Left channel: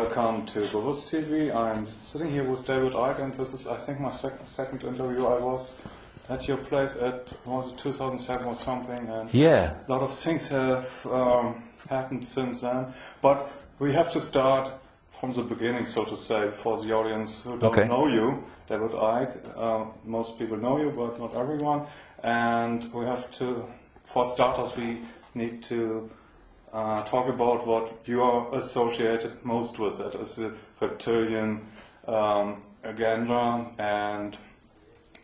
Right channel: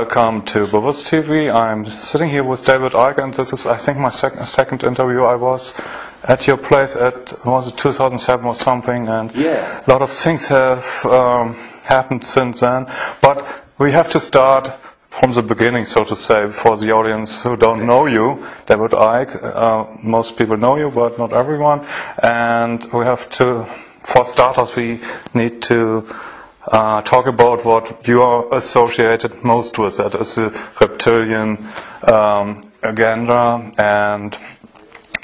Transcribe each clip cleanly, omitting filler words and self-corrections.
welcome to Bewusst TV. I'm sitting here with David Icke, and this is, I think, my second interview. I was at your place was it 2007 or something, and yeah, a lot of things have happened since then. But we have to start from the beginning, so to say, for the audience who don't know you, David Icke. Most people know you, but not everyone. And we have to, for starters, we need to talk about what you are associated most with. That is the reptilian agenda, and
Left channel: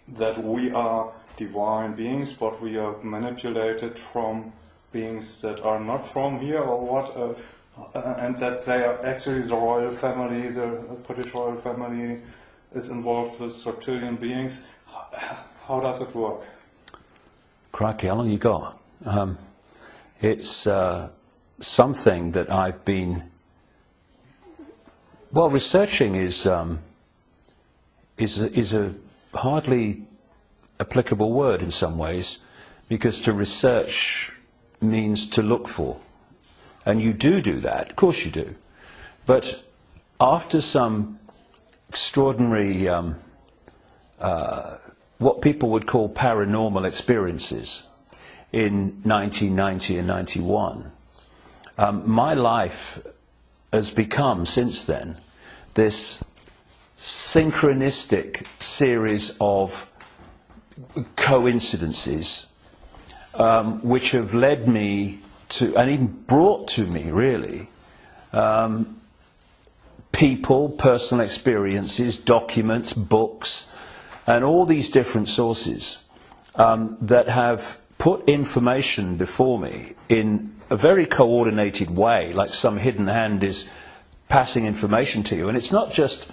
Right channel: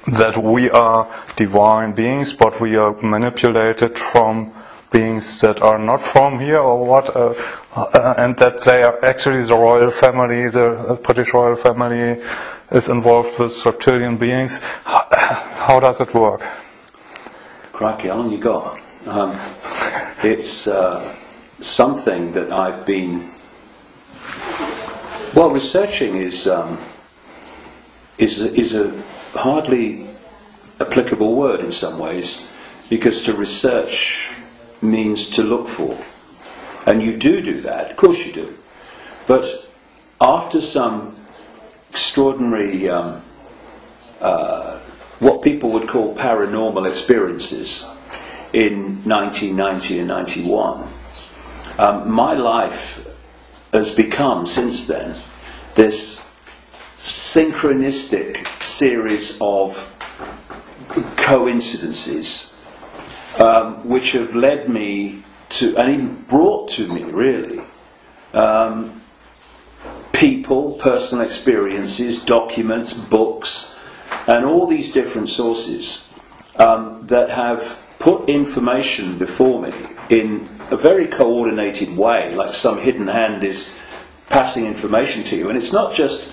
that we are divine beings, but we are manipulated from beings that are not from here, or what, and that they are actually the royal family, the British royal family is involved with reptilian beings. How does it work? Crikey, how long you got? It's something that I've been researching is a hardly applicable word in some ways, because to research means to look for, and you do that, of course you do, but after some extraordinary what people would call paranormal experiences in 1990 and 91, my life has become since then this synchronistic series of coincidences which have led me to, and even brought to me really, people, personal experiences, documents, books, and all these different sources that have put information before me in a very coordinated way, like some hidden hand is passing information to you. And it's not just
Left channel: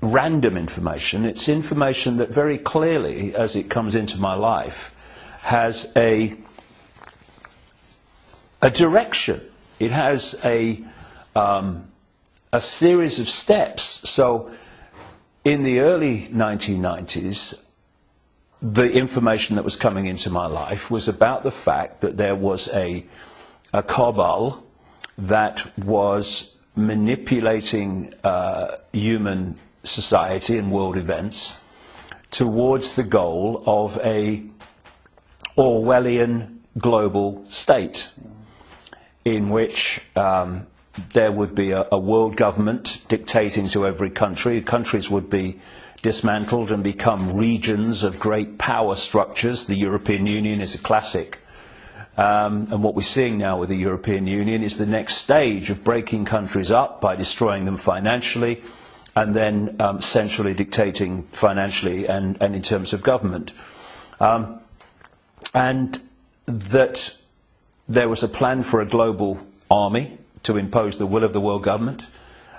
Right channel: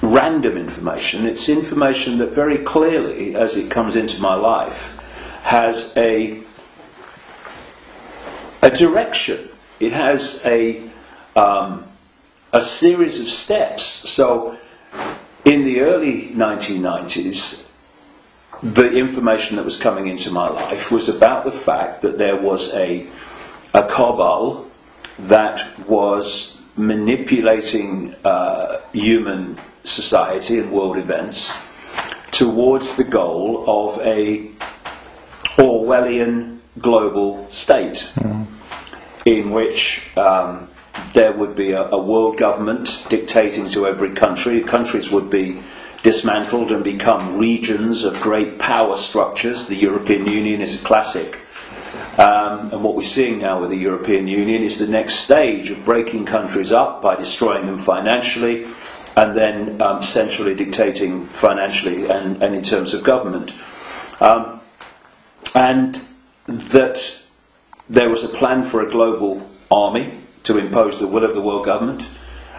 random information, it's information that very clearly, as it comes into my life, has a direction. It has a series of steps. So in the early 1990s, the information that was coming into my life was about the fact that there was a cabal that was manipulating human society and world events towards the goal of a Orwellian global state, in which there would be a world government dictating to every country. Countries would be dismantled and become regions of great power structures. The European Union is a classic. And what we're seeing now with the European Union is the next stage of breaking countries up by destroying them financially, and then centrally dictating financially and in terms of government. And that there was a plan for a global army to impose the will of the world government,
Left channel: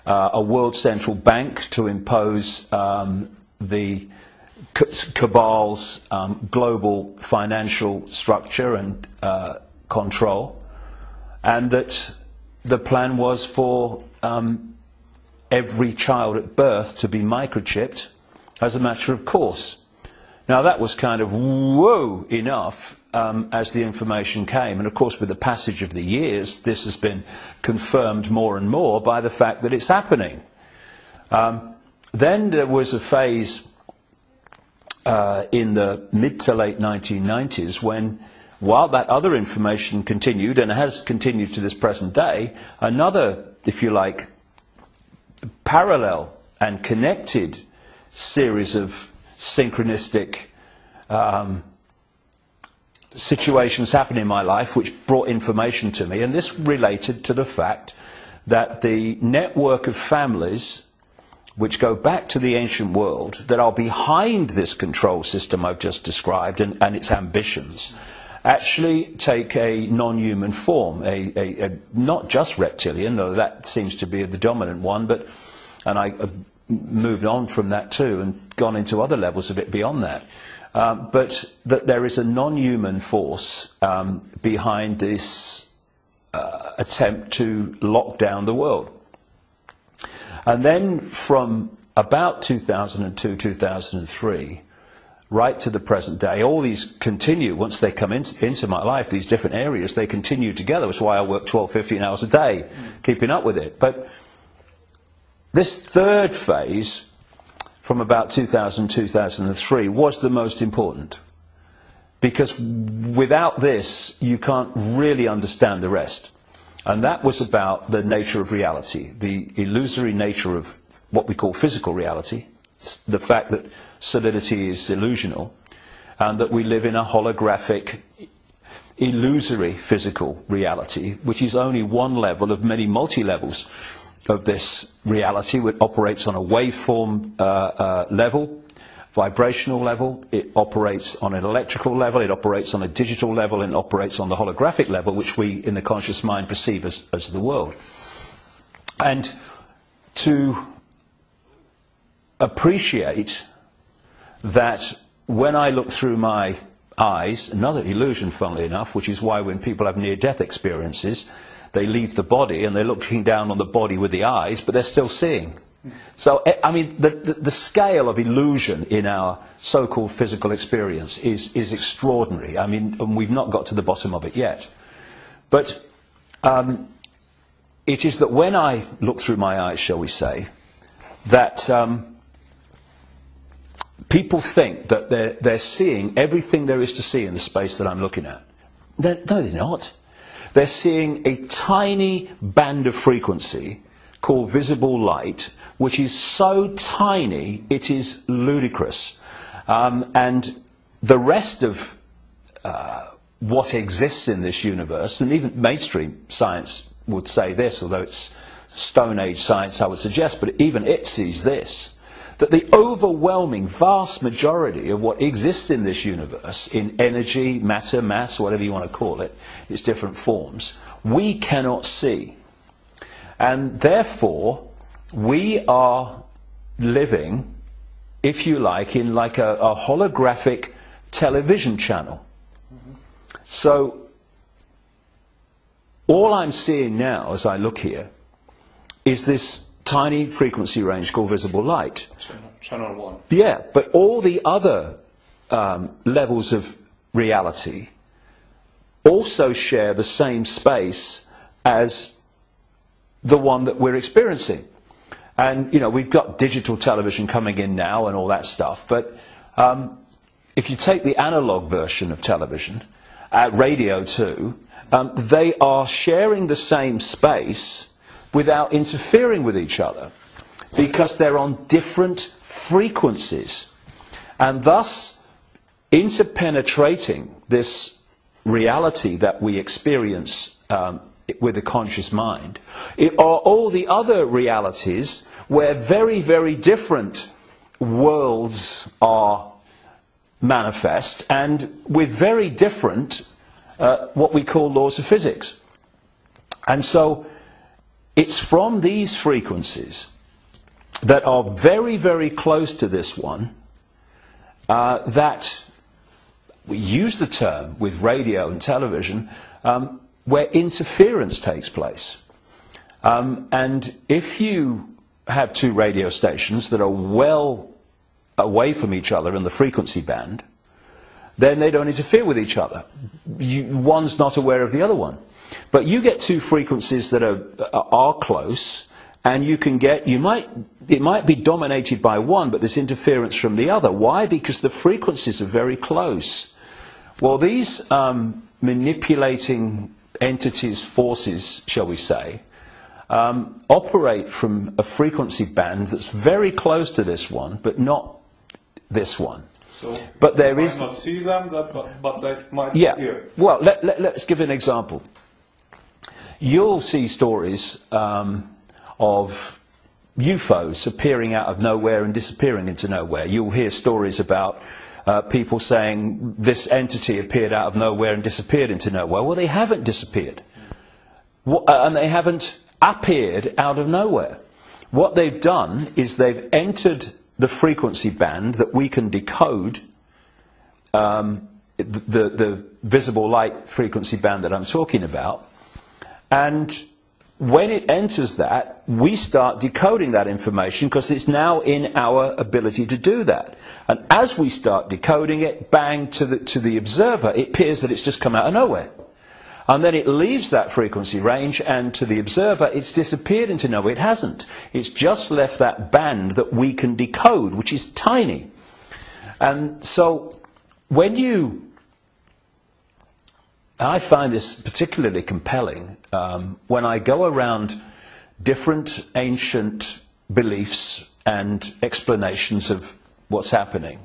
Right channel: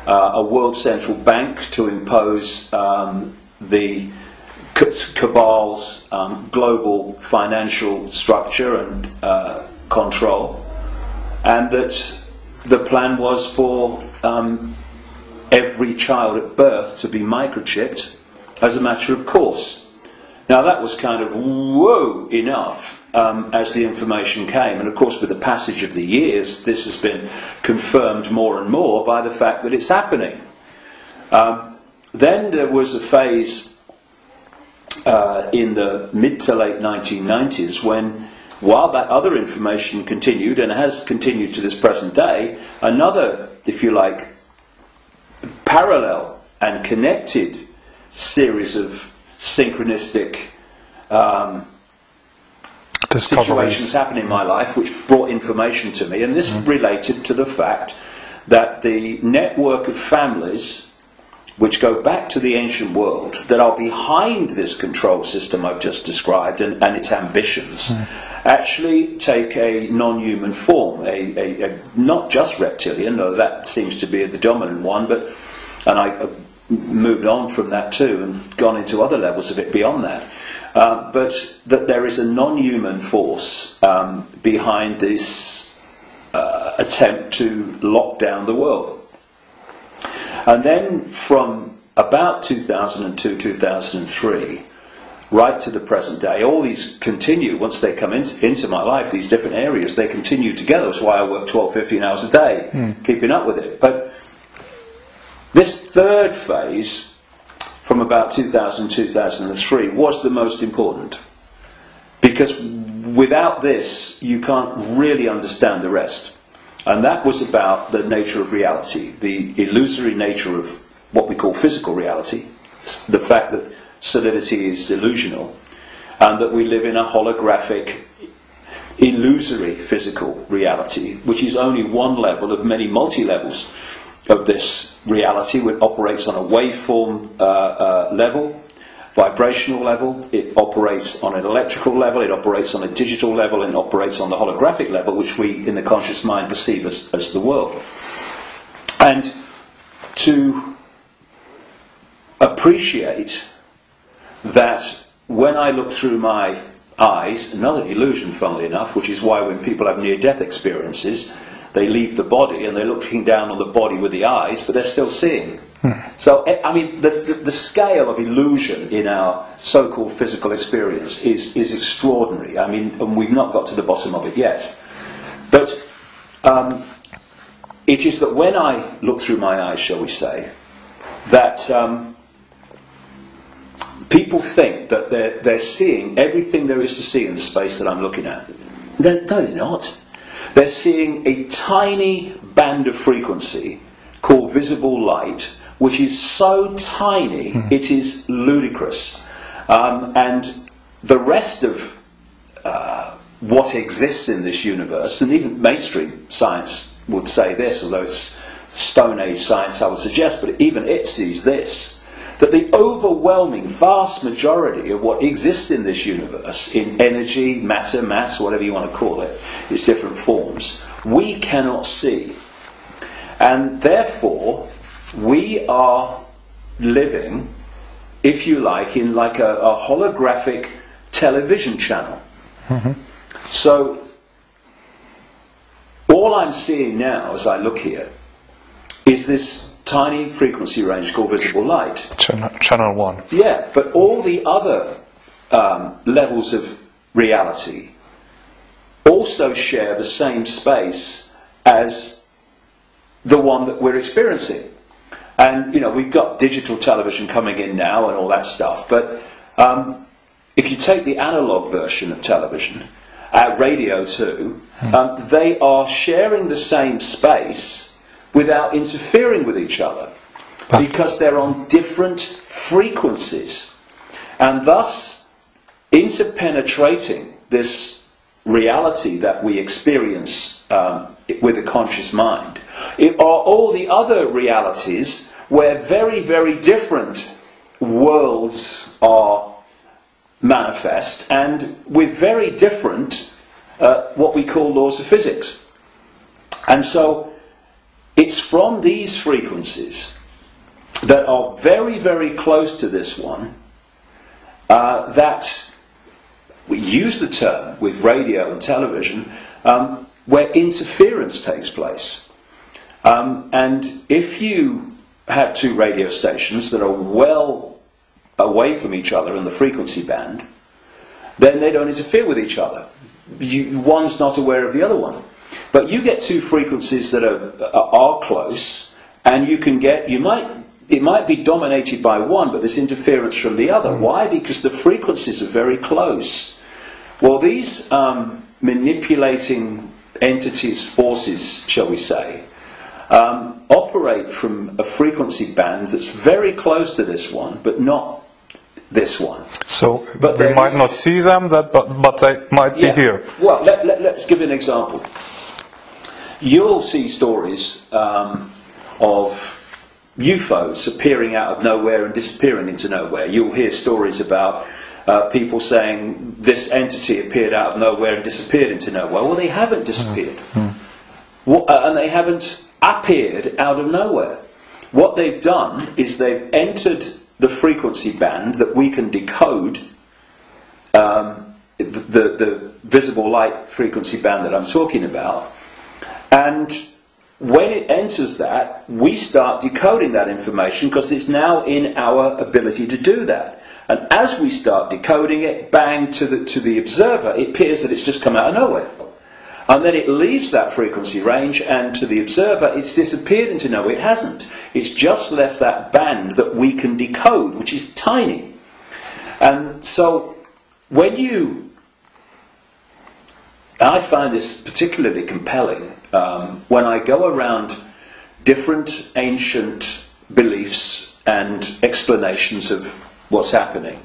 a world central bank to impose the cabal's global financial structure and control, and that the plan was for every child at birth to be microchipped as a matter of course. Now that was kind of whoa enough as the information came, and of course with the passage of the years this has been confirmed more and more by the fact that it's happening. Then there was a phase in the mid to late 1990s when, while that other information continued, and has continued to this present day, another, if you like, parallel and connected series of synchronistic situations happened in my life which brought information to me, and this related to the fact that the network of families which go back to the ancient world that are behind this control system I've just described and its ambitions actually take a non-human form, a not just reptilian, though that seems to be the dominant one, and I moved on from that too and gone into other levels of it beyond that. But that there is a non-human force behind this attempt to lock down the world. And then from about 2002, 2003, right to the present day, all these continue. Once they come into my life, these different areas, they continue together. That's why I work 12, 15 hours a day, keeping up with it. But This third phase, from about 2000-2003, was the most important. Because without this, you can't really understand the rest. And that was about the nature of reality, the illusory nature of what we call physical reality, the fact that solidity is delusional, and that we live in a holographic, illusory physical reality, which is only one level of many multi-levels of this reality, which operates on a waveform level, vibrational level, it operates on an electrical level, it operates on a digital level, and it operates on the holographic level, which we in the conscious mind perceive as the world. And to appreciate that when I look through my eyes, another illusion funnily enough, which is why when people have near-death experiences, they leave the body and they're looking down on the body with the eyes, but they're still seeing. So, I mean, the scale of illusion in our so-called physical experience is extraordinary. I mean, and we've not got to the bottom of it yet. But it is that when I look through my eyes, shall we say, that people think that they're seeing everything there is to see in the space that I'm looking at. No, they're not. They're seeing a tiny band of frequency called visible light, which is so tiny it is ludicrous. And the rest of what exists in this universe, and even mainstream science would say this, although it's Stone Age science I would suggest, but even it sees this, that the overwhelming vast majority of what exists in this universe, in energy, matter, mass, whatever you want to call it, its different forms, we cannot see. And therefore, we are living, if you like, in like a holographic television channel. So, all I'm seeing now as I look here is this tiny frequency range called visible light. Channel 1. Yeah, but all the other levels of reality also share the same space as the one that we're experiencing. And, you know, we've got digital television coming in now and all that stuff, but if you take the analog version of television, radio too, they are sharing the same space without interfering with each other, because they're on different frequencies. And thus, interpenetrating this reality that we experience with a conscious mind, it are all the other realities where very, very different worlds are manifest, and with very different what we call laws of physics. And so it's from these frequencies that are very, very close to this one that we use the term with radio and television where interference takes place. And if you have two radio stations that are well away from each other in the frequency band, then they don't interfere with each other. One's not aware of the other one. But you get two frequencies that are close, and you can get, it might be dominated by one, but there's interference from the other. Why? Because the frequencies are very close. Well, these manipulating entities, forces, shall we say, operate from a frequency band that's very close to this one, but not this one. So but we might not see them, but they might be here. Well, let's give an example. You'll see stories of UFOs appearing out of nowhere and disappearing into nowhere. You'll hear stories about people saying this entity appeared out of nowhere and disappeared into nowhere. Well, they haven't disappeared. And they haven't appeared out of nowhere. What they've done is they've entered the frequency band that we can decode, the visible light frequency band that I'm talking about, and when it enters that, we start decoding that information because it's now in our ability to do that. And as we start decoding it, bang, to the observer, it appears that it's just come out of nowhere. And then it leaves that frequency range, and to the observer it's disappeared into no, it hasn't. It's just left that band that we can decode, which is tiny. And so when I find this particularly compelling when I go around different ancient beliefs and explanations of what's happening,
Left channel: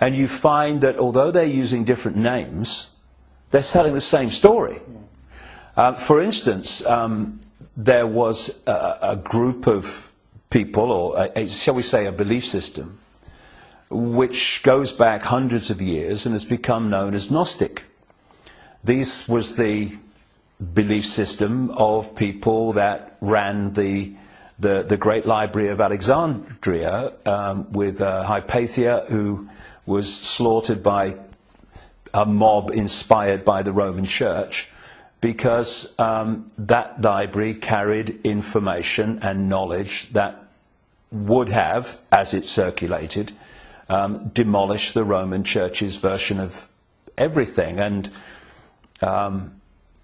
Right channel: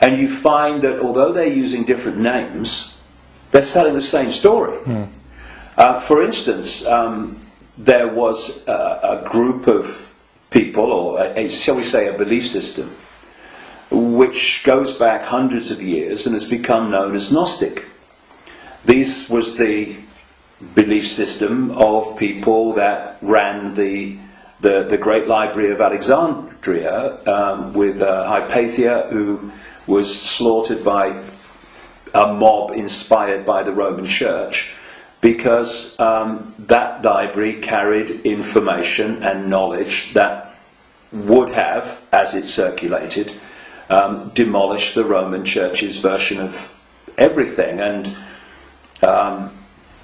and you find that although they're using different names, they're telling the same story. For instance, there was a group of people, or shall we say a belief system, which goes back hundreds of years and has become known as Gnostic. This was the belief system of people that ran the Great Library of Alexandria, with Hypatia, who was slaughtered by a mob inspired by the Roman Church, because that library carried information and knowledge that would have, as it circulated, demolished the Roman Church's version of everything. And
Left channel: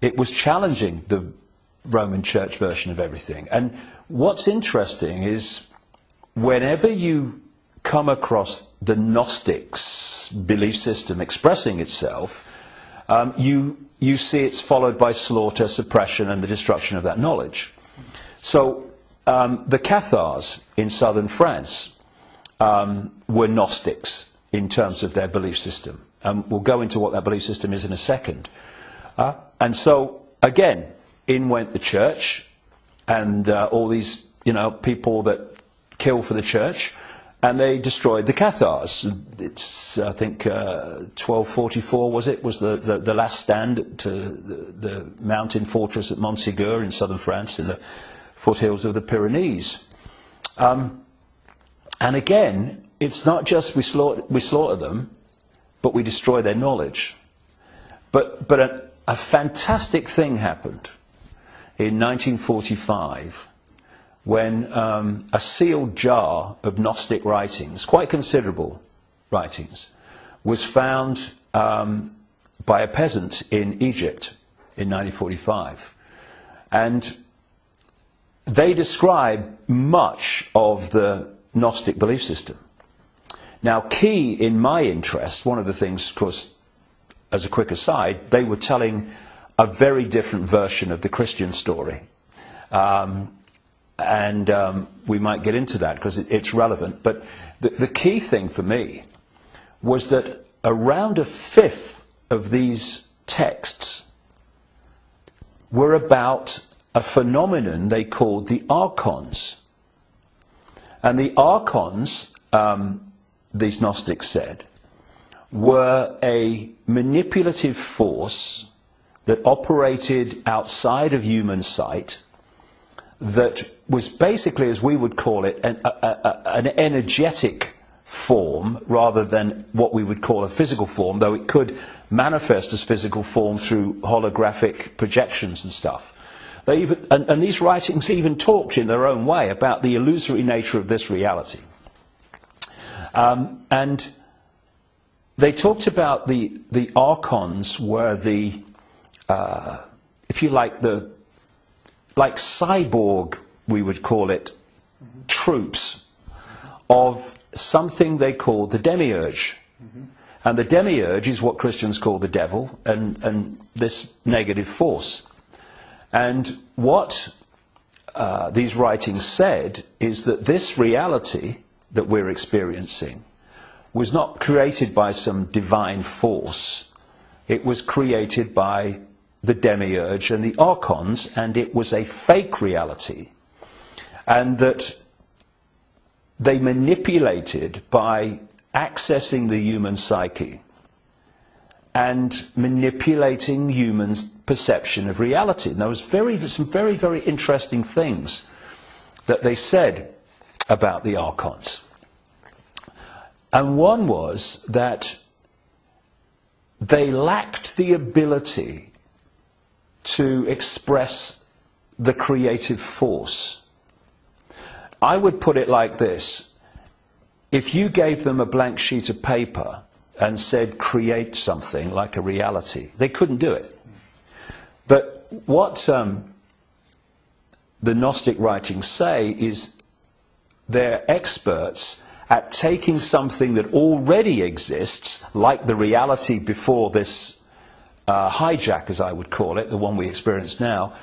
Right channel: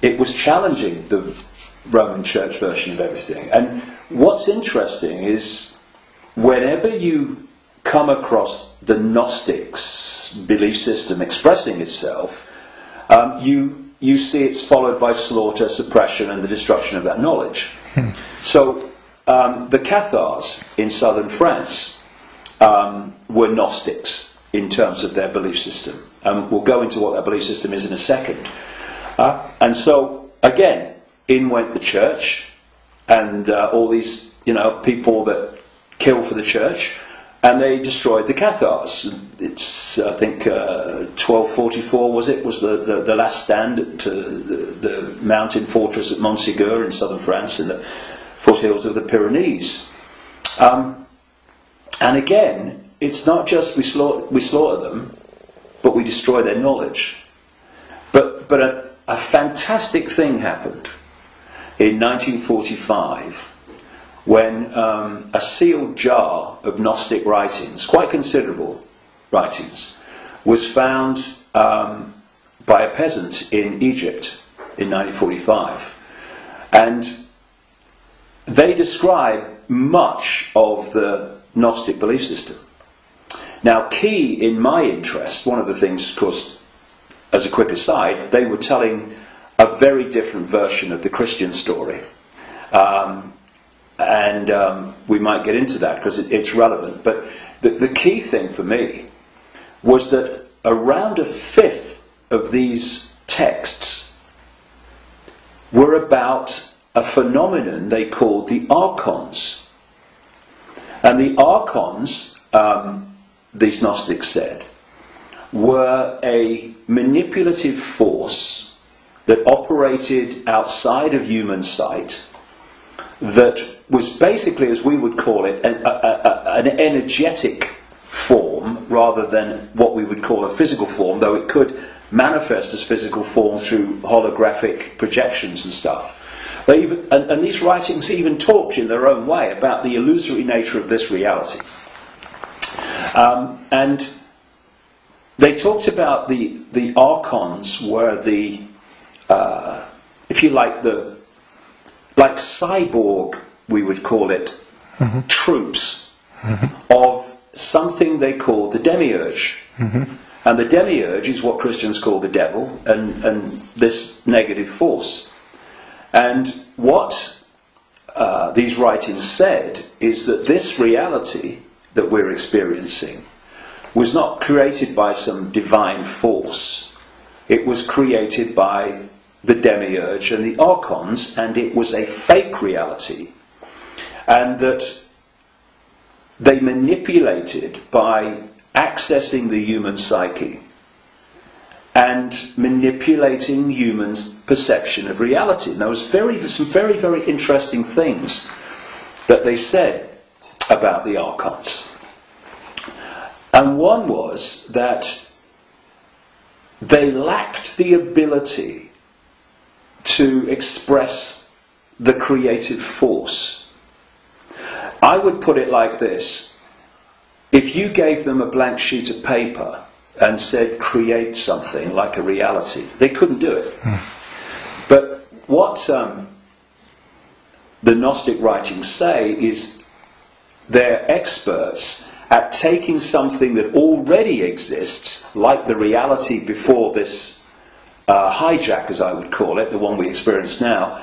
it was challenging the Roman Church version of everything. And what's interesting is whenever you come across the Gnostics' belief system expressing itself, you see it's followed by slaughter, suppression, and the destruction of that knowledge. So the Cathars in southern France were Gnostics in terms of their belief system. We'll go into what that belief system is in a second. And so, again, in went the church, and all these, people that kill for the church, and they destroyed the Cathars. It's, I think, 1244 was the last stand to the mountain fortress at Montségur in southern France, in the foothills of the Pyrenees. And again, it's not just we slaughter them, but we destroy their knowledge. But a fantastic thing happened in 1945 when a sealed jar of Gnostic writings, quite considerable writings, was found by a peasant in Egypt in 1945. And they describe much of the Gnostic belief system. Now, key in my interest, one of the things, of course, as a quick aside, they were telling a very different version of the Christian story. And we might get into that because it's relevant. But the key thing for me was that around a fifth of these texts were about a phenomenon they called the archons. And the archons, these Gnostics said, were a manipulative force that operated outside of human sight, that was basically, as we would call it, an energetic form rather than what we would call a physical form, though it could manifest as physical form through holographic projections and stuff. And these writings even talked in their own way about the illusory nature of this reality. And they talked about the archons were the, if you like, like cyborg, we would call it, troops of something they call the demiurge. And the demiurge is what Christians call the devil, and this negative force. And what these writings said is that this reality that we're experiencing was not created by some divine force. It was created by the demiurge and the archons, and it was a fake reality. And that they manipulated by accessing the human psyche and manipulating humans' perception of reality. And there was some very, very interesting things that they said about the archons. And one was that they lacked the ability to express the creative force. I would put it like this. If you gave them a blank sheet of paper and said, create something like a reality, they couldn't do it. the Gnostic writings say is they're experts at taking something that already exists, like the reality before this hijack, as I would call it, the one we experience now,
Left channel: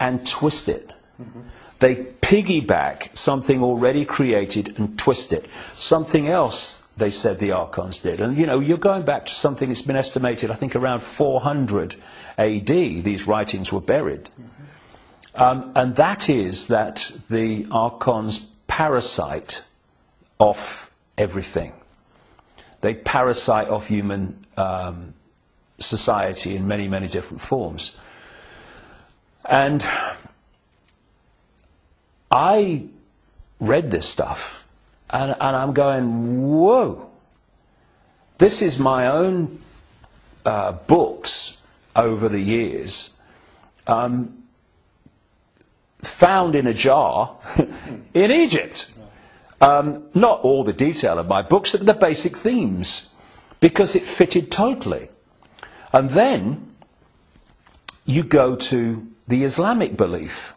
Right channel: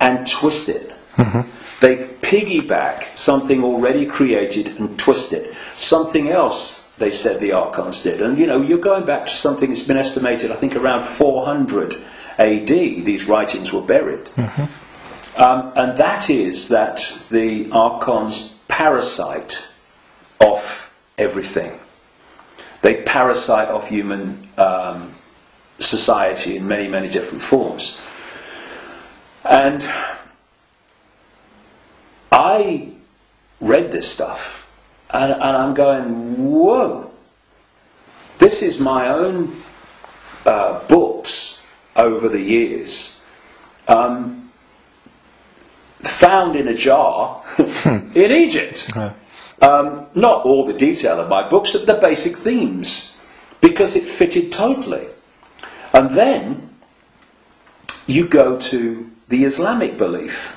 and twist it. Mm-hmm. They piggyback something already created and twist it. Something else, they said the Archons did. And, you know, you're going back to something that's been estimated, I think, around 400 AD, these writings were buried. Mm-hmm. And that is that the Archons parasite off everything. They parasite off human society in many, many different forms. And I read this stuff, and I'm going, whoa, this is my own books over the years, found in a jar in Egypt. Okay. Not all the detail of my books, but the basic themes, because it fitted totally. And then you go to the Islamic belief.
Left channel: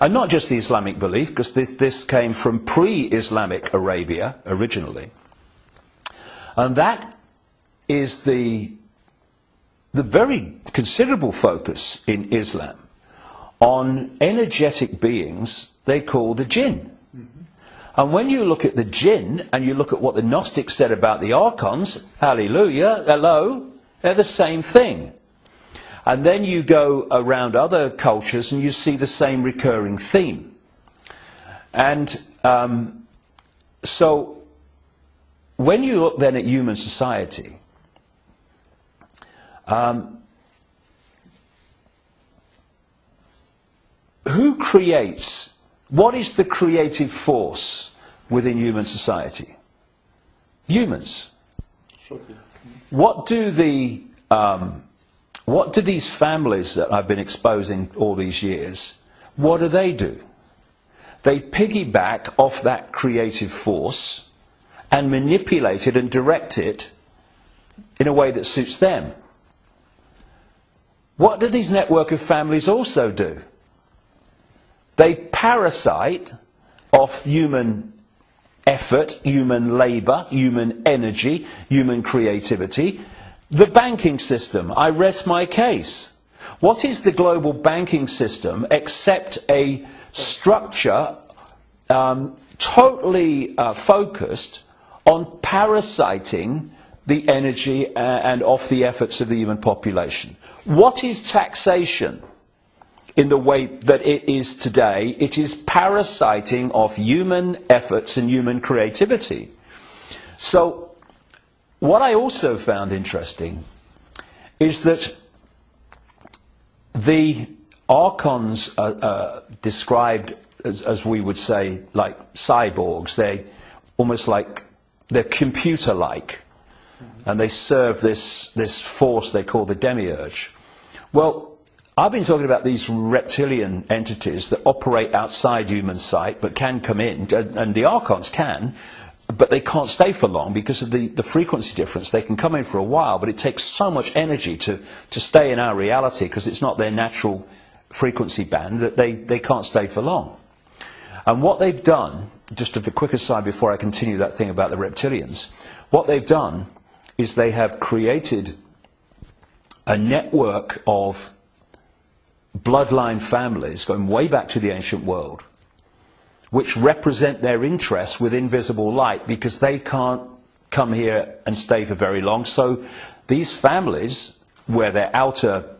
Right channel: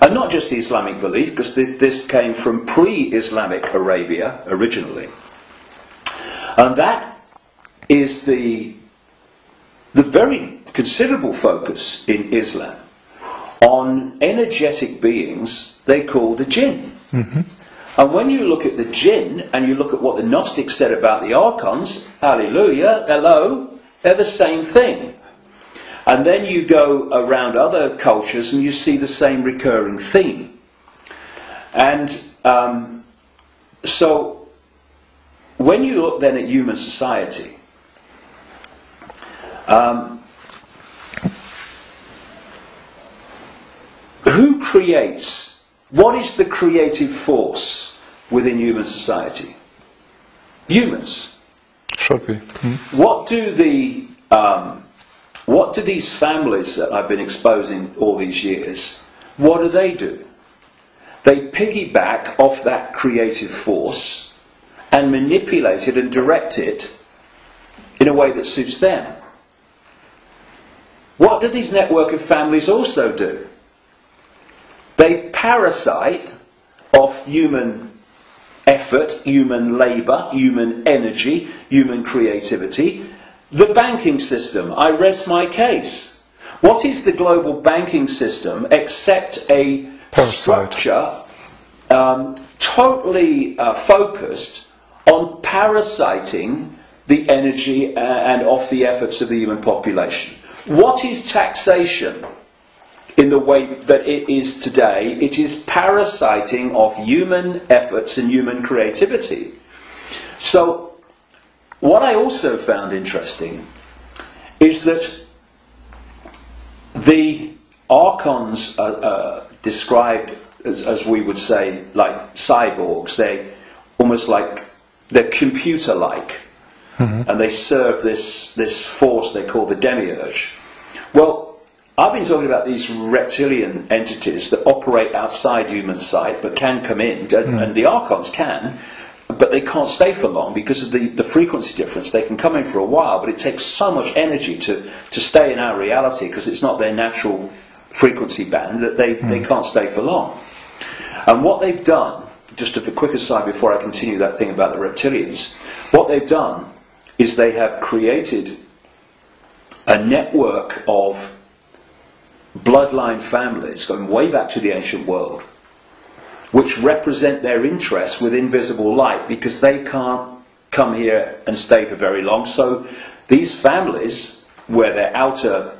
And not just the Islamic belief, because this came from pre-Islamic Arabia originally. And that is the very considerable focus in Islam on energetic beings they call the jinn. Mm-hmm. And when you look at the jinn and you look at what the Gnostics said about the Archons, hallelujah, hello, they're the same thing. And then you go around other cultures and you see the same recurring theme. And so when you look then at human society, who creates, what is the creative force within human society? Humans. Should be. Mm-hmm. What do these families that I've been exposing all these years, what do? They piggyback off that creative force and manipulate it and direct it in a way that suits them. What do these network of families also do? They parasite off human effort, human labour, human energy, human creativity. The banking system, I rest my case. What is the global banking system except a structure totally focused on parasiting the energy and off the efforts of the human population? What is taxation in the way that it is today? It is parasiting off human efforts and human creativity. So what I also found interesting is that the Archons are described as we would say, like cyborgs. They almost like, they're computer-like. Mm-hmm. And they serve this force they call the demiurge. Well, I've been talking about these reptilian entities that operate outside human sight but can come in, and the Archons can, but they can't stay for long because of the frequency difference. They can come in for a while, but it takes so much energy to stay in our reality because it's not their natural frequency band that they can't stay for long. And what they've done, just as a quick aside before I continue that thing about the reptilians, what they've done is they have created a network of bloodline families going way back to the ancient world, which represent their interests with invisible light because they can't come here and stay for very long. So these families, where their outer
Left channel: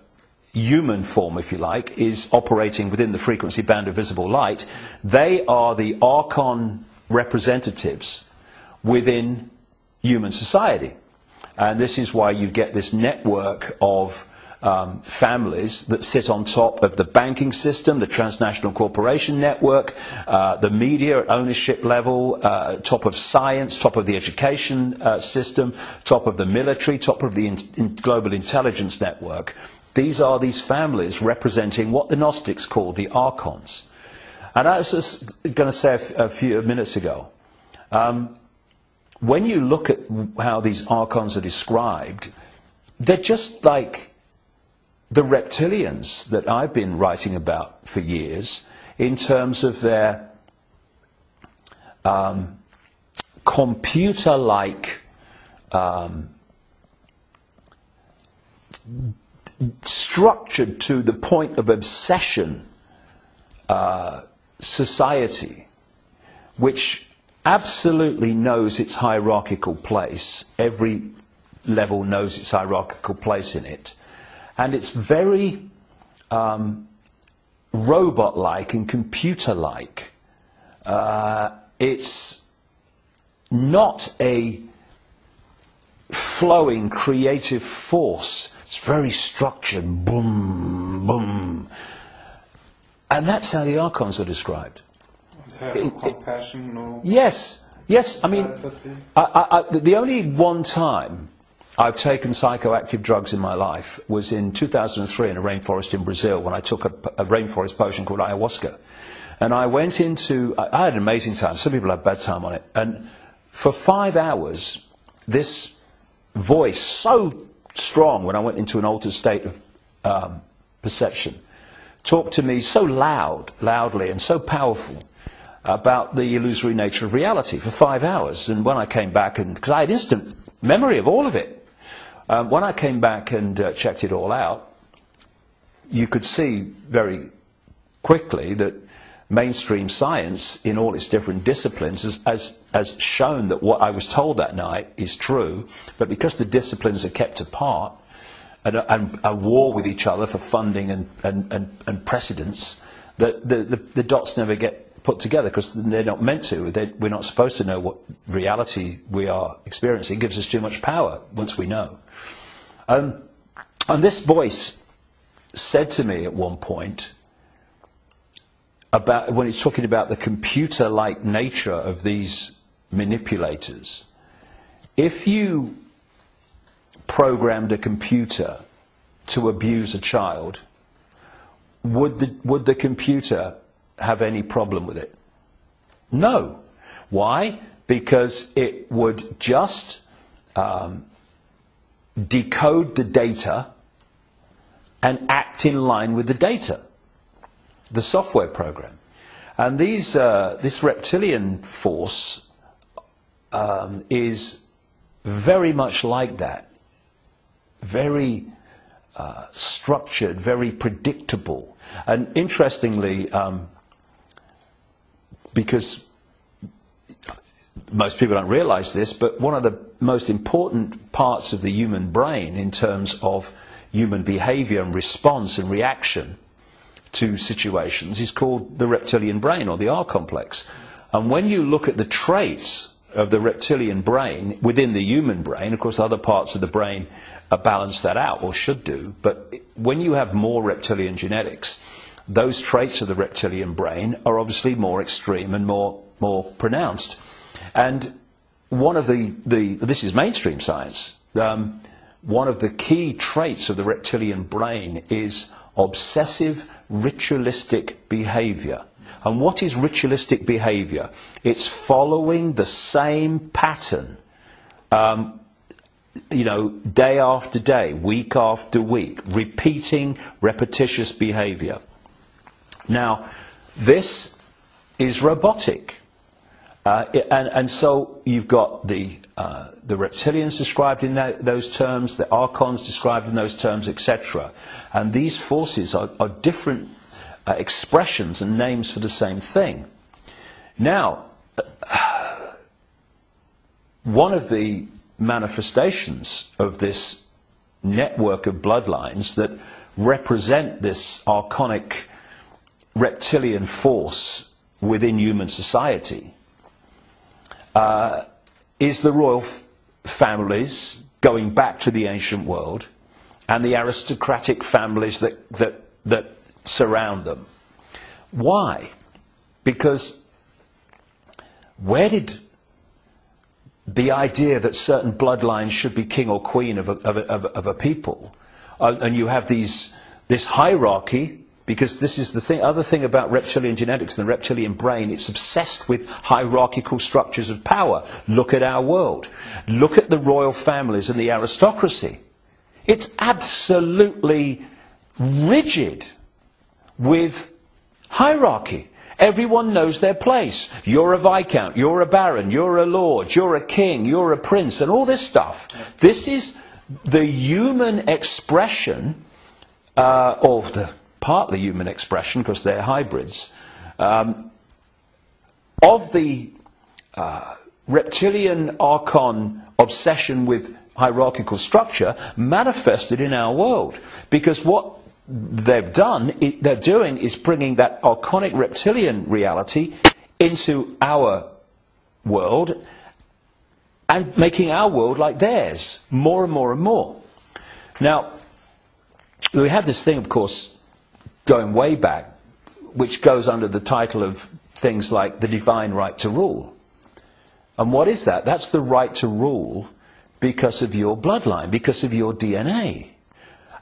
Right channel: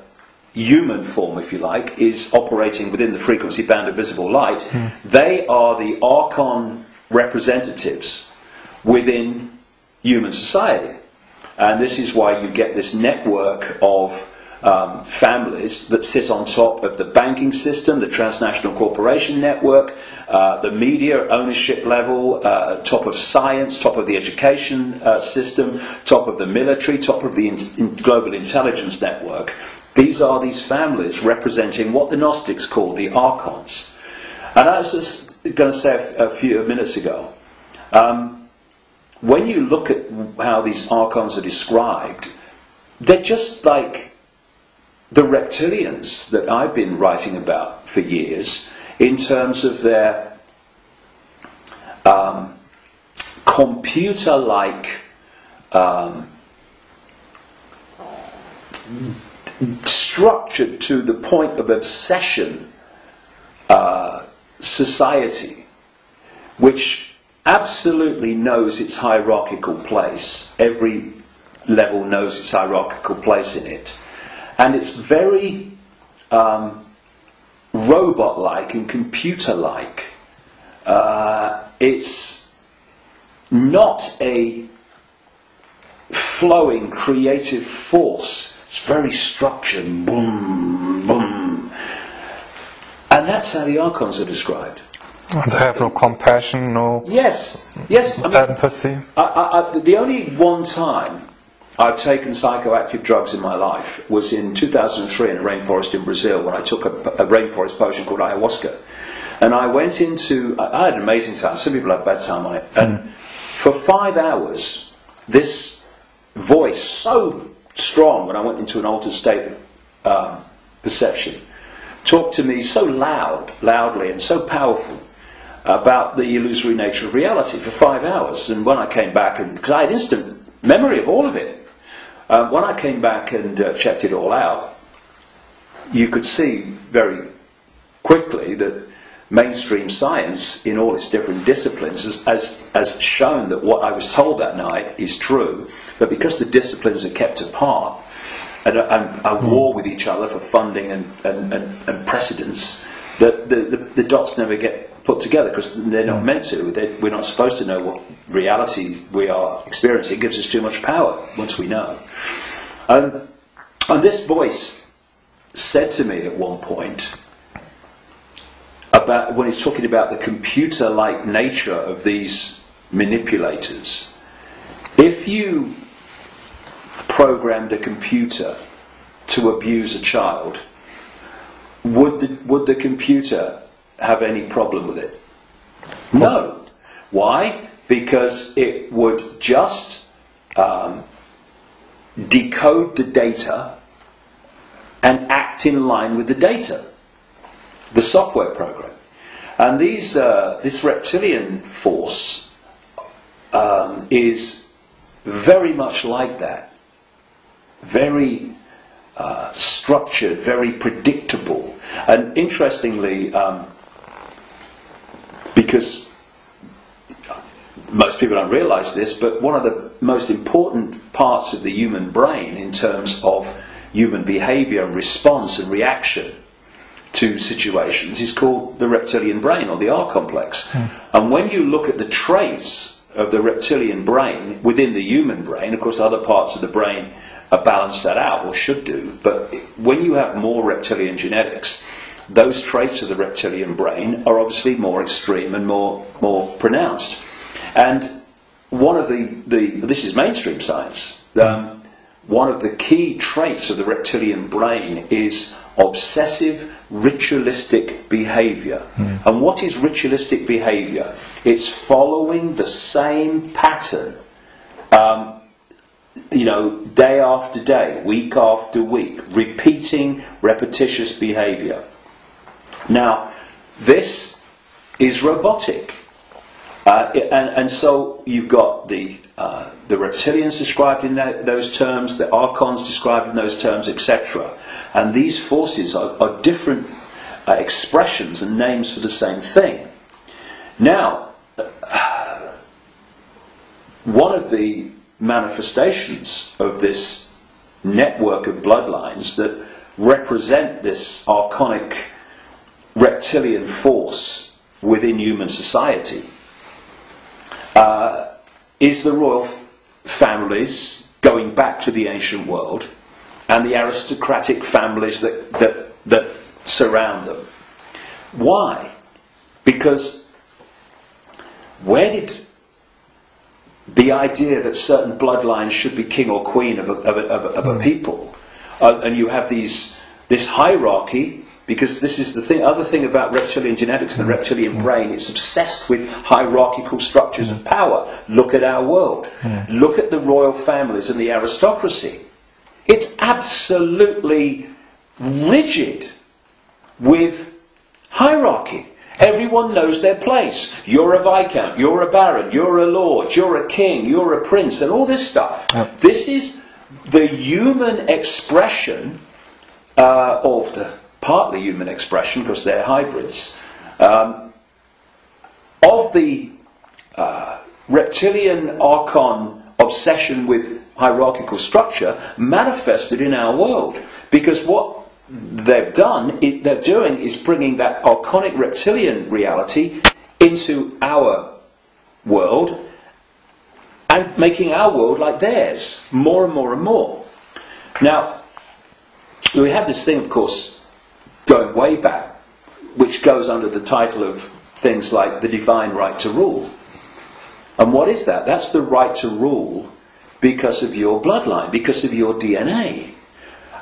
human form, if you like, is operating within the frequency band of visible light, they are the Archon representatives within human society. And this is why you get this network of families that sit on top of the banking system, the transnational corporation network, the media ownership level, top of science, top of the education system, top of the military, top of the global intelligence network. These are these families representing what the Gnostics call the Archons. And I was just going to say a few minutes ago, when you look at how these Archons are described, they're just like the reptilians that I've been writing about for years, in terms of their computer-like structured to the point of obsession society, which absolutely knows its hierarchical place. Every level knows its hierarchical place in it, and it's very robot-like and computer-like. It's not a flowing creative force. It's very structured, boom, boom. And that's how the archons are described. They have no compassion, no yes. I mean, empathy. The only one time I've taken psychoactive drugs in my life was in 2003 in a rainforest in Brazil, when I took a rainforest potion called ayahuasca. And I went into... I had an amazing time. Some people have bad time on it. And for 5 hours, this voice, so strong when I went into an altered state of perception, talked to me so loudly and so powerful about the illusory nature of reality for 5 hours. And when I came back, and because I had instant memory of all of it, when I came back and checked it all out, you could see very quickly that mainstream science, in all its different disciplines, has shown that what I was told that night is true, but because the disciplines are kept apart and are war with each other for funding and precedence, that the dots never get put together, because they're not meant to. We're not supposed to know what reality we are experiencing. It gives us too much power once we know. And this voice said to me at one point, about when he's talking about the computer-like nature of these manipulators, if you programmed a computer to abuse a child, would the computer have any problem with it? No. Why? Because it would just decode the data and act in line with the data, the software program. And this reptilian force is very much like that. Very structured, very predictable. And interestingly, because most people don't realise this, but one of the most important parts of the human brain in terms of human behaviour and response and reaction to situations is called the reptilian brain, or the R complex. And when you look at the traits of the reptilian brain within the human brain, of course other parts of the brain balance that out, or should do, but when you have more reptilian genetics, those traits of the reptilian brain are obviously more extreme and more pronounced. And one of this is mainstream science, one of the key traits of the reptilian brain is obsessive ritualistic behaviour. And what is ritualistic behaviour? It's following the same pattern, day after day, week after week, repeating repetitious behaviour. Now, this is robotic, and so you've got the reptilians described in those terms, the archons described in those terms, etc. And these forces are different expressions and names for the same thing. Now, one of the manifestations of this network of bloodlines that represent this archonic reptilian force within human society is the royal families going back to the ancient world, and the aristocratic families that surround them. Why? Because where did the idea that certain bloodlines should be king or queen of a people, and you have this hierarchy, because this is the other thing about reptilian genetics and the reptilian brain, it's obsessed with hierarchical structures of power. Look at our world. Look at the royal families and the aristocracy. It's absolutely rigid with hierarchy. Everyone knows their place. You're a viscount, you're a baron, you're a lord, you're a king, you're a prince, and all this stuff. This is the human expression, or the partly human expression, because they're hybrids, of the reptilian archon obsession with hierarchical structure manifested in our world. Because what they're doing is bringing that archonic reptilian reality into our world and making our world like theirs, more and more and more. Now, we have this thing, of course, going way back, which goes under the title of things like the divine right to rule. And what is that? That's the right to rule because of your bloodline, because of your DNA.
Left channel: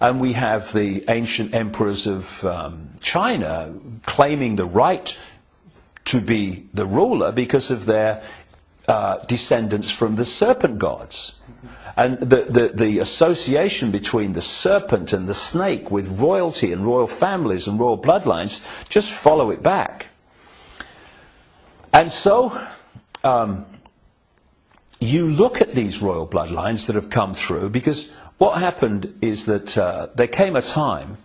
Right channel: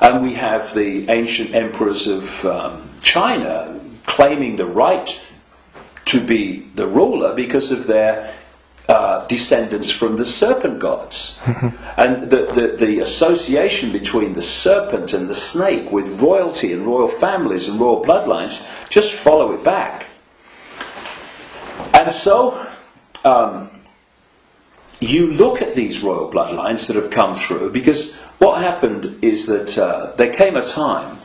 And we have the ancient emperors of China claiming the right to be the ruler because of their descendants from the serpent gods. And the association between the serpent and the snake with royalty and royal families and royal bloodlines, just follow it back. And so you look at these royal bloodlines that have come through, because what happened is that there came a time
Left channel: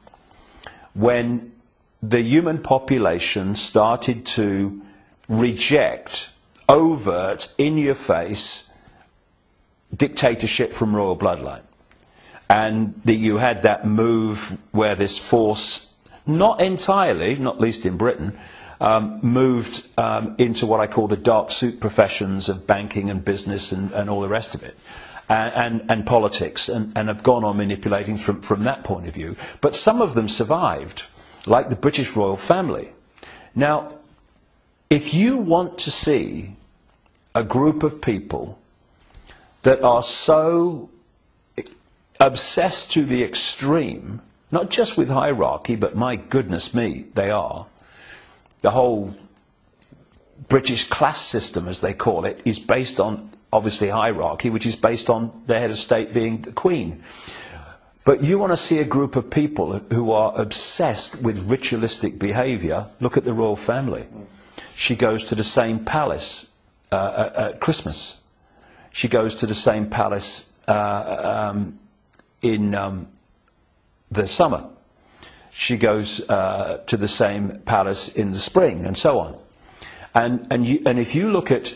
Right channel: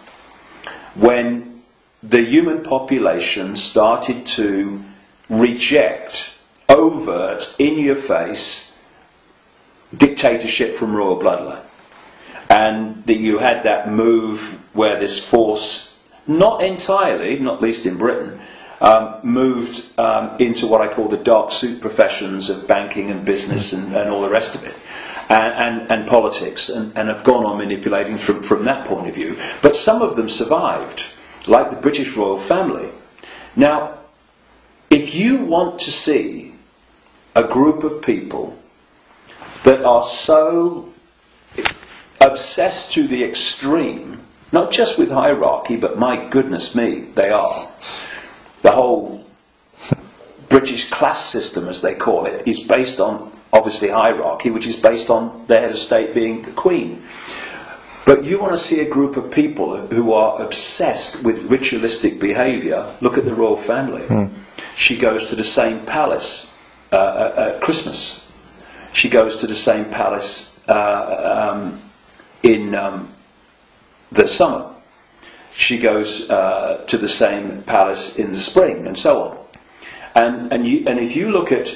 when the human population started to reject overt, in-your-face dictatorship from royal bloodline. And that you had that move where this force, not entirely, not least in Britain, moved into what I call the dark suit professions of banking and business and all the rest of it. And politics, and have gone on manipulating from that point of view. But some of them survived, like the British royal family. Now, if you want to see a group of people that are so obsessed to the extreme, not just with hierarchy, but my goodness me, they are. The whole British class system, as they call it, is based on, obviously, hierarchy, which is based on the head of state being the Queen. But you want to see a group of people who are obsessed with ritualistic behaviour, look at the royal family. She goes to the same palace at Christmas. She goes to the same palace in the summer. She goes to the same palace in the spring, and so on. And if you look at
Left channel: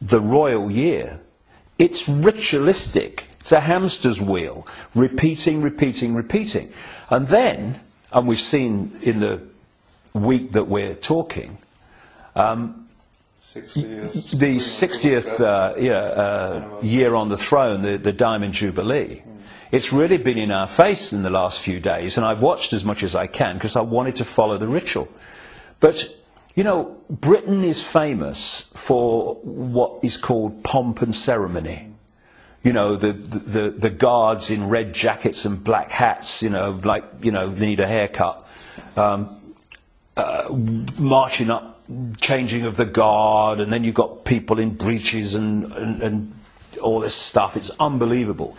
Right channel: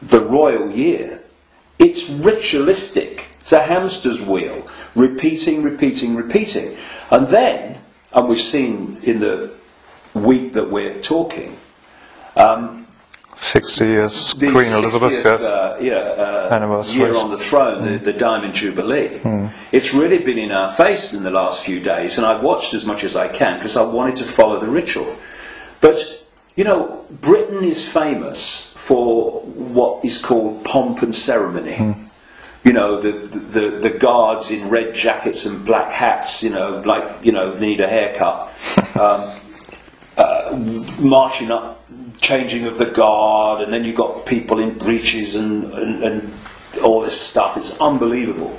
the royal year, it's ritualistic. It's a hamster's wheel, repeating. And then, and we've seen in the week that we're talking, 60 years the Queen Elizabeth, 60th year on the throne, the Diamond Jubilee. It's really been in our face in the last few days, and I've watched as much as I can because I wanted to follow the ritual. But, you know, Britain is famous for what is called pomp and ceremony. You know, the guards in red jackets and black hats, you know, like, you know, need a haircut. Marching up, changing of the guard, and then you've got people in breeches and all this stuff. It's unbelievable.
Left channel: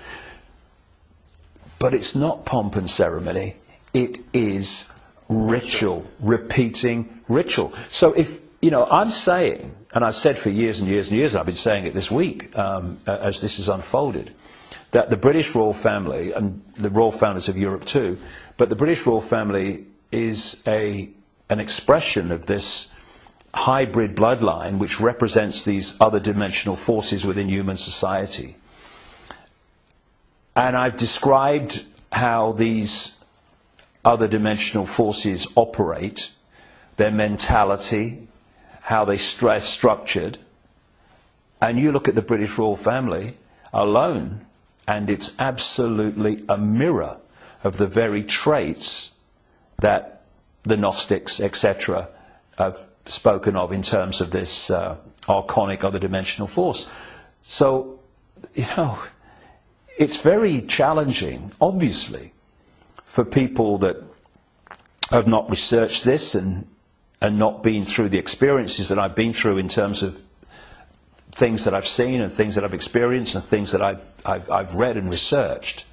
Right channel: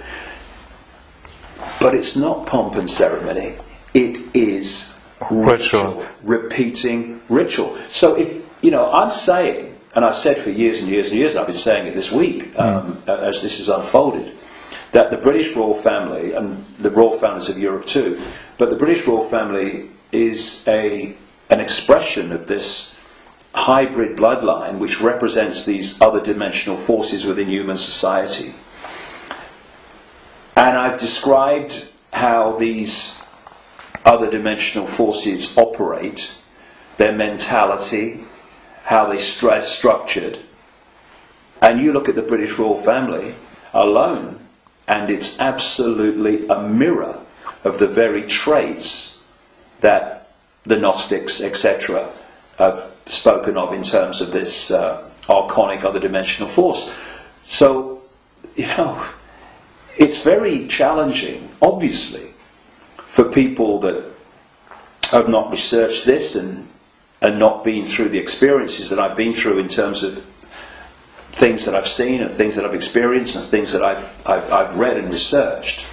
But it's not pomp and ceremony. It is ritual. Repeating ritual. So if, you know, I'm saying, and I've said for years and years and years, I've been saying it this week as this has unfolded, that the British royal family, and the royal families of Europe too, but the British royal family is an expression of this hybrid bloodline which represents these other dimensional forces within human society. And I've described how these other dimensional forces operate, their mentality, how they structured. And you look at the British royal family alone, and it's absolutely a mirror of the very traits that the Gnostics, etc., have spoken of in terms of this archonic other dimensional force. So, you know, it's very challenging, obviously, for people that have not researched this and not been through the experiences that I've been through in terms of things that I've seen and things that I've experienced and things that I've read and researched.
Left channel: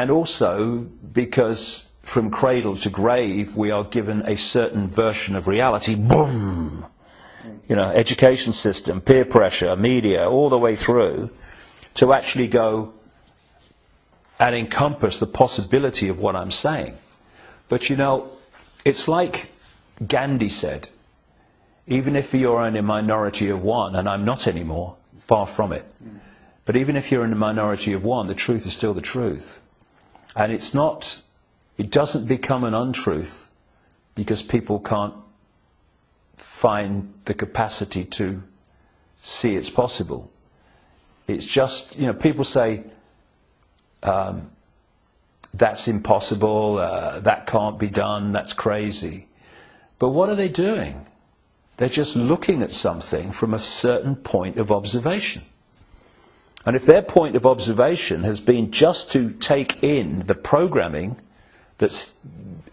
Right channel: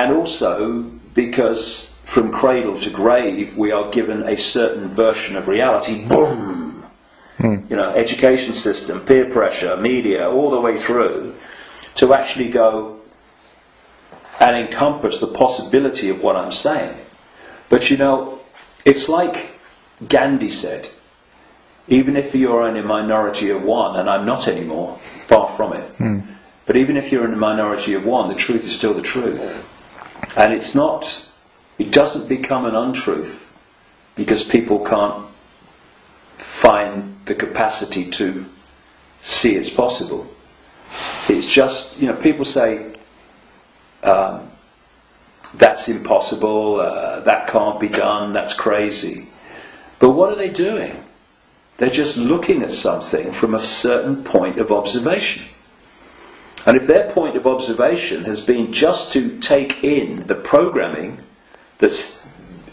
And also because from cradle to grave we are given a certain version of reality. Boom! You know, education system, peer pressure, media, all the way through, to actually go and encompass the possibility of what I'm saying. But you know, it's like Gandhi said, even if you're in a minority of one, and I'm not anymore, far from it, but even if you're in a minority of one, the truth is still the truth. And it's not, it doesn't become an untruth because people can't find the capacity to see it's possible. It's just, you know, people say, that's impossible, that can't be done, that's crazy. But what are they doing? They're just looking at something from a certain point of observation. And if their point of observation has been just to take in the programming that's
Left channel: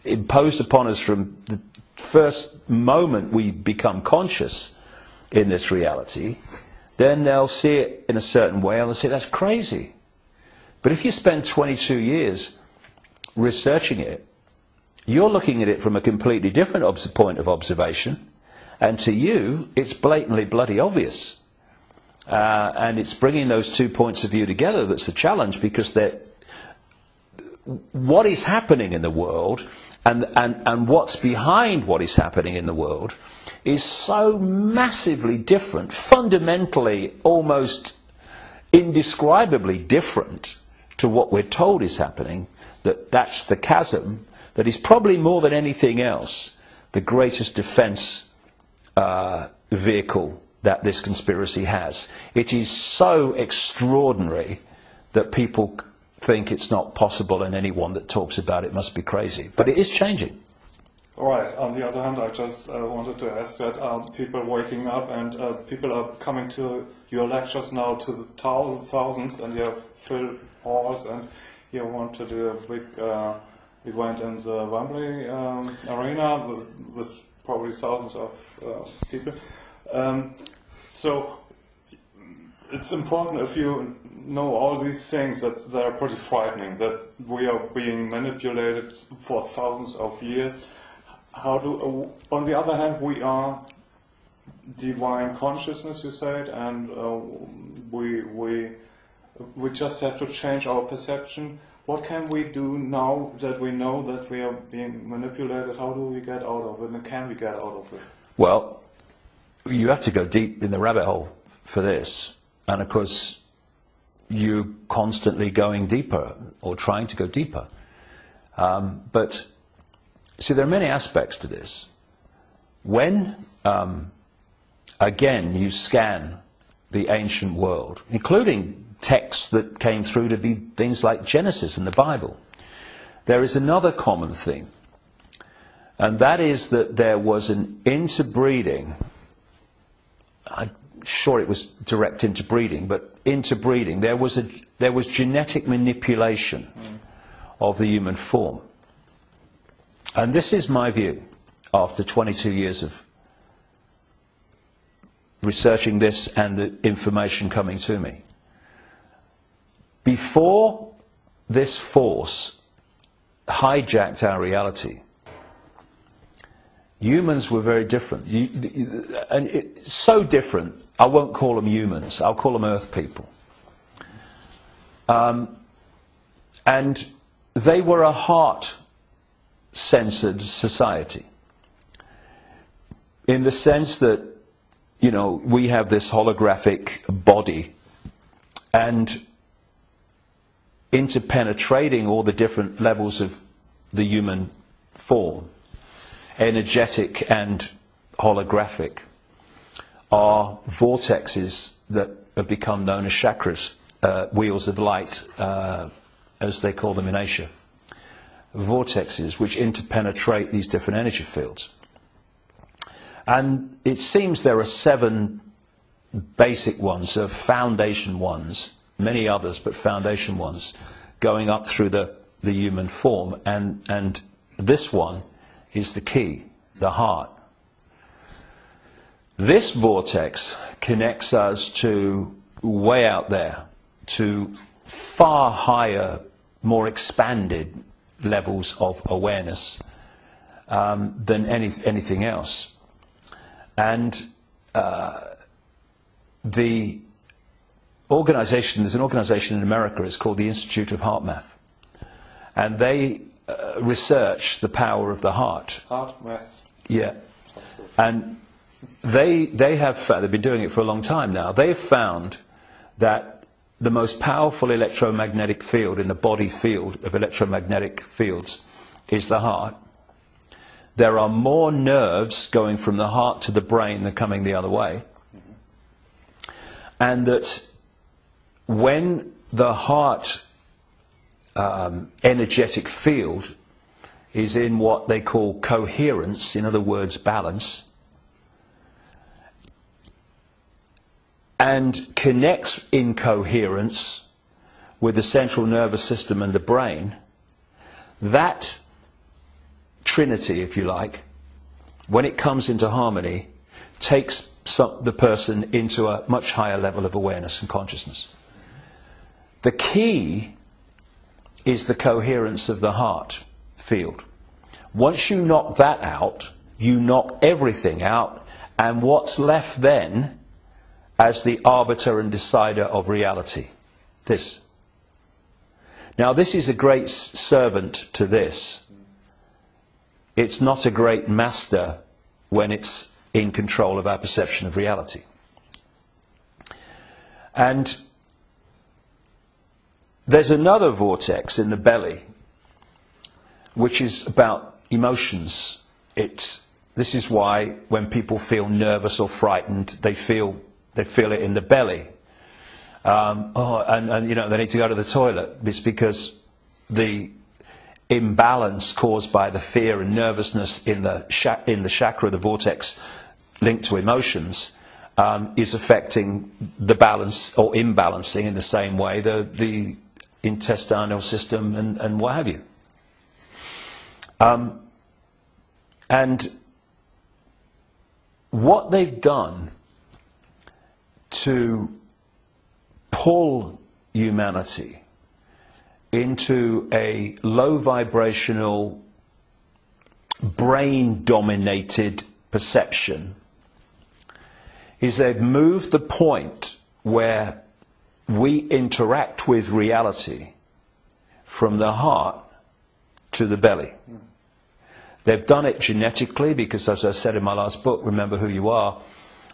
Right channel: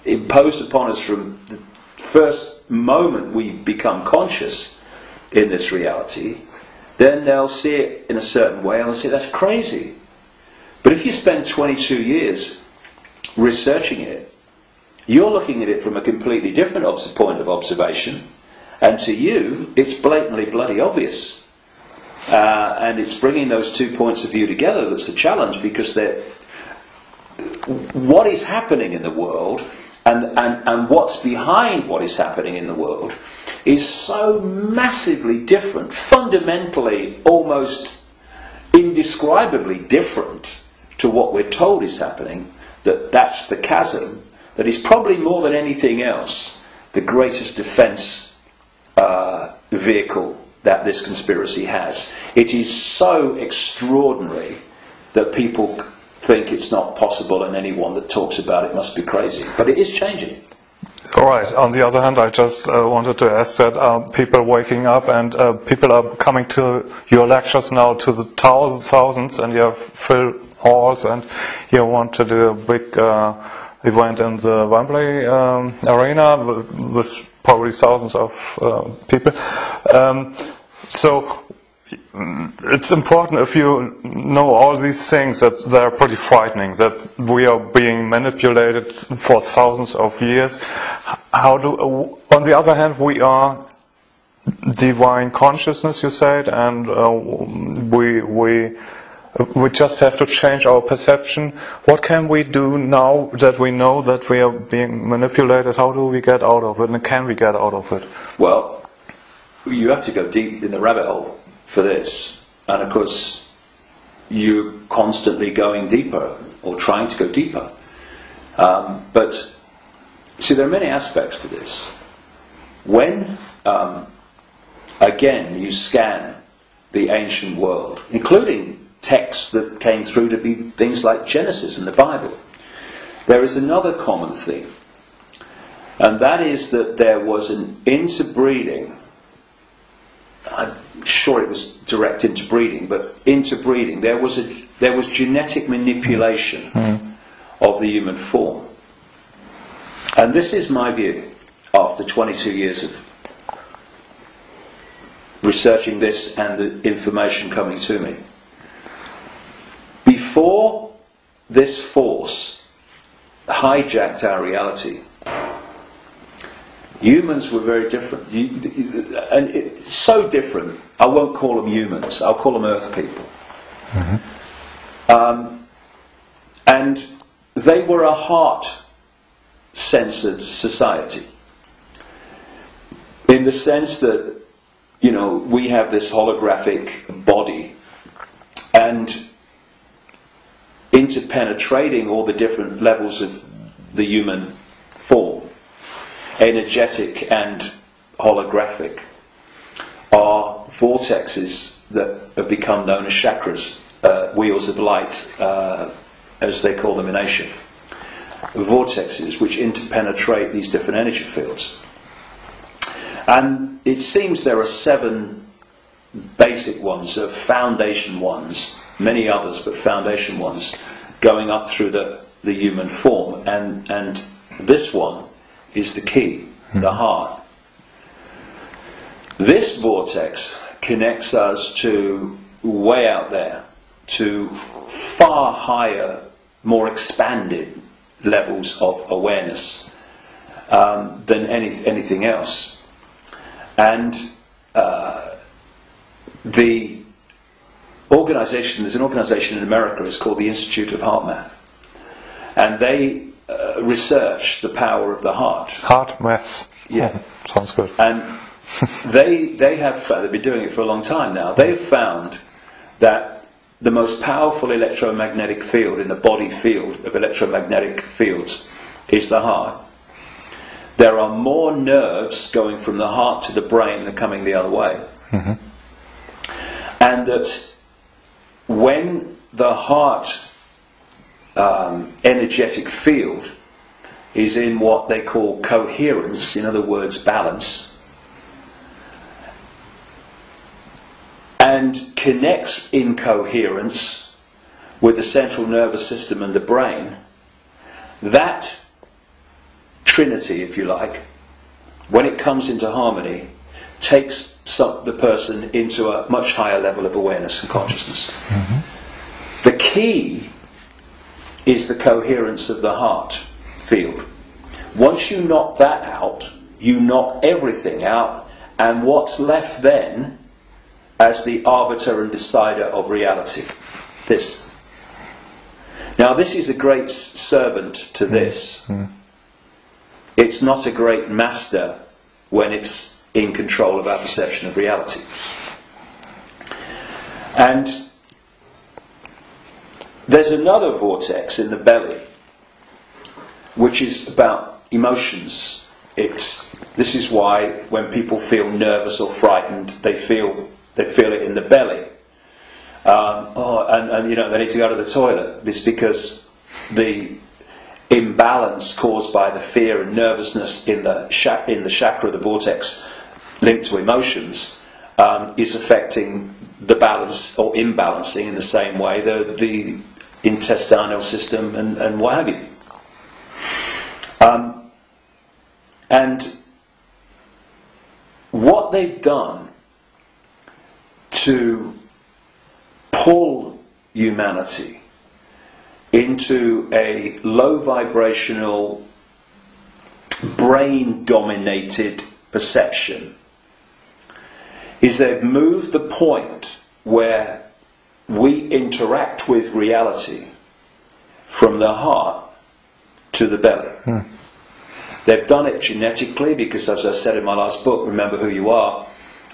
imposed upon us from the first moment we become conscious in this reality, then they'll see it in a certain way and they'll say, that's crazy. But if you spend 22 years researching it, you're looking at it from a completely different point of observation, and to you, it's blatantly bloody obvious. And it's bringing those two points of view together that's the challenge, because what is happening in the world and what's behind what is happening in the world is so massively different, fundamentally almost indescribably different to what we're told is happening, that's the chasm that is probably more than anything else the greatest defence vehicle that this conspiracy has. It is so extraordinary that people think it's not possible, and anyone that talks about it must be crazy. But it is changing. All right. On the other hand, I just wanted to ask that people waking up and people are coming to your lectures now to the thousands, and you have full halls, and you want to do a big event in the Wembley arena with probably thousands of people. So it's important, if you know all these things, that they're pretty frightening, that we are being manipulated for thousands of years. On the other hand, we are divine consciousness, you said, and we just have to change our perception. What can we do now that we know that we are being manipulated? How do we get out of it, and can we get out of it? Well, you have to go deep in the rabbit hole for this, and of course you're constantly going deeper or trying to go deeper, but see, there are many aspects to this. When again you scan the ancient world, including texts that came through to be things like Genesis and the Bible, there is another common theme, and that is that there was an interbreeding. I'm sure it was direct interbreeding, but interbreeding. There was genetic manipulation of the human form, and this is my view after 22 years of researching this and the information coming to me. Before this force hijacked our reality, humans were very different, and it's so different. I won't call them humans, I'll call them earth people. And they were a heart-censored society, in the sense that, you know, we have this holographic body, and interpenetrating all the different levels of the human form, energetic and holographic, are vortexes that have become known as chakras, wheels of light, as they call them in Asia. Vortexes which interpenetrate these different energy fields. And it seems there are 7 basic ones, foundation ones, many others, but foundation ones, going up through the human form, and this one is the key, the heart. This vortex connects us to way out there, to far higher more expanded levels of awareness than anything else. And the organization, there's an organization in America, it's called the Institute of Heart Math, and they research the power of the heart. Heart math. Yeah. Sounds good. And they have found, they've been doing it for a long time now, they have found that the most powerful electromagnetic field in the body field of electromagnetic fields is the heart. There are more nerves going from the heart to the brain than coming the other way. Mm-hmm. And that when the heart energetic field is in what they call coherence, in other words, balance, and connects in coherence with the central nervous system and the brain, that trinity, if you like, when it comes into harmony, takes the person into a much higher level of awareness and consciousness. Mm-hmm. The key is the coherence of the heart field. Once you knock that out, you knock everything out, and what's left then as the arbiter and decider of reality? This. Now, this is a great servant to this. Mm. It's not a great master when it's in control of our perception of reality. And there's another vortex in the belly, which is about emotions. This is why when people feel nervous or frightened, they feel it in the belly. And you know, they need to go to the toilet. It's because the imbalance caused by the fear and nervousness in the chakra, the vortex linked to emotions, is affecting the balance or imbalancing in the same way the intestinal system and what have you. And what they've done to pull humanity into a low vibrational, brain dominated perception is they've moved the point where we interact with reality from the heart to the belly. Hmm. They've done it genetically because, as I said in my last book, Remember Who You Are,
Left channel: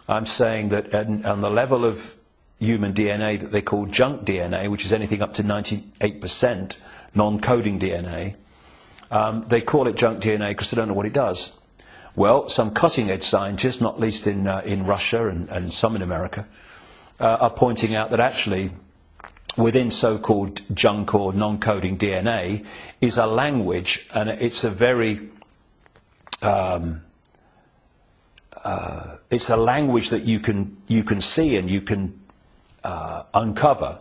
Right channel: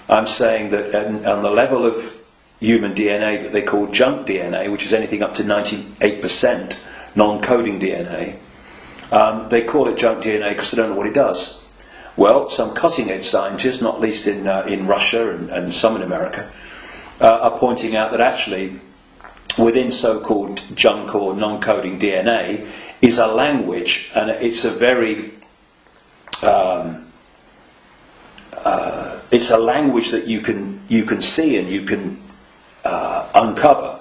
I'm saying that on the level of human DNA that they call junk DNA, which is anything up to 98% non-coding DNA, they call it junk DNA because they don't know what it does. Well, some cutting-edge scientists, not least in Russia and some in America, are pointing out that actually within so-called junk or non-coding DNA is a language, and it's a very it's a language that you can see and you can uncover,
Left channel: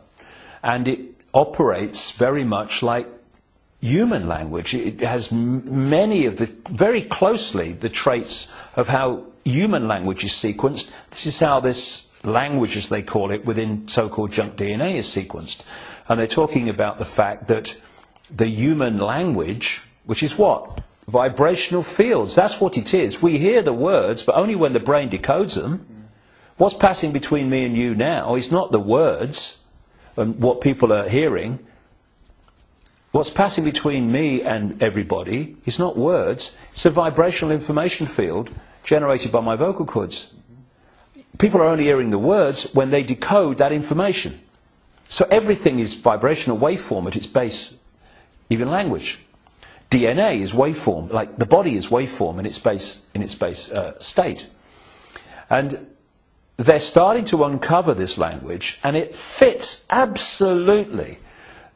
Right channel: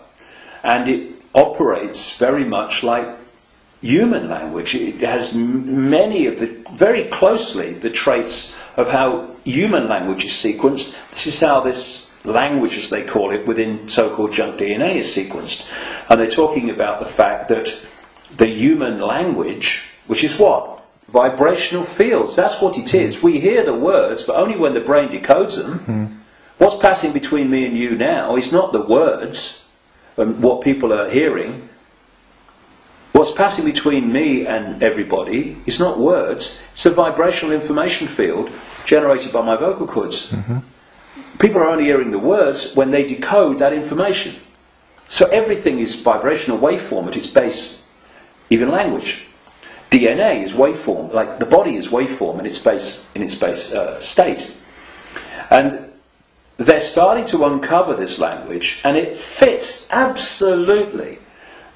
and it operates very much like human language. It has many of very closely the traits of how human language is sequenced. This is how this language, as they call it, within so-called junk DNA is sequenced. And they're talking about the fact that the human language, which is what? Vibrational fields, that's what it is. We hear the words, but only when the brain decodes them. Mm. What's passing between me and you now is not the words and what people are hearing. What's passing between me and everybody is not words, it's a vibrational information field generated by my vocal cords. Mm-hmm. People are only hearing the words when they decode that information. So everything is vibrational waveform at its base, even language. DNA is waveform, like the body is waveform in its base state. And they're starting to uncover this language, and it fits absolutely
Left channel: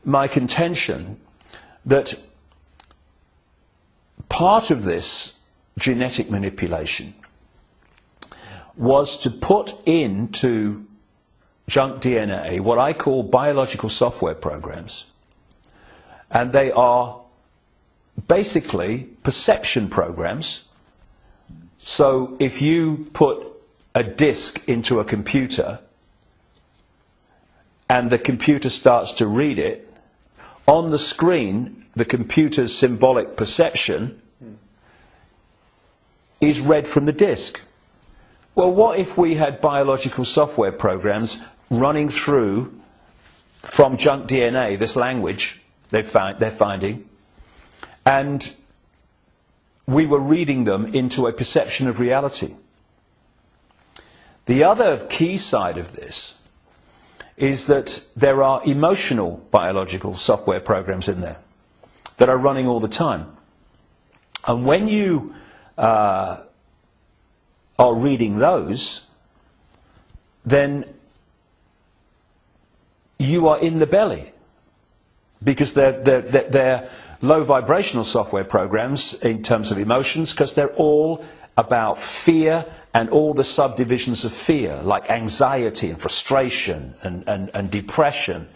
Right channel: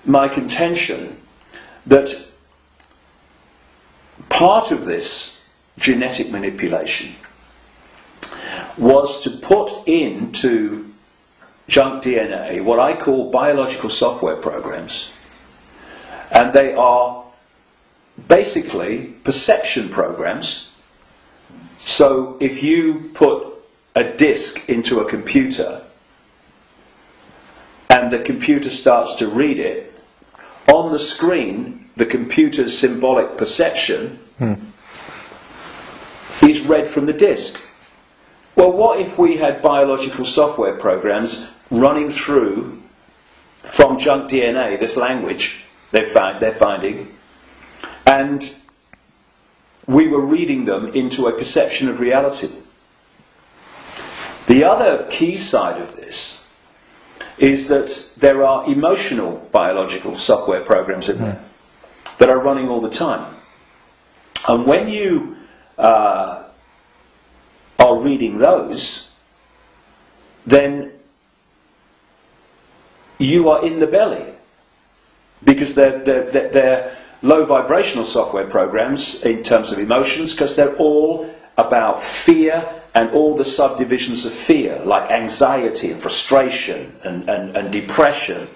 my contention that part of this genetic manipulation was to put into junk DNA what I call biological software programs, and they are basically perception programs. So if you put a disk into a computer and the computer starts to read it, on the screen, the computer's symbolic perception is read from the disk. Well, what if we had biological software programs running through from junk DNA, this language they're finding, and we were reading them into a perception of reality? The other key side of this is that there are emotional biological software programs in there that are running all the time. And when you are reading those, then you are in the belly, because they're low vibrational software programs in terms of emotions, because they're all about fear and all the subdivisions of fear, like anxiety and frustration and depression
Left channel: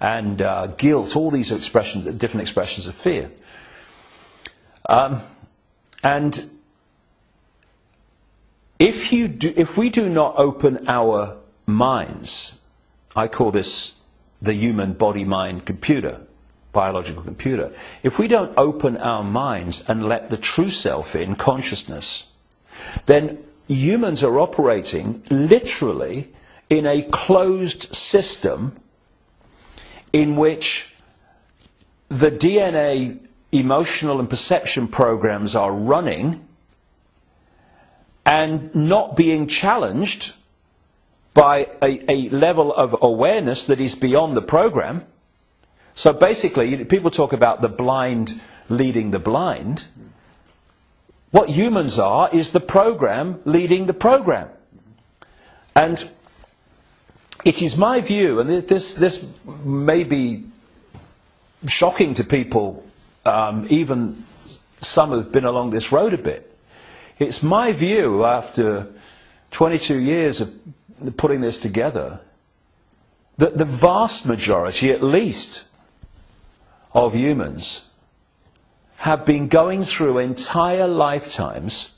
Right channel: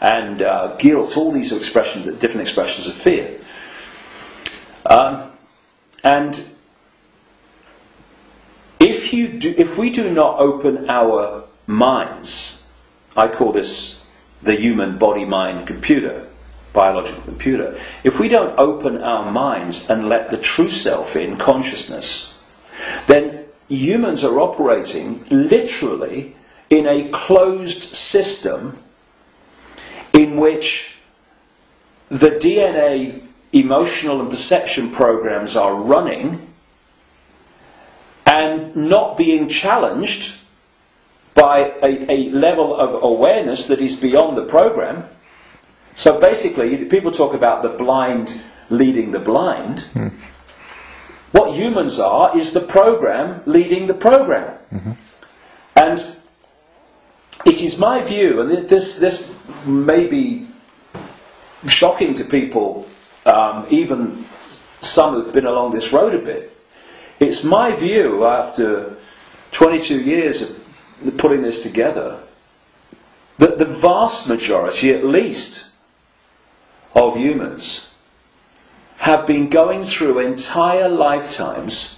and guilt, all these expressions, different expressions of fear. And if we do not open our minds, I call this the human body-mind computer, biological computer. If we don't open our minds and let the true self in, consciousness, then humans are operating literally in a closed system in which the DNA emotional and perception programs are running and not being challenged by a level of awareness that is beyond the program. So basically, people talk about the blind leading the blind. What humans are is the program leading the program. And it is my view, and this may be shocking to people, even some who've been along this road a bit. It's my view, after 22 years of putting this together, that the vast majority, at least, of humans have been going through entire lifetimes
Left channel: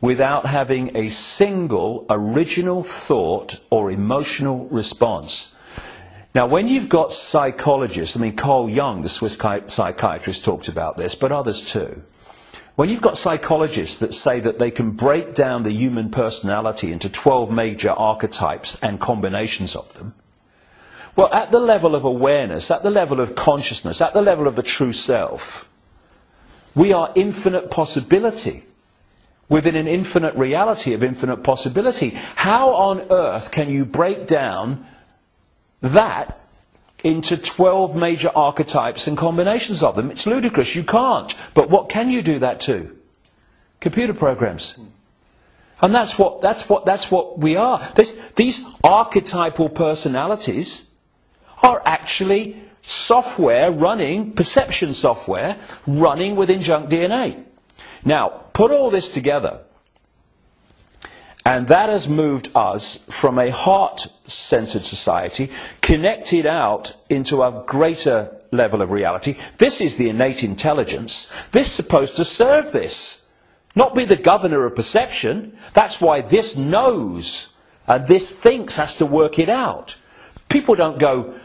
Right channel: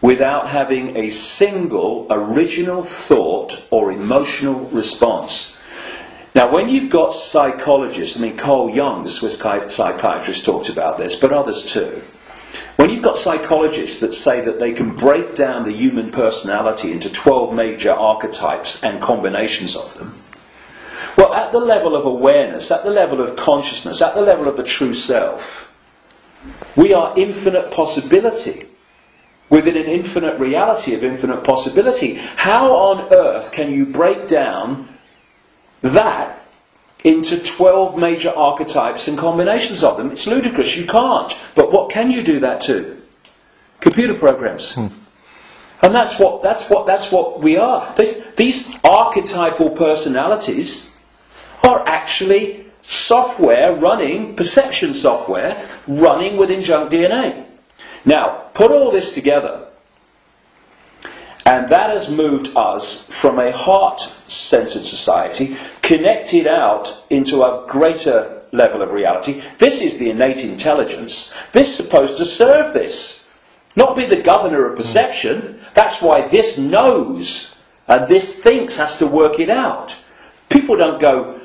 without having a single original thought or emotional response. Now, when you've got psychologists, I mean, Carl Jung, the Swiss psychiatrist, talked about this, but others too. When you've got psychologists that say that they can break down the human personality into 12 major archetypes and combinations of them, well, at the level of awareness, at the level of consciousness, at the level of the true self, we are infinite possibility within an infinite reality of infinite possibility. How on earth can you break down that into 12 major archetypes and combinations of them? It's ludicrous, you can't. But what can you do that to? Computer programs. And that's what we are. These archetypal personalities are actually software running, perception software running within junk DNA. Now, put all this together, and that has moved us from a heart-centered society, connected out into a greater level of reality. This is the innate intelligence. This is supposed to serve this, not be the governor of perception. That's why this knows, and this thinks has to work it out. People don't go,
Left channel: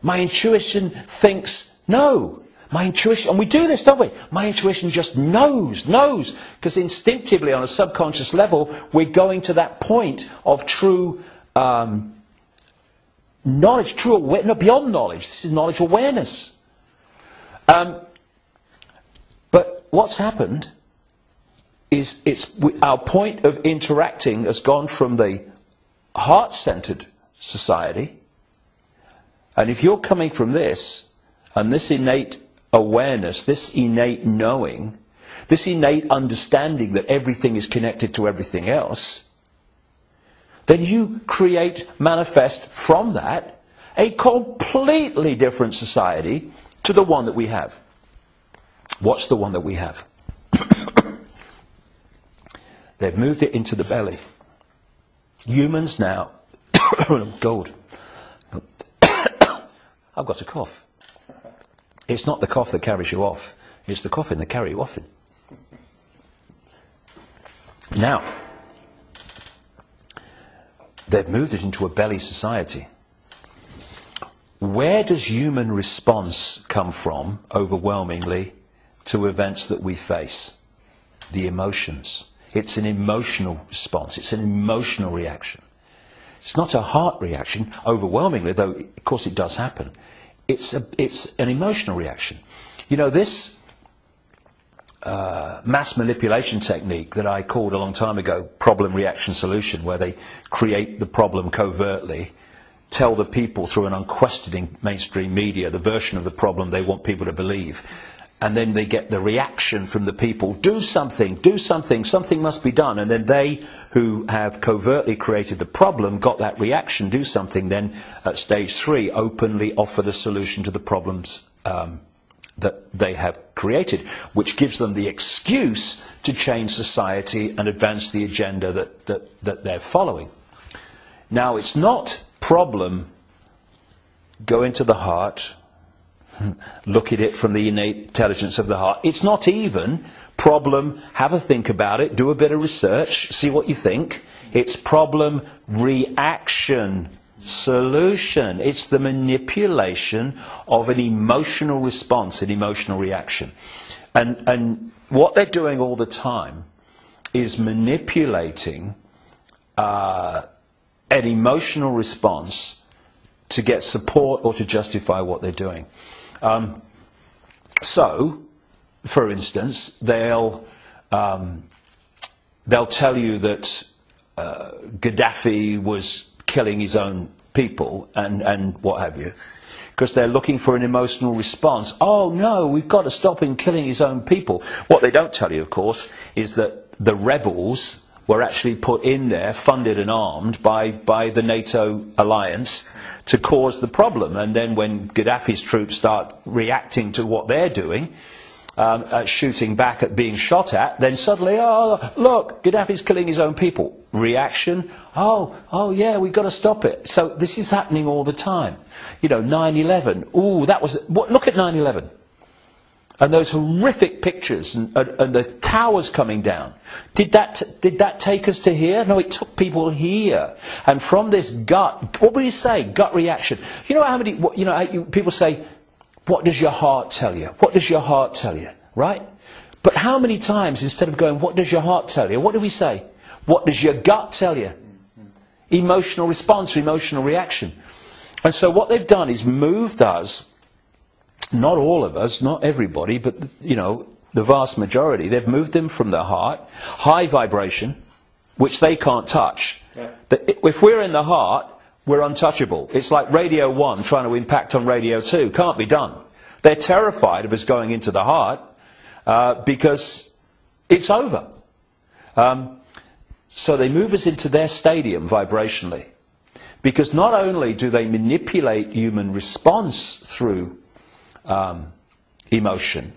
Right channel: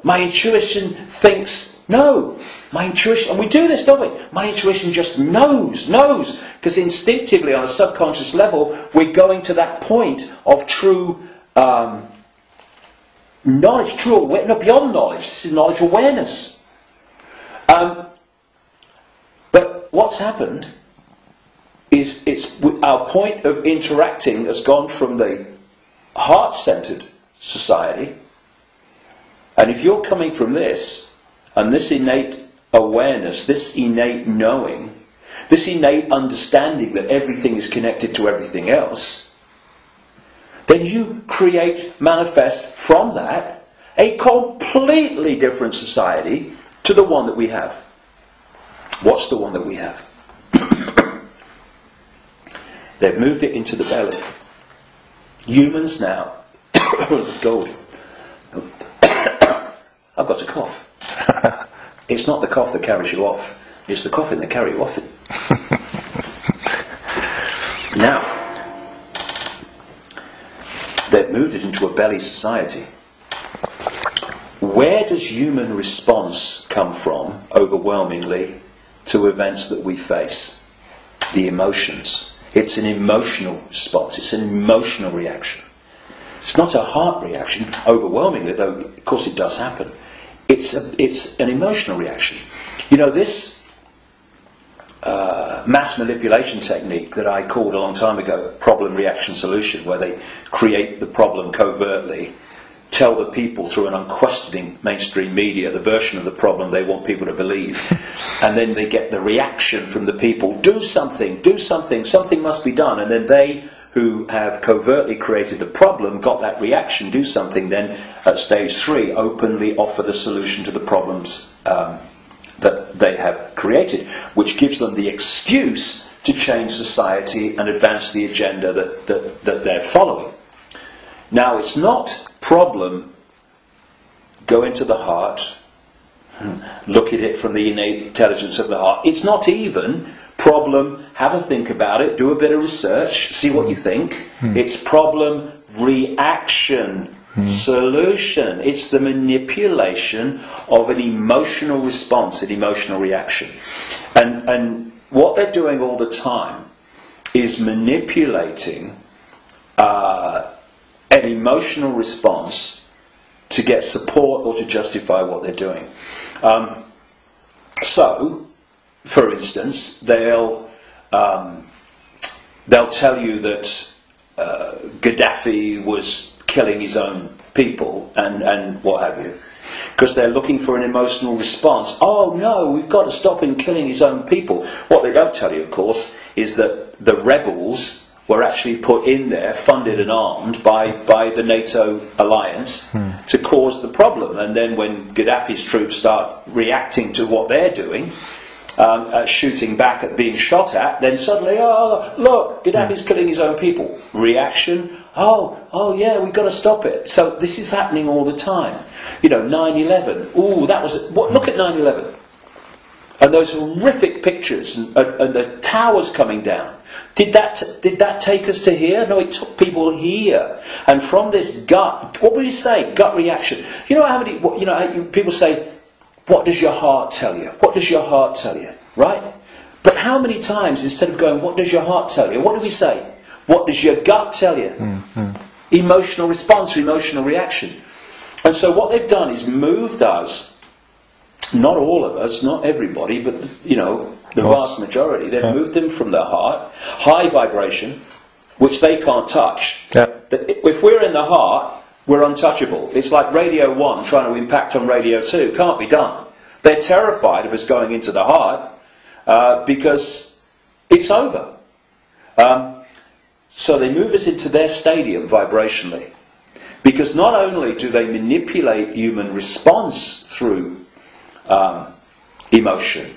my intuition thinks, no. My intuition, and we do this, don't we? My intuition just knows. Because instinctively, on a subconscious level, we're going to that point of true knowledge, beyond knowledge. This is knowledge awareness. But what's happened is our point of interacting has gone from the heart-centered society, and if you're coming from this, and this innate awareness, this innate knowing, this innate understanding that everything is connected to everything else, then you manifest from that a completely different society to the one that we have. What's the one that we have? They've moved it into the belly. Humans now, gold. I've got a cough. It's not the cough that carries you off. It's the coughing that carry you off it. Now, they've moved it into a belly society. where does human response come from, overwhelmingly, to events that we face? The emotions. It's an emotional response. It's an emotional reaction. It's not a heart reaction, overwhelmingly, though of course it does happen. It's an emotional reaction. You know, this mass manipulation technique that I called a long time ago problem, reaction, solution, where they create the problem covertly, tell the people through an unquestioning mainstream media the version of the problem they want people to believe, and then they get the reaction from the people, do something, something must be done, and then they who have covertly created the problem got that reaction, do something, then at stage 3 openly offer the solution to the problems that they have created, which gives them the excuse to change society and advance the agenda that they're following. Now, it's not problem, go into the heart, look at it from the innate intelligence of the heart. It's not even problem, have a think about it, do a bit of research, see what you think. It's problem, reaction, solution. It's the manipulation of an emotional response, an emotional reaction. And what they're doing all the time is manipulating an emotional response to get support or to justify what they're doing. So, for instance, they'll tell you that Gaddafi was killing his own people and what have you, because they're looking for an emotional response. Oh no, we've got to stop him killing his own people. What they don't tell you, of course, is that the rebels were actually put in there, funded and armed by the NATO alliance to cause the problem. And then when Gaddafi's troops start reacting to what they're doing, shooting back at being shot at, then suddenly, oh, look, Gaddafi's killing his own people. Reaction, oh yeah, we've got to stop it. So this is happening all the time. You know, 9/11, ooh, that was, look at 9/11. And those horrific pictures and the towers coming down. Did that take us to here? No, it took people here. And from this gut, what would you say? Gut reaction. You know how many? People say, "What does your heart tell you? What does your heart tell you?" Right? But how many times, instead of going, "What does your heart tell you?" what do we say? What does your gut tell you? Emotional response, emotional reaction. And so what they've done is moved us. Not all of us, not everybody, but the vast majority. They've moved them from the heart, high vibration, which they can't touch. Yeah. If we're in the heart, we're untouchable. It's like Radio 1 trying to impact on Radio 2. Can't be done. They're terrified of us going into the heart because it's over. So they move us into their stadium vibrationally. Because not only do they manipulate human response through emotion,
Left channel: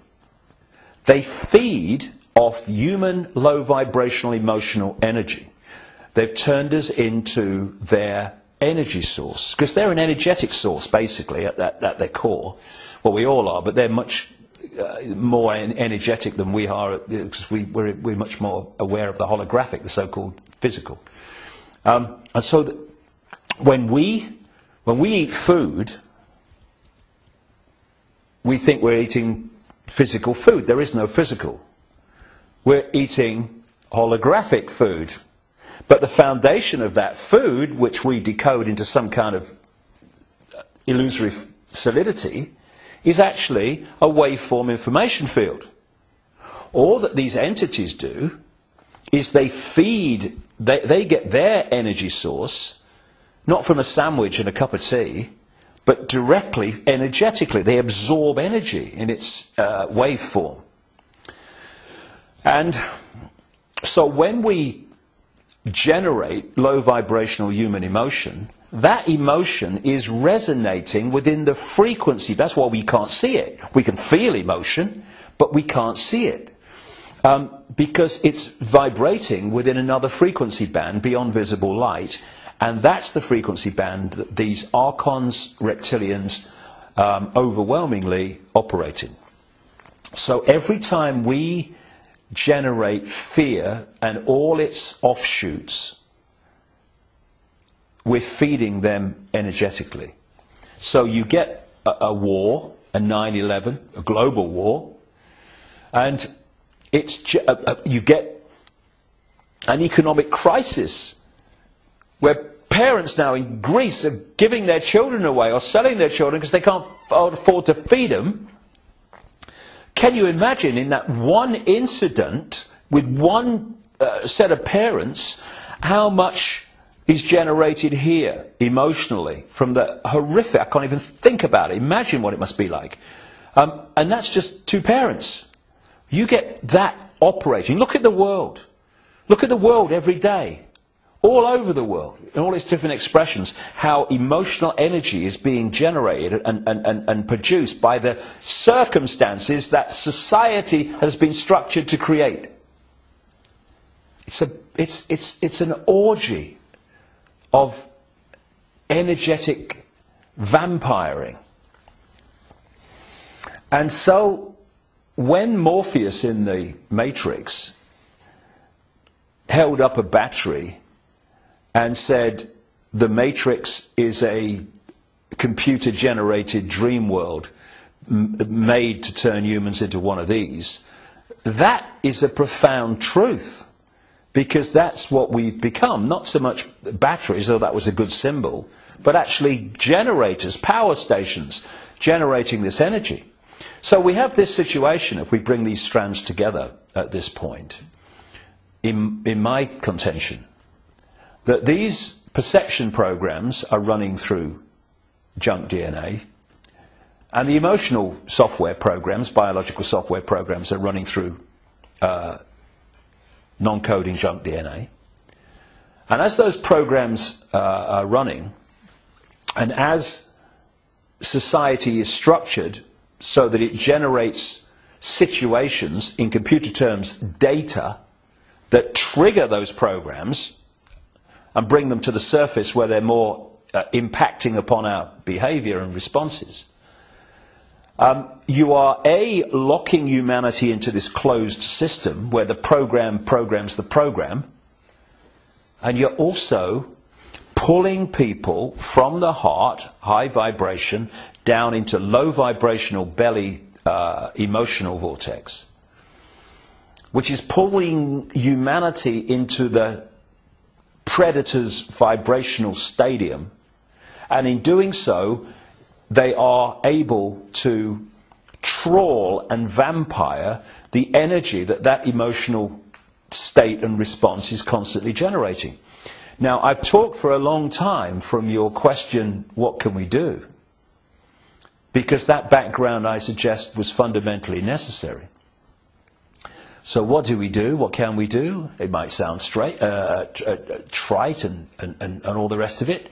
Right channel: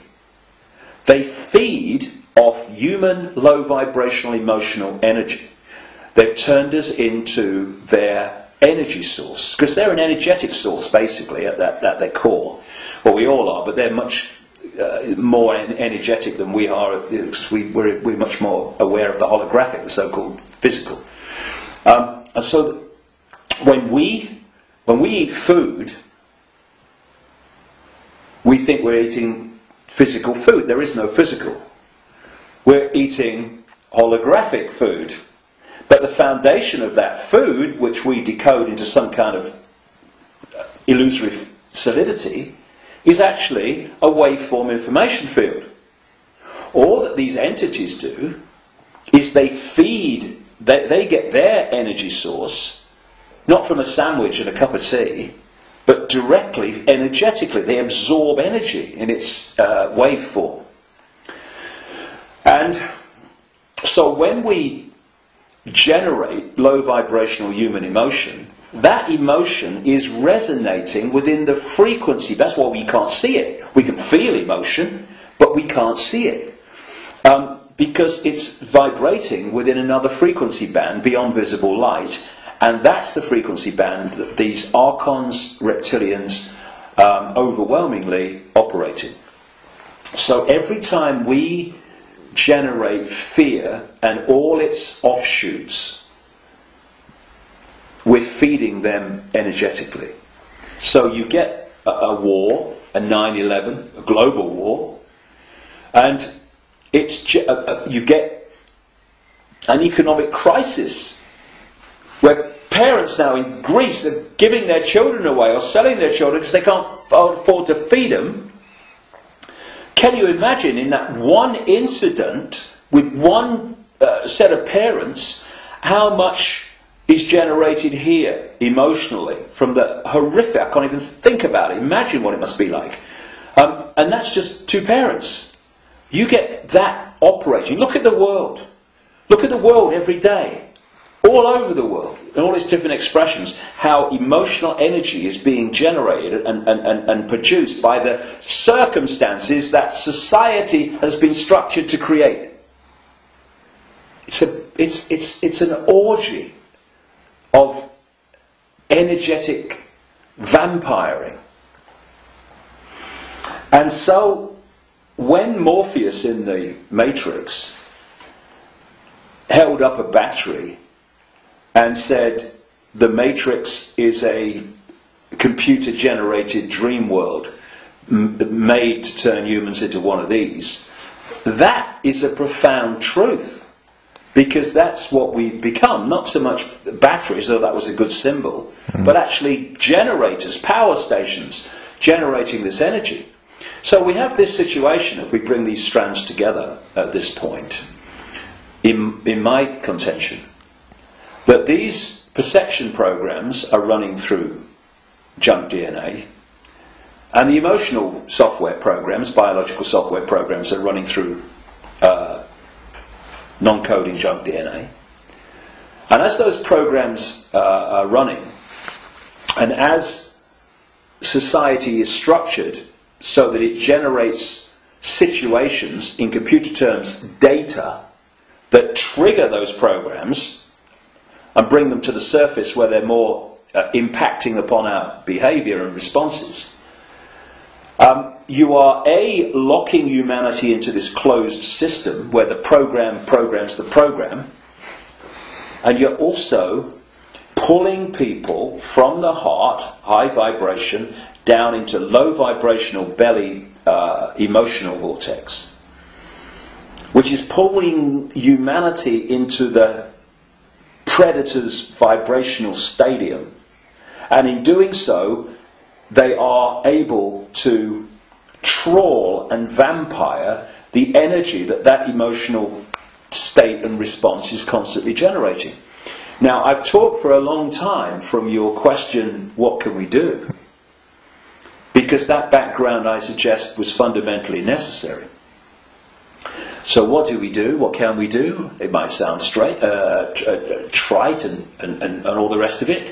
they feed off human low vibrational emotional energy. They've turned us into their energy source, because they're an energetic source basically at their core. Well, we all are, but they're much more energetic than we are, because we're much more aware of the holographic, the so-called physical. And so when we eat food, we think we're eating physical food. There is no physical. We're eating holographic food. But the foundation of that food, which we decode into some kind of illusory solidity, is actually a waveform information field. All that these entities do is they feed, they get their energy source, not from a sandwich and a cup of tea, but directly, energetically. They absorb energy in its waveform. And so when we generate low vibrational human emotion, that emotion is resonating within the frequency. That's why we can't see it. We can feel emotion, but we can't see it. Because it's vibrating within another frequency band beyond visible light. And that's the frequency band that these archons, reptilians, overwhelmingly operate in. So every time we generate fear and all its offshoots, we're feeding them energetically. So you get a war, a 9/11, a global war, and you get an economic crisis where parents now in Greece are giving their children away or selling their children because they can't afford to feed them. Can you imagine in that one incident with one set of parents how much is generated here emotionally from the horrific? I can't even think about it. Imagine what it must be like. And that's just two parents. You get that operating. Look at the world. Look at the world every day. All over the world, in all its different expressions, how emotional energy is being generated and produced by the circumstances that society has been structured to create. It's an orgy of energetic vampiring. And so, when Morpheus in the Matrix held up a battery and said, the Matrix is a computer-generated dream world made to turn humans into one of these, that is a profound truth, because that's what we've become. Not so much batteries, though that was a good symbol, but actually generators, power stations, generating this energy. So we have this situation, if we bring these strands together at this point, in my contention, that these perception programs are running through junk DNA, and the emotional software programs, biological software programs, are running through non-coding junk DNA. And as those programs are running, and as society is structured so that it generates situations, in computer terms, data, that trigger those programs and bring them to the surface where they're more impacting upon our behaviour and responses. You are locking humanity into this closed system where the program programs the program, and you're also pulling people from the heart, high vibration, down into low vibrational belly emotional vortex, which is pulling humanity into the predator's vibrational stadium, and in doing so they are able to trawl and vampire the energy that emotional state and response is constantly generating. Now, I've talked for a long time from your question, what can we do? Because that background, I suggest, was fundamentally necessary. So what do we do? What can we do? It might sound trite and all the rest of it.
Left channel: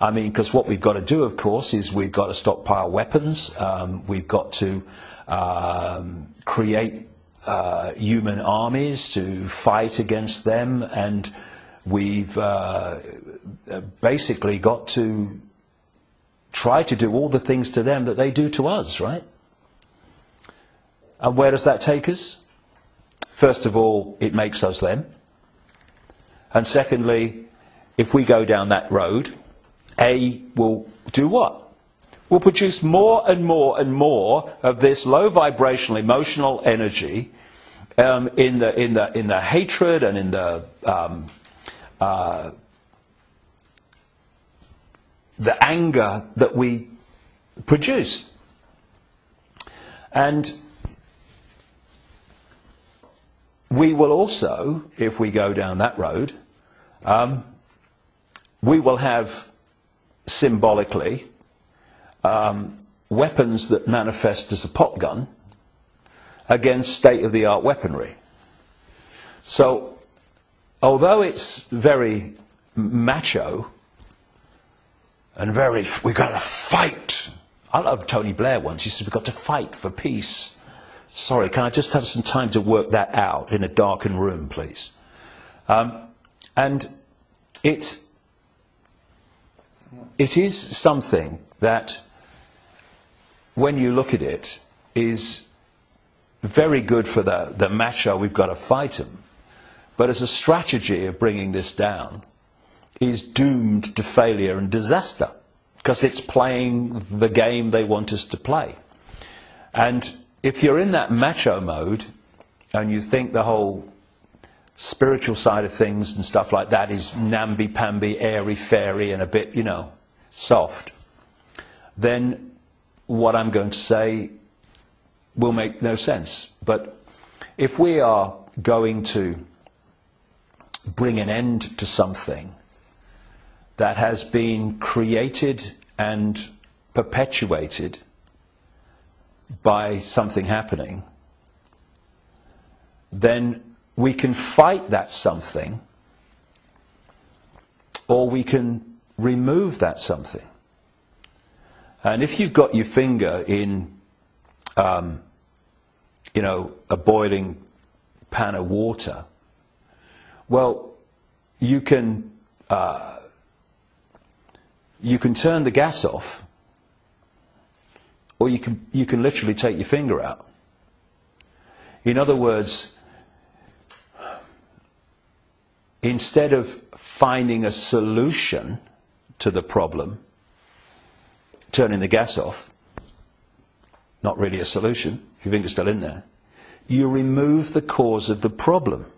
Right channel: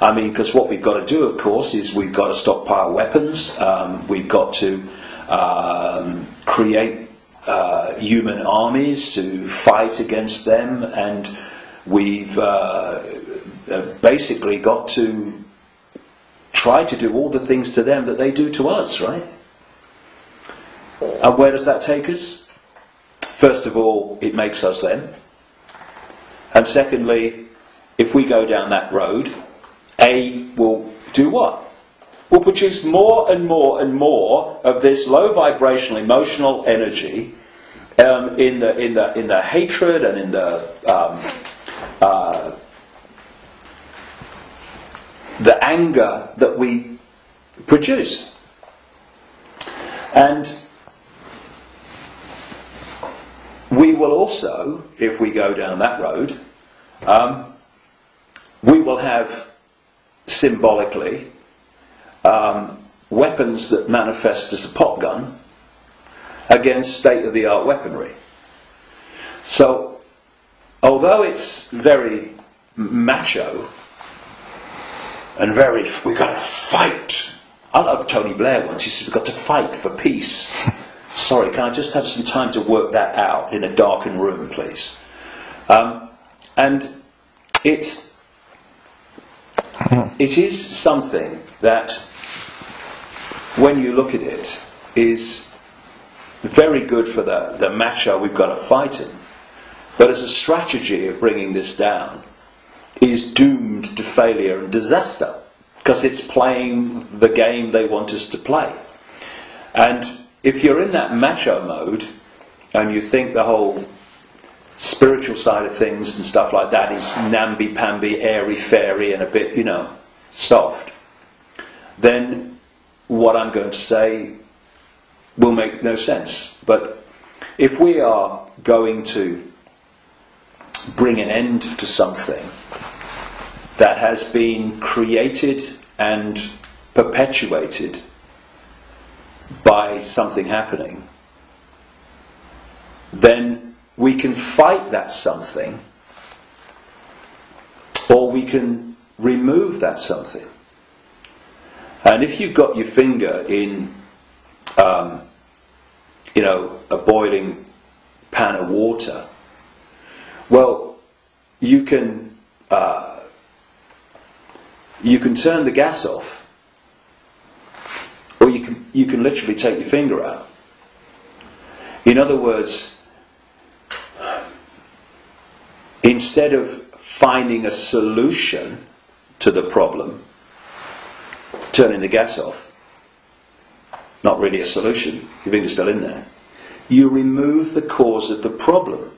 I mean, because what we've got to do, of course, is we've got to stockpile weapons. We've got to create human armies to fight against them, and we've basically got to try to do all the things to them that they do to us, right? And where does that take us? First of all, it makes us them. And secondly, if we go down that road, will do what? Will produce more and more and more of this low vibrational emotional energy in the hatred and in the anger that we produce. And we will also, if we go down that road, we will have symbolically weapons that manifest as a pop gun against state-of-the-art weaponry. So, although it's very macho and very, we've got to fight. I love Tony Blair once, he said, we've got to fight for peace. Sorry, can I just have some time to work that out in a darkened room, please? And it is something that, when you look at it, is very good for the macho we've got to fight him. But as a strategy of bringing this down, is doomed to failure and disaster. because it's playing the game they want us to play. And if you're in that macho mode and you think the whole spiritual side of things and stuff like that is namby-pamby, airy-fairy and a bit, soft, then what I'm going to say will make no sense. But if we are going to bring an end to something that has been created and perpetuated by something happening, then we can fight that something, or we can remove that something. And if you've got your finger in, a boiling pan of water, well, you can turn the gas off, or you can literally take your finger out. In other words, instead of finding a solution to the problem, turning the gas off, not really a solution, your finger's still in there, you remove the cause of the problem.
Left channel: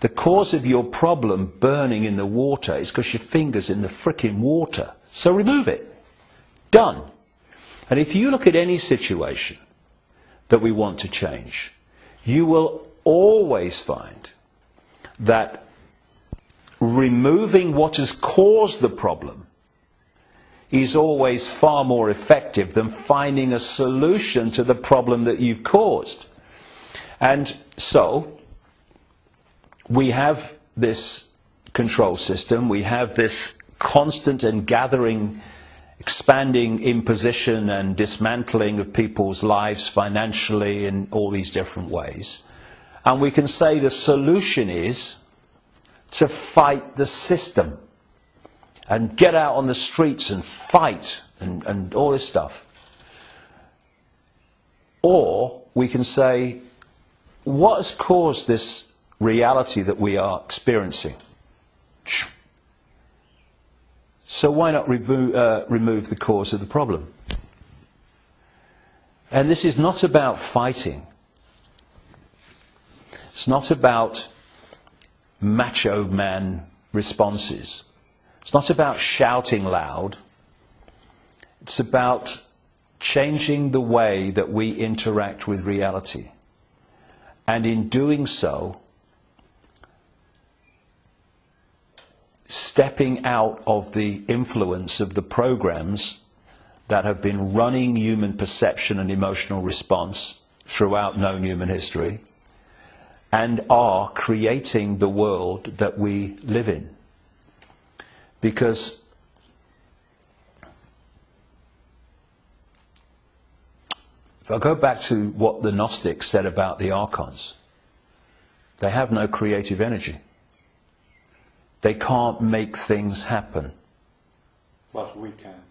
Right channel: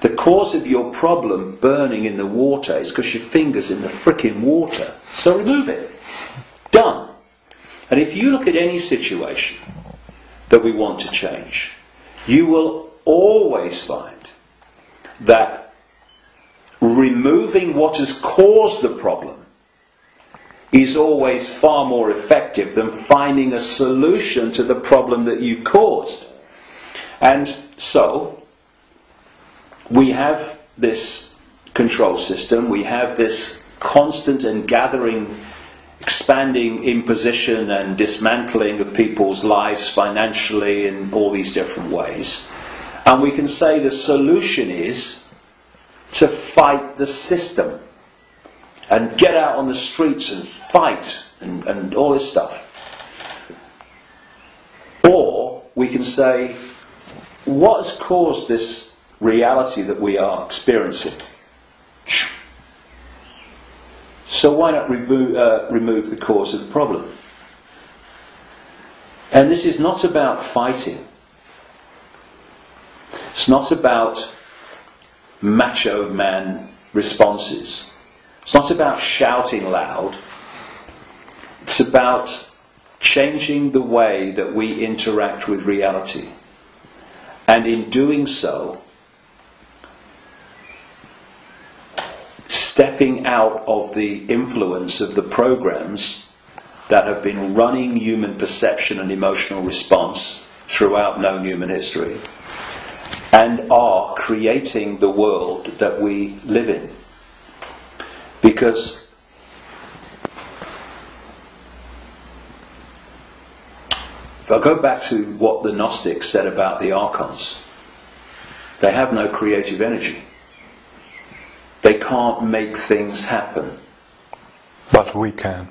The cause of your problem burning in the water is because your finger's in the frickin' water. So remove it. Done. And if you look at any situation that we want to change, you will always find that removing what has caused the problem is always far more effective than finding a solution to the problem that you've caused. And so we have this control system, we have this constant and gathering, expanding imposition and dismantling of people's lives financially in all these different ways. And we can say the solution is to fight the system and get out on the streets and fight and all this stuff. Or we can say, what has caused this reality that we are experiencing? So why not remove the cause of the problem? And this is not about fighting. It's not about macho man responses. It's not about shouting loud. It's about changing the way that we interact with reality. And in doing so, stepping out of the influence of the programs that have been running human perception and emotional response throughout known human history, and are creating the world that we live in. Because if I go back to what the Gnostics said about the archons, they have no creative energy. They can't make things happen. But we can.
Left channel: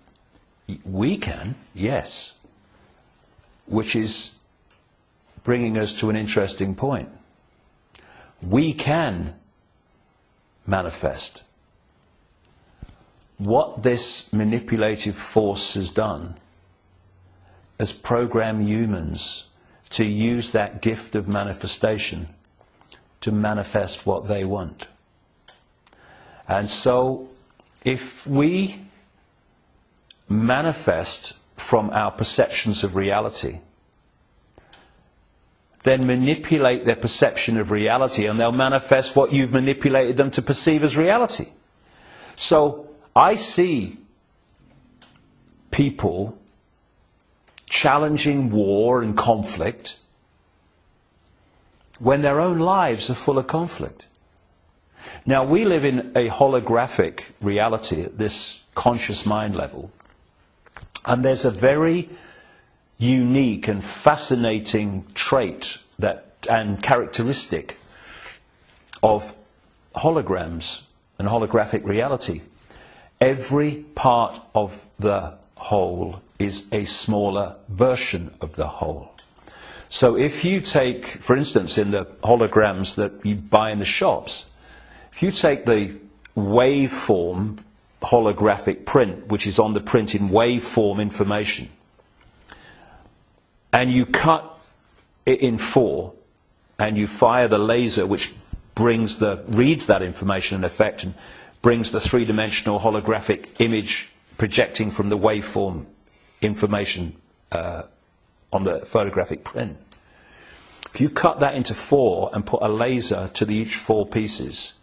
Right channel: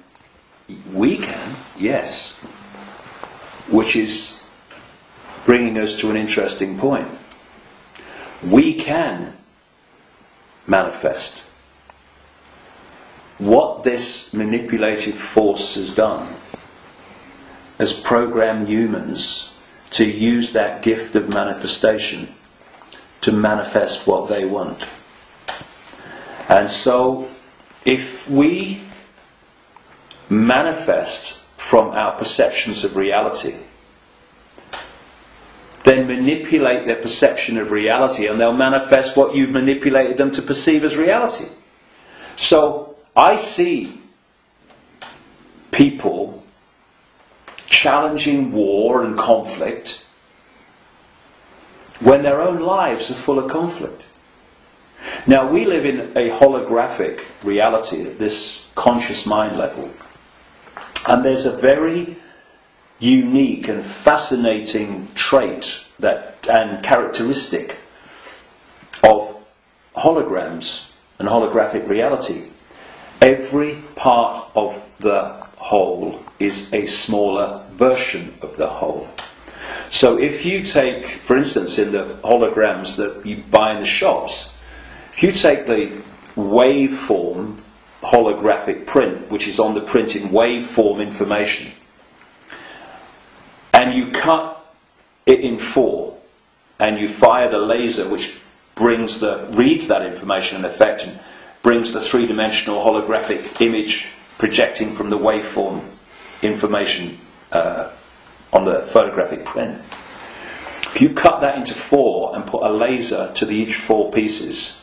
We can, yes. Which is bringing us to an interesting point. We can manifest. What this manipulative force has done has programmed humans to use that gift of manifestation to manifest what they want. And so, if we manifest from our perceptions of reality, then manipulate their perception of reality, and they'll manifest what you've manipulated them to perceive as reality. So, I see people challenging war and conflict when their own lives are full of conflict. Now, we live in a holographic reality at this conscious mind level, and there's a very unique and fascinating trait and characteristic of holograms and holographic reality. Every part of the whole is a smaller version of the whole. So if you take, for instance, in the holograms that you buy in the shops, if you take the waveform holographic print, which is on the print in waveform information, and you cut it in 4, and you fire the laser, which reads that information in effect, and brings the three-dimensional holographic image projecting from the waveform information on the photographic print. If you cut that into 4 and put a laser to each 4 pieces,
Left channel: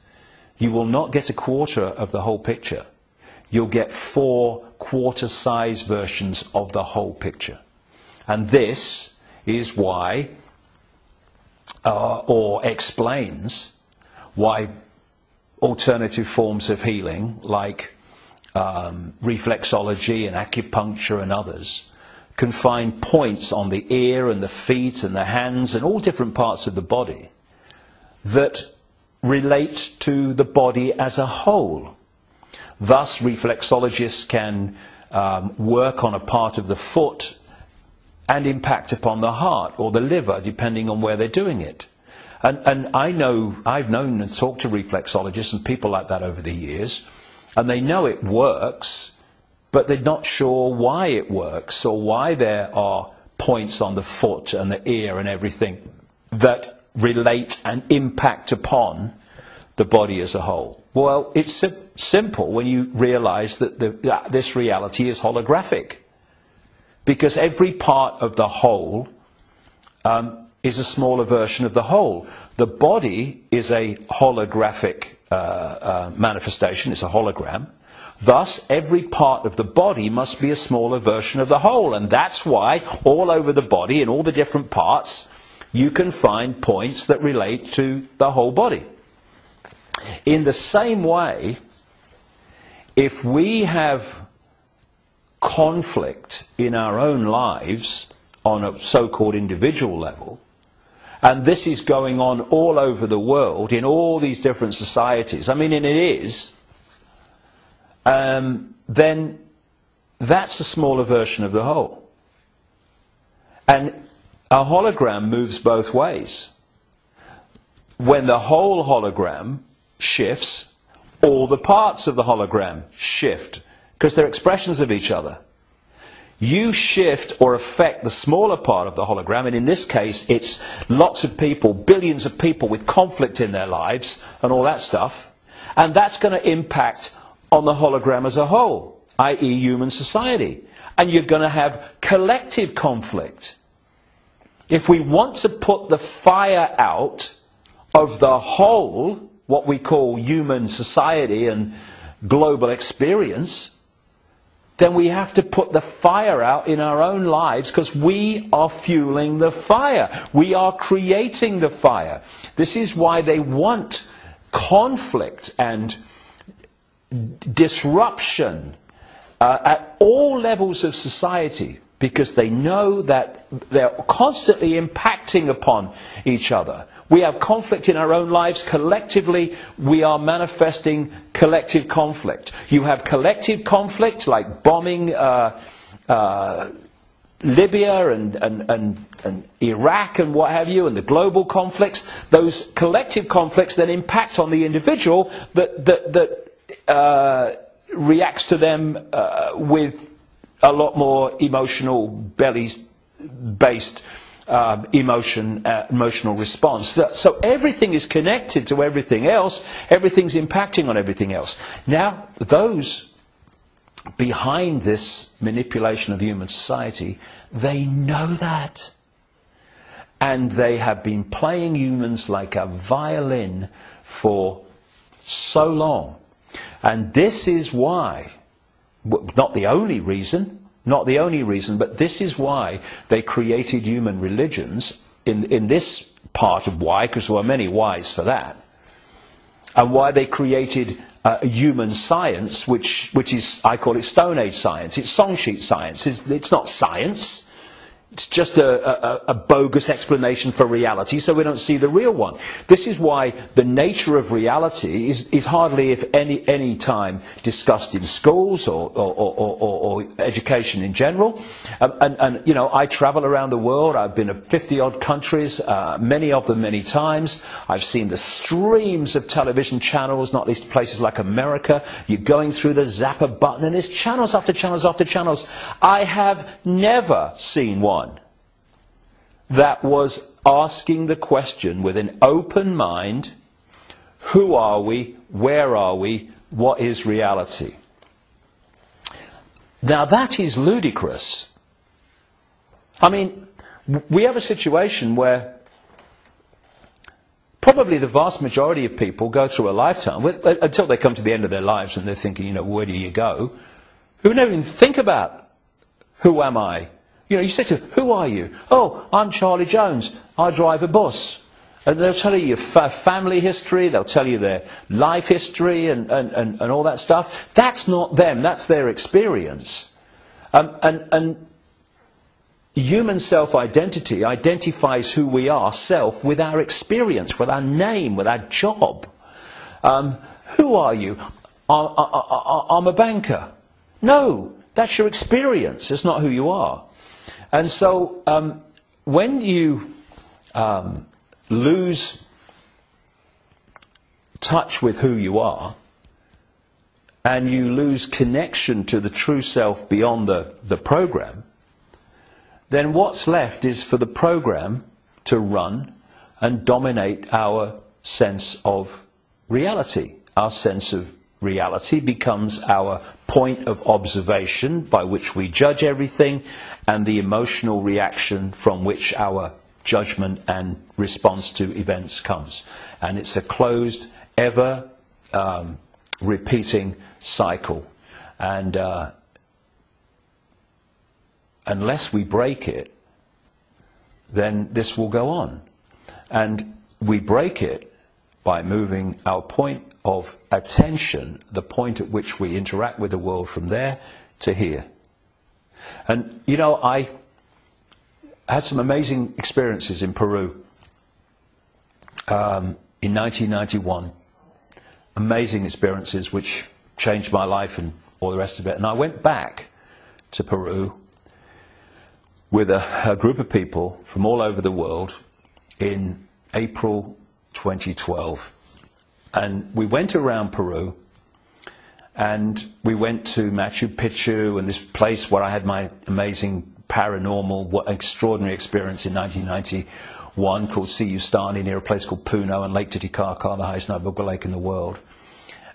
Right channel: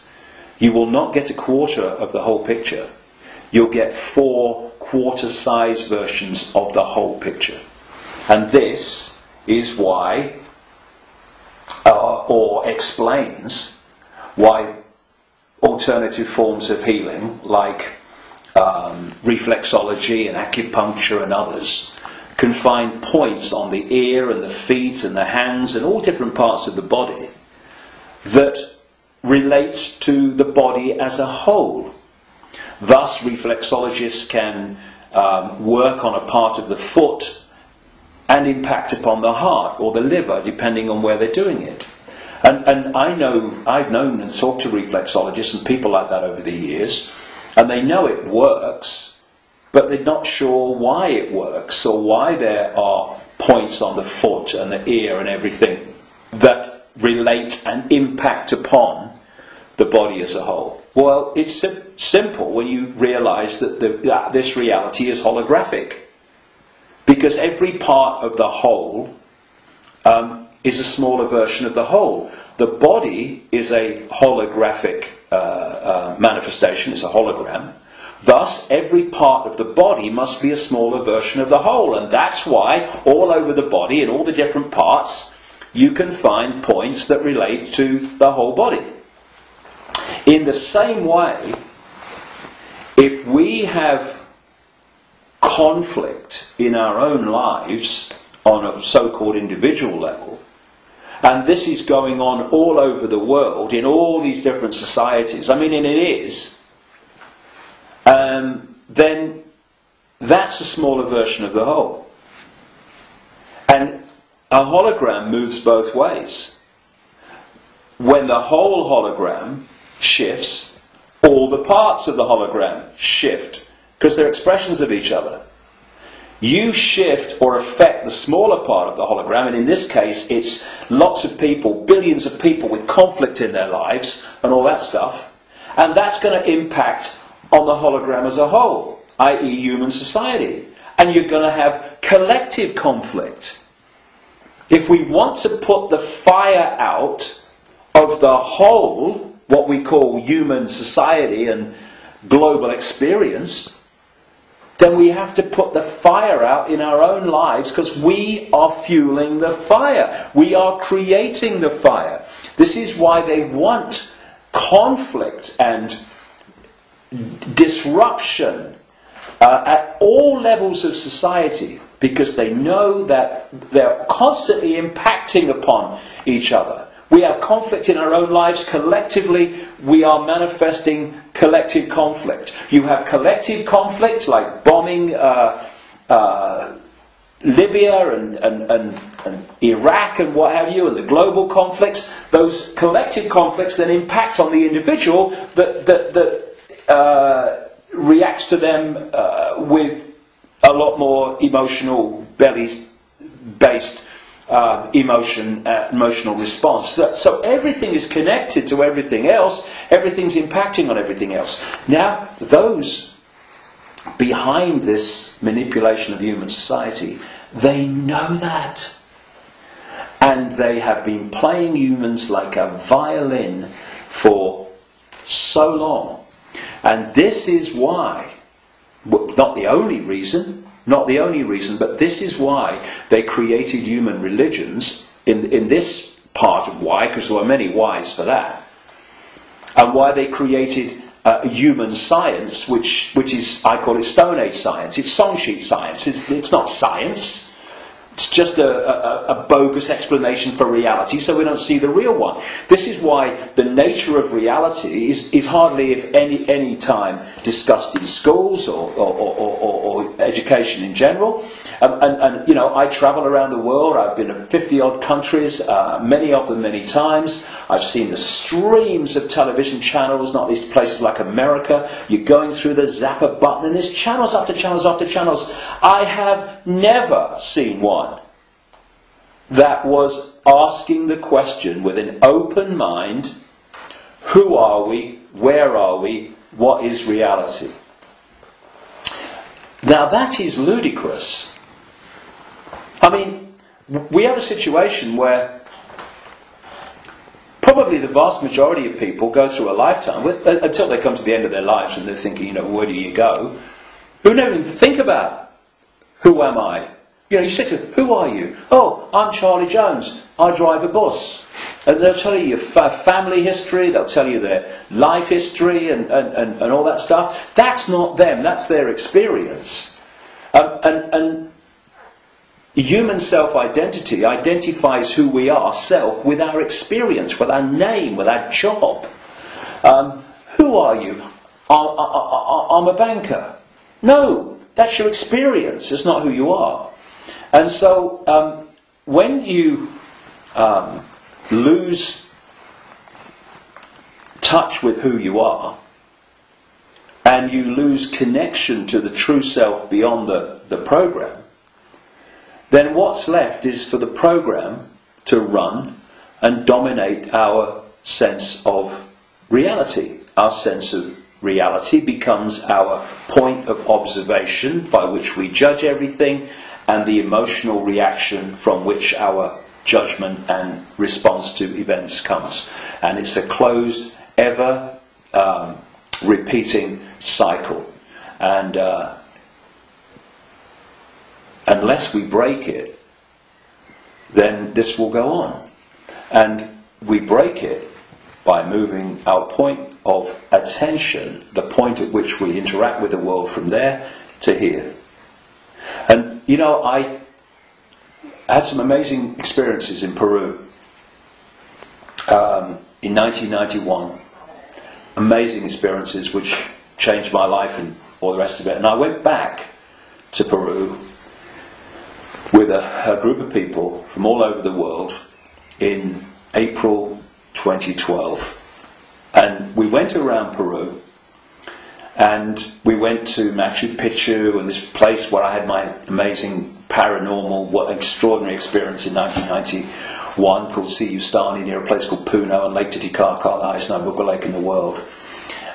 you will not get a quarter of the whole picture. You'll get 4 quarter-size versions of the whole picture. And this is why, or explains why alternative forms of healing, like reflexology and acupuncture and others, can find points on the ear and the feet and the hands and all different parts of the body that relate to the body as a whole. Thus, reflexologists can work on a part of the foot and impact upon the heart or the liver, depending on where they're doing it. And I've known and talked to reflexologists and people like that over the years, and they know it works, but they're not sure why it works or why there are points on the foot and the ear and everything that relate and impact upon the body as a whole. Well, it's simple when you realise that this reality is holographic, because every part of the whole is a smaller version of the whole. The body is a holographic manifestation, it's a hologram. Thus, every part of the body must be a smaller version of the whole, and that's why all over the body, in all the different parts, you can find points that relate to the whole body. In the same way, if we have conflict in our own lives on a so-called individual level, and this is going on all over the world in all these different societies, I mean, and it is, then that's a smaller version of the whole. And a hologram moves both ways. When the whole hologram shifts, all the parts of the hologram shift, because they're expressions of each other. You shift or affect the smaller part of the hologram, and in this case it's lots of people, billions of people with conflict in their lives and all that stuff, and that's going to impact on the hologram as a whole, i.e. human society. And you're going to have collective conflict. If we want to put the fire out of the whole, what we call human society and global experience, then we have to put the fire out in our own lives, because we are fueling the fire. We are creating the fire. This is why they want conflict and disruption at all levels of society, because they know that they're constantly impacting upon each other. We have conflict in our own lives. Collectively, we are manifesting collective conflict. You have collective conflict like bombing Libya and Iraq and what have you, and the global conflicts. Those collective conflicts then impact on the individual that reacts to them with a lot more emotional, based emotional response. So everything is connected to everything else. Everything's impacting on everything else. Now, those behind this manipulation of human society, they know that. And they have been playing humans like a violin for so long. And this is why, not the only reason, but this is why they created human religions in this part of why, because there were many whys for that, and why they created human science, which is, I call it Stone Age science. It's song sheet science. It's not science. It's just a bogus explanation for reality, so we don't see the real one. This is why the nature of reality is hardly, if any time, discussed in schools or education in general. And you know, I travel around the world. I've been to 50-odd countries, many of them many times. I've seen the streams of television channels, not least places like America. You're going through the zapper button, and there's channels after channels after channels. I have never seen one that was asking the question with an open mind: who are we? Where are we? What is reality? Now that is ludicrous. I mean, we have a situation where probably the vast majority of people go through a lifetime, until they come to the end of their lives and they're thinking, you know, where do you go? Who don't even think about, who am I? You know, you say to them, who are you? Oh, I'm Charlie Jones. I drive a bus. And they'll tell you your family history, they'll tell you their life history and all that stuff. That's not them, that's their experience. And human self-identity identifies who we are, self, with our experience, with our name, with our job. Who are you? I'm a banker. No, that's your experience, it's not who you are. And so when you lose touch with who you are, and you lose connection to the true self beyond the program, then what's left is for the program to run and dominate our sense of reality. Our sense of reality becomes our point of observation by which we judge everything, and the emotional reaction from which our judgment and response to events comes. And it's a closed, ever repeating cycle. And unless we break it, then this will go on. And we break it by moving our point of attention, the point at which we interact with the world, from there to here. And you know, I had some amazing experiences in Peru in 1991. Amazing experiences which changed my life and all the rest of it. And I went back to Peru with a group of people from all over the world in April 2012. And we went around Peru, and we went to Machu Picchu, and this place where I had my amazing paranormal, extraordinary experience in 1991, called Siyustani, near a place called Puno, and Lake Titicaca, the highest navigable lake in the world.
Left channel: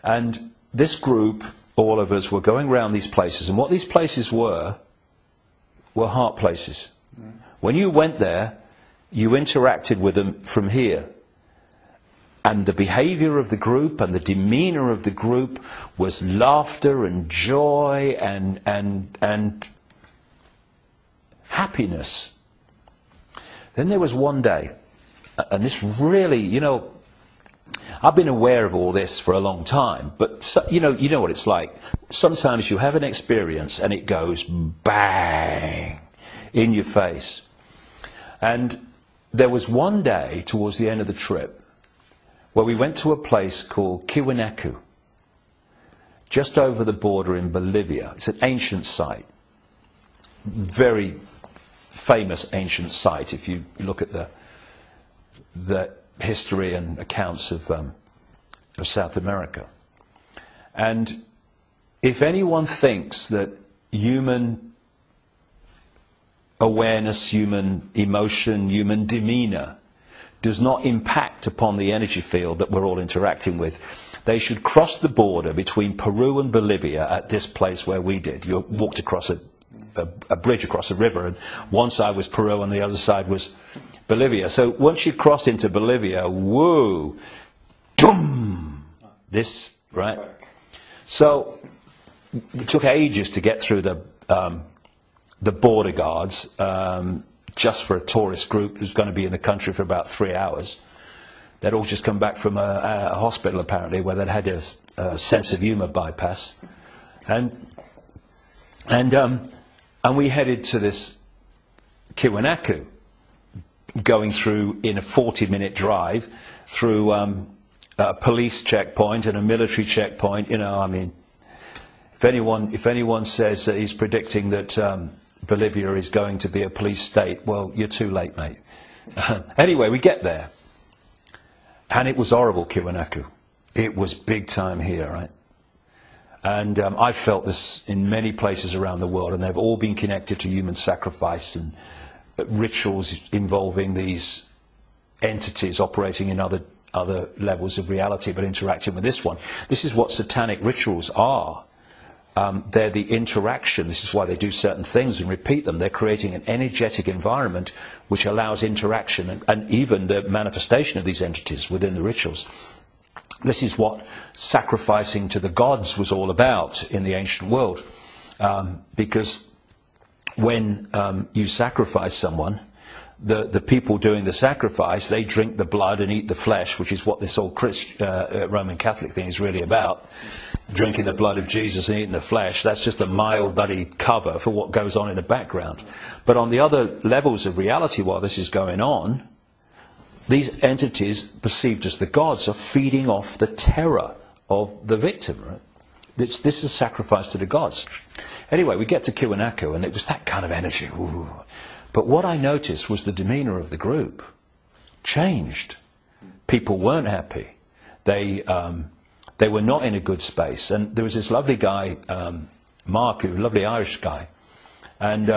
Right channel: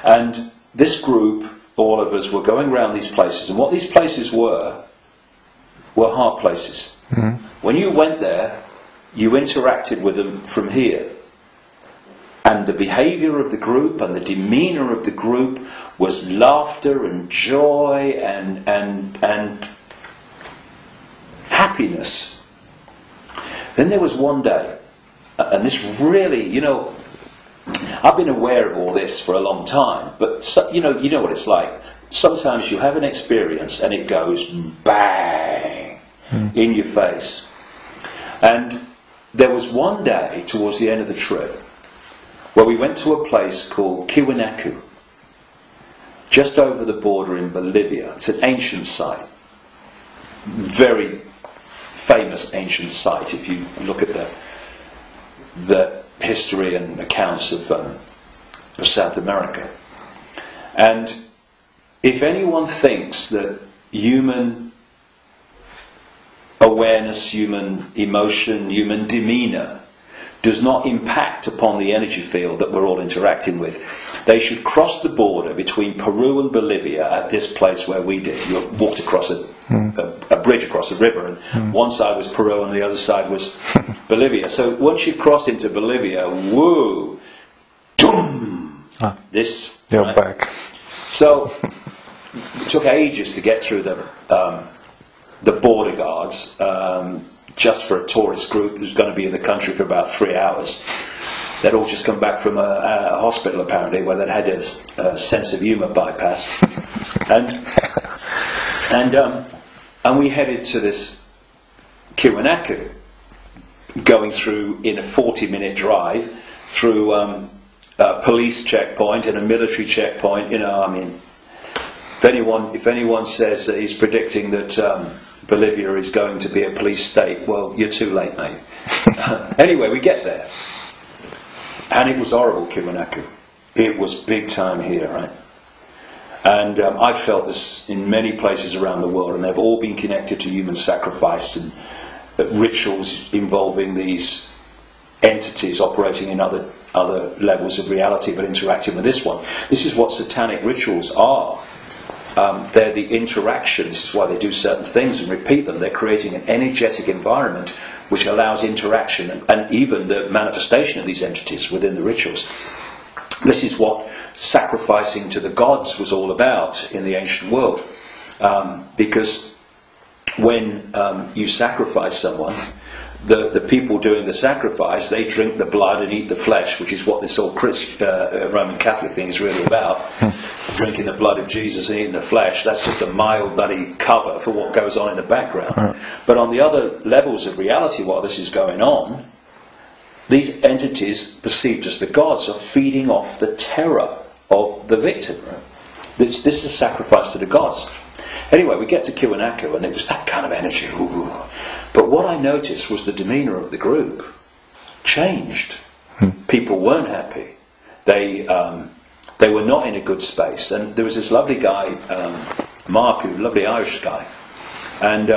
And this group, all of us, were going around these places, and what these places were heart places. Mm-hmm. When you went there, you interacted with them from here. And the behaviour of the group and the demeanour of the group was laughter and joy and happiness. Then there was one day, and this really, you know, I've been aware of all this for a long time, but you know what it's like. Sometimes you have an experience and it goes bang in your face. And there was one day towards the end of the trip where we went to a place called Kiwanaku, just over the border in Bolivia. It's an ancient site, very famous ancient site if you look at the history and accounts of South America. And if anyone thinks that human awareness, human emotion, human demeanour does not impact upon the energy field that we're all interacting with, they should cross the border between Peru and Bolivia at this place where we did. You walked across a bridge across a river, and one side was Peru and the other side was Bolivia. So once you crossed into Bolivia, woo, doom, you're right? back. So it took ages to get through the border guards, just for a tourist group who's going to be in the country for about 3 hours. They'd all just come back from a hospital, apparently, where they'd had a sense of humour bypass. And we headed to this Kiwanaku, going through in a 40-minute drive through a police checkpoint and a military checkpoint. You know, I mean, if anyone says that he's predicting that Bolivia is going to be a police state, well, you're too late, mate. Anyway, we get there, and it was horrible, Kiwanaku. It was big time here, right? And I felt this in many places around the world, and they've all been connected to human sacrifice and rituals involving these entities operating in other levels of reality, but interacting with this one. This is what satanic rituals are. They're the interaction. This is why they do certain things and repeat them. They're creating an energetic environment which allows interaction and even the manifestation of these entities within the rituals. This is what sacrificing to the gods was all about in the ancient world. Because when you sacrifice someone, the people doing the sacrifice, they drink the blood and eat the flesh, which is what this whole Roman Catholic thing is really about. Drinking the blood of Jesus and eating the flesh, that's just a mild bloody cover for what goes on in the background. But on the other levels of reality, while this is going on, these entities, perceived as the gods, are feeding off the terror of the victim. Right? This is sacrifice to the gods. Anyway, we get to Kiwanaku, and it was that kind of energy. Ooh. But what I noticed was the demeanour of the group changed. People weren't happy. They were not in a good space. And there was this lovely guy, Mark, a lovely Irish guy, and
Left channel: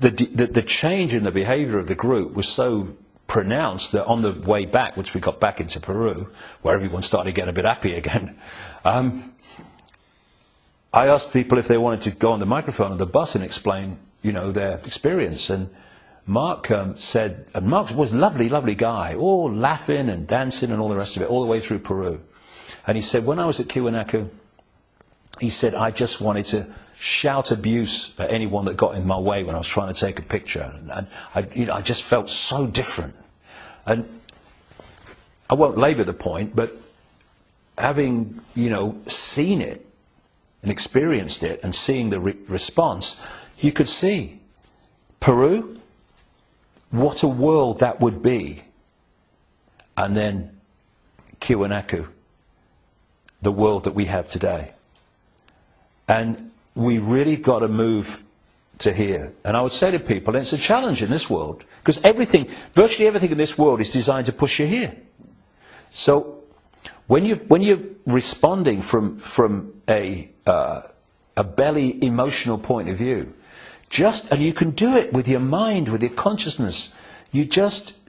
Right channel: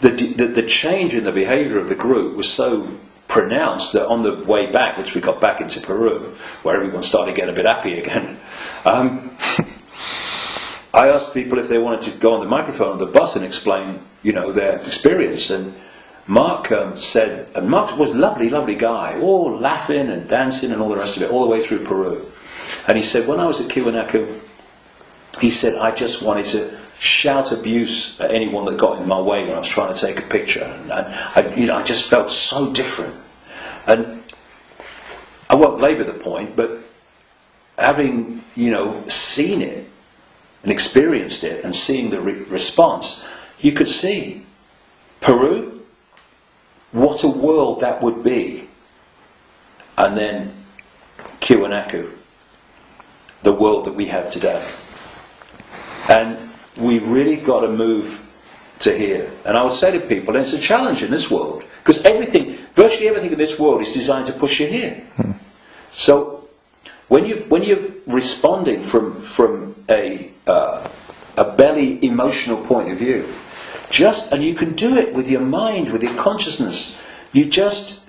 the change in the behaviour of the group was so pronounced that on the way back, which we got back into Peru, where everyone started getting a bit happy again, I asked people if they wanted to go on the microphone on the bus and explain, you know, their experience. And Mark said, and Mark was a lovely, lovely guy, all laughing and dancing and all the rest of it, all the way through Peru. And he said, when I was at Kiwanaku, he said, I just wanted to shout abuse at anyone that got in my way when I was trying to take a picture. And I just felt so different. And I won't labour the point, but having, you know, seen it and experienced it and seeing the response, you could see Peru, what a world that would be. And then Kiwanaku, the world that we have today. And we really got to move to here. And I would say to people, it's a challenge in this world, because virtually everything in this world is designed to push you here. So when you're responding from a belly emotional point of view, and you can do it with your mind, with your consciousness, you just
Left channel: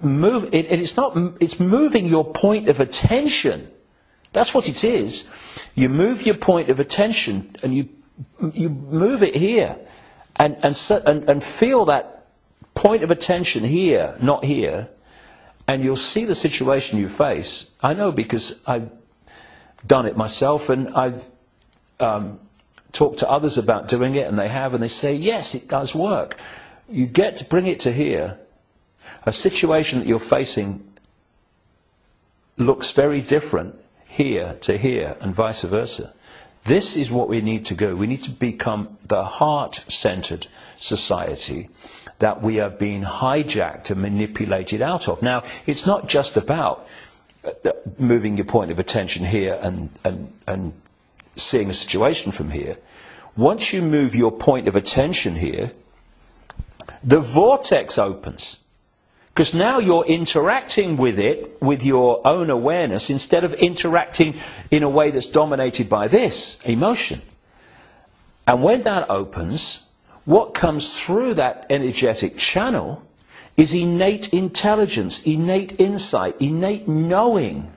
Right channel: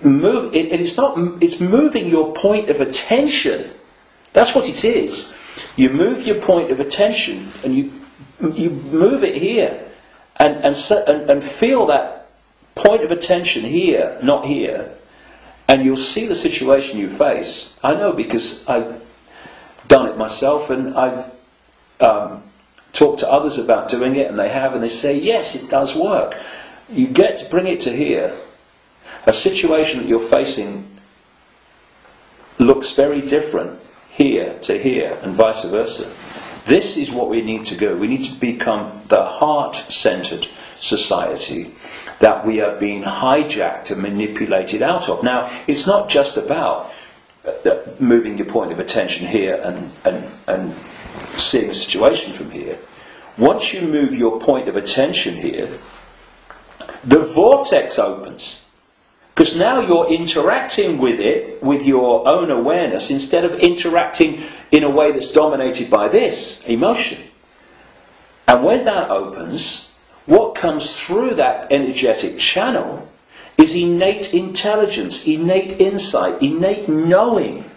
move. It's moving your point of attention. That's what it is. You move your point of attention, and you move it here, and feel that point of attention here, not here, and you'll see the situation you face. I know, because I've done it myself, and I've talked to others about doing it, and they have, and they say, yes, it does work. You get to bring it to here. A situation that you're facing looks very different here to here, and vice versa. This is what we need to do. We need to become the heart-centered society that we are being hijacked and manipulated out of. Now, it's not just about moving your point of attention here and seeing the situation from here. Once you move your point of attention here, the vortex opens. Because now you're interacting with it with your own awareness, instead of interacting in a way that's dominated by this emotion. And when that opens, what comes through that energetic channel is innate intelligence, innate insight, innate knowing.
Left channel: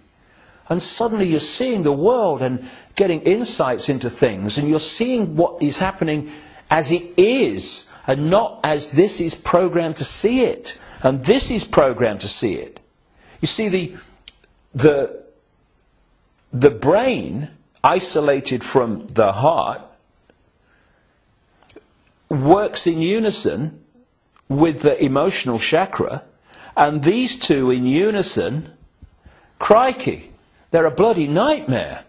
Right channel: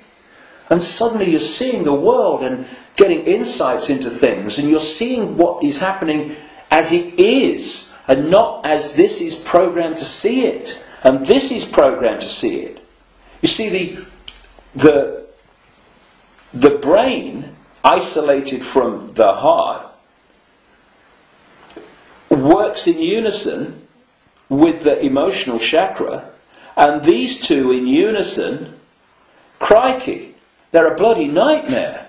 And suddenly you're seeing the world and getting insights into things, and you're seeing what is happening as it is, and not as this is programmed to see it. And this is programmed to see it. You see, the brain, isolated from the heart, works in unison with the emotional chakra, and these two in unison, crikey, they're a bloody nightmare.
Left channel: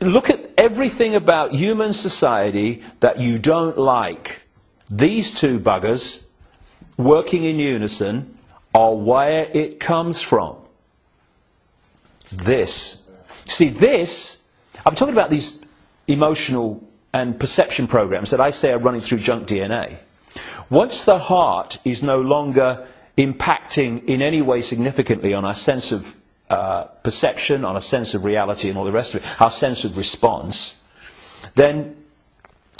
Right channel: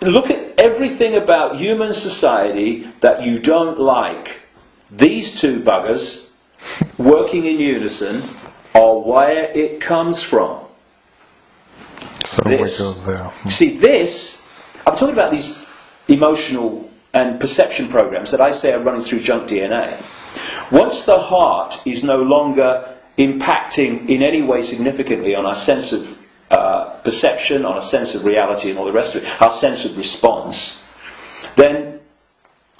Look at everything about human society that you don't like. These two buggers working in unison are where it comes from. So This. we go there. See, this, I'm talking about these emotional and perception programs that I say are running through junk DNA. Once the heart is no longer impacting in any way significantly on our sense of perception, on our sense of reality and all the rest of it, our sense of response, then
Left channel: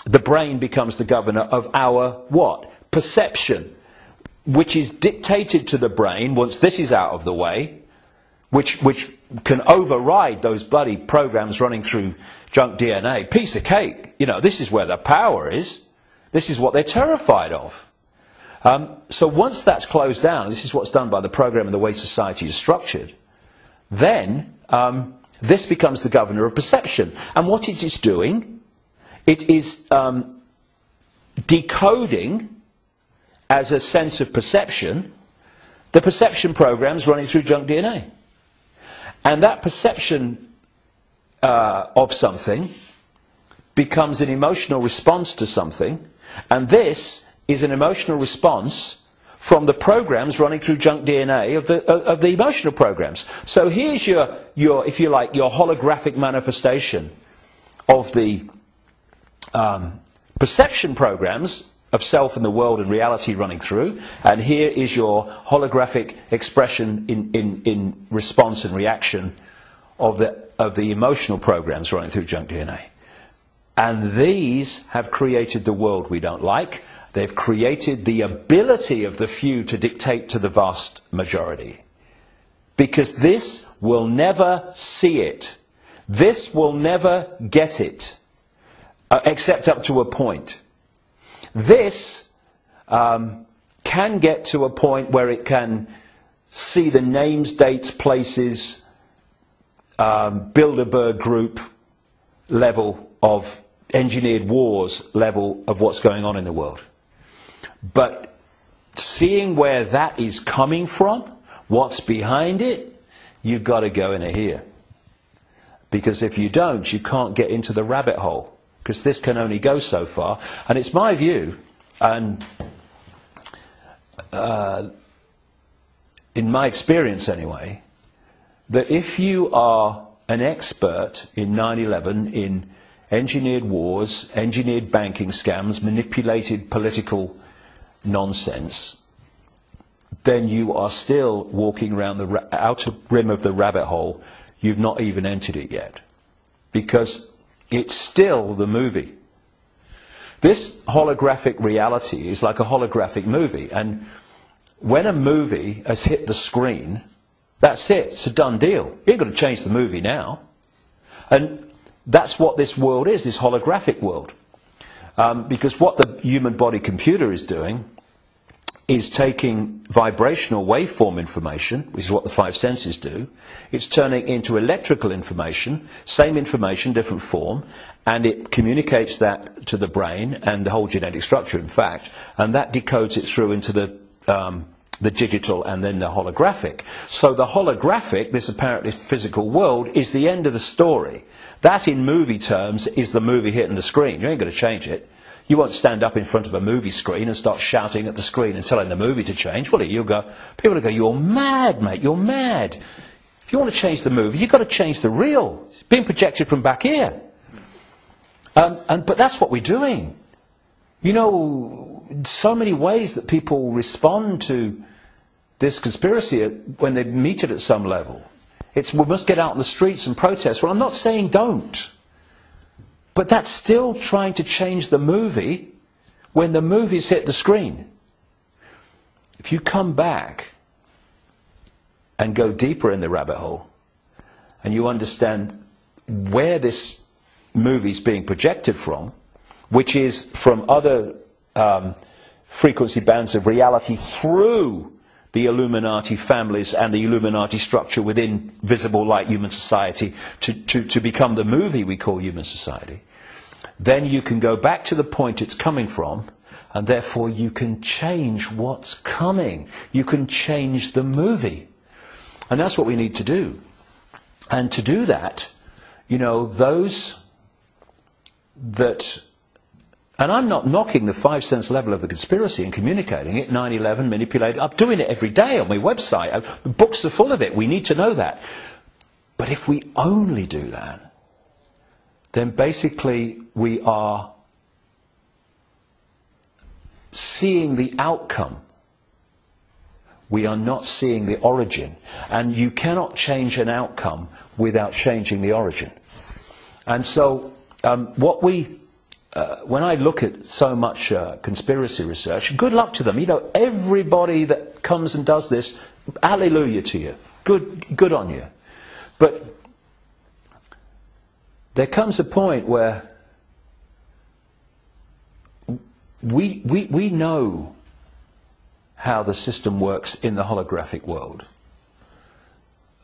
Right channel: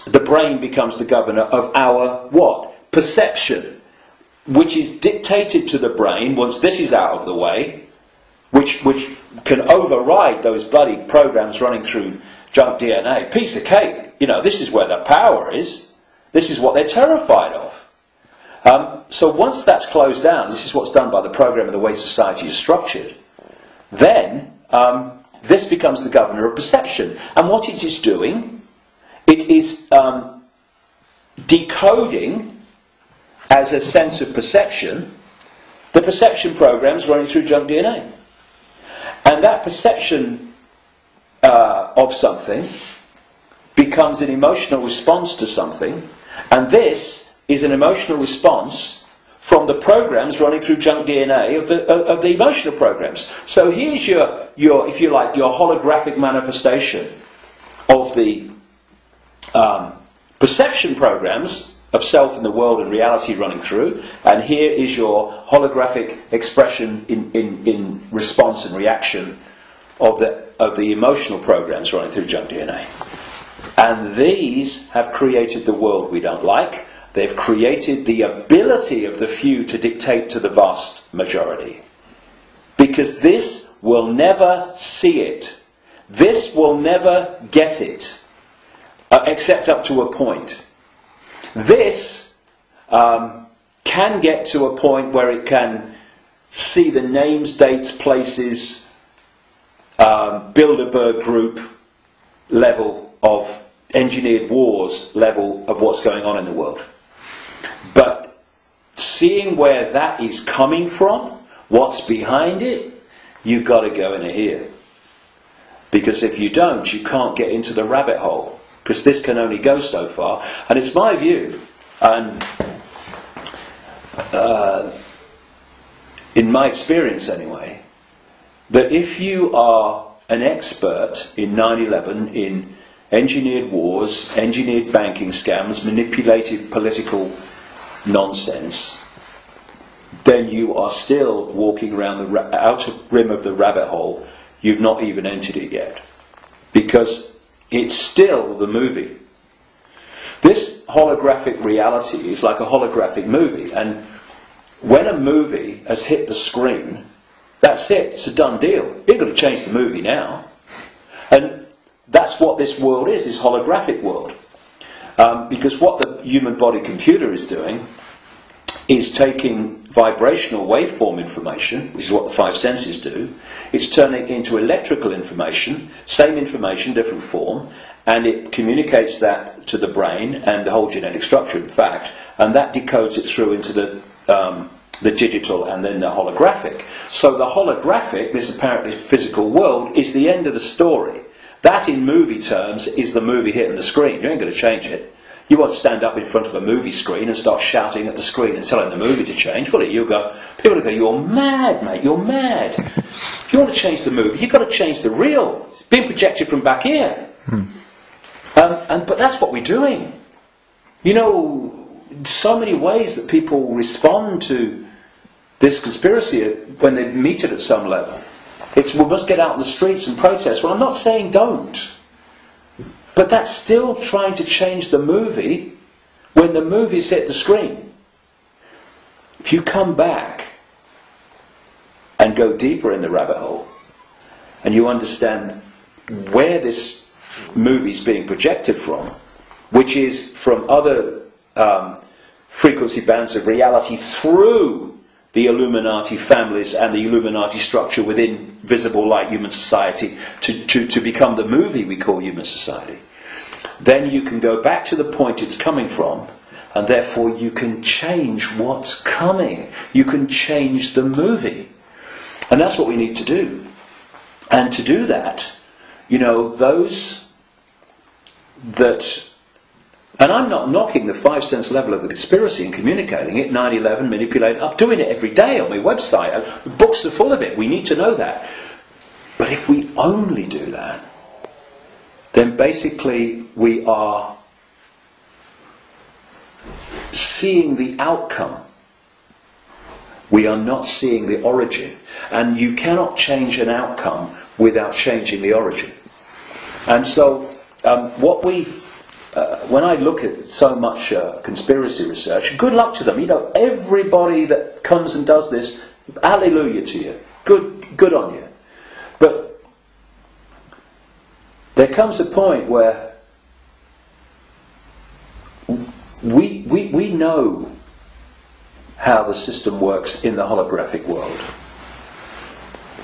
the brain becomes the governor of our what? Perception, which is dictated to the brain once this is out of the way, which can override those bloody programs running through junk DNA. Piece of cake. You know, this is where the power is. This is what they're terrified of. So once that's closed down, this is what's done by the program and the way society is structured, then this becomes the governor of perception. And what it is doing, it is decoding as a sense of perception the perception programs running through junk DNA. And that perception of something becomes an emotional response to something, and this is an emotional response from the programs running through junk DNA of the emotional programs. So here's your, if you like, your holographic manifestation of the perception programs of self and the world and reality running through, and here is your holographic expression in response and reaction of the emotional programs running through junk DNA. And these have created the world we don't like. They've created the ability of the few to dictate to the vast majority. Because this will never see it. This will never get it, except up to a point. This can get to a point where it can see the names, dates, places, Bilderberg group level of engineered wars level of what's going on in the world. But seeing where that is coming from, what's behind it, you've got to go in here. Because if you don't, you can't get into the rabbit hole. Because this can only go so far. And it's my view, and in my experience anyway, that if you are an expert in 9/11, in engineered wars, engineered banking scams, manipulated political nonsense, then you are still walking around the outer rim of the rabbit hole. You've not even entered it yet. Because it's still the movie. This holographic reality is like a holographic movie, and when a movie has hit the screen, that's it, it's a done deal. You've got to change the movie now. And that's what this world is, this holographic world. Because what the human body computer is doing is taking vibrational waveform information, which is what the five senses do. It's turning it into electrical information, same information, different form, and it communicates that to the brain and the whole genetic structure, in fact, and that decodes it through into the digital and then the holographic. So the holographic, this apparently physical world, is the end of the story. That, in movie terms, is the movie hitting the screen. You ain't going to change it. You won't stand up in front of a movie screen and start shouting at the screen and telling the movie to change, will you? People will go, you're mad, mate, you're mad. If you want to change the movie, you've got to change the reel. It's being projected from back here. But that's what we're doing. You know, so many ways that people respond to this conspiracy when they meet it at some level. It's, we must get out in the streets and protest. Well, I'm not saying don't. But that's still trying to change the movie when the movie's hit the screen. If you come back and go deeper in the rabbit hole, and you understand where this movie's being projected from, which is from other frequency bands of reality through the Illuminati families and the Illuminati structure within visible light human society to become the movie we call human society, then you can go back to the point it's coming from, and therefore you can change what's coming. You can change the movie. And that's what we need to do. And to do that, you know, those that And I'm not knocking the 5 sense level of the conspiracy and communicating it, 9/11, manipulating. I'm doing it every day on my website. Books are full of it. We need to know that. But if we only do that, then basically we are seeing the outcome. We are not seeing the origin. And you cannot change an outcome without changing the origin. And so when I look at so much conspiracy research, good luck to them. You know, everybody that comes and does this, hallelujah to you. Good on you. But there comes a point where we know how the system works in the holographic world.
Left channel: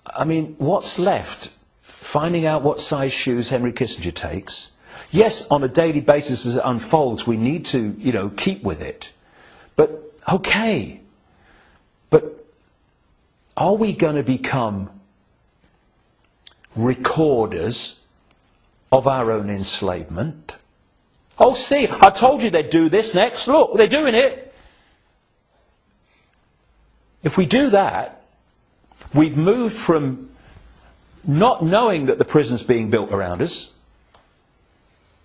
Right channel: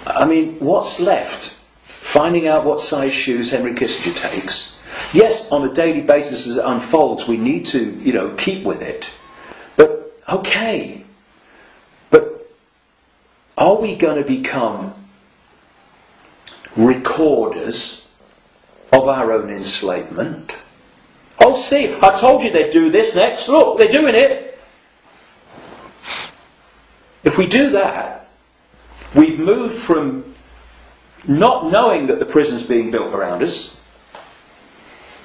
I mean, what's left? Finding out what size shoes Henry Kissinger takes. Yes, on a daily basis as it unfolds, we need to, you know, keep with it. But, okay. But are we going to become recorders of our own enslavement? Oh, see, I told you they'd do this next. Look, they're doing it. If we do that, we've moved from not knowing that the prison's being built around us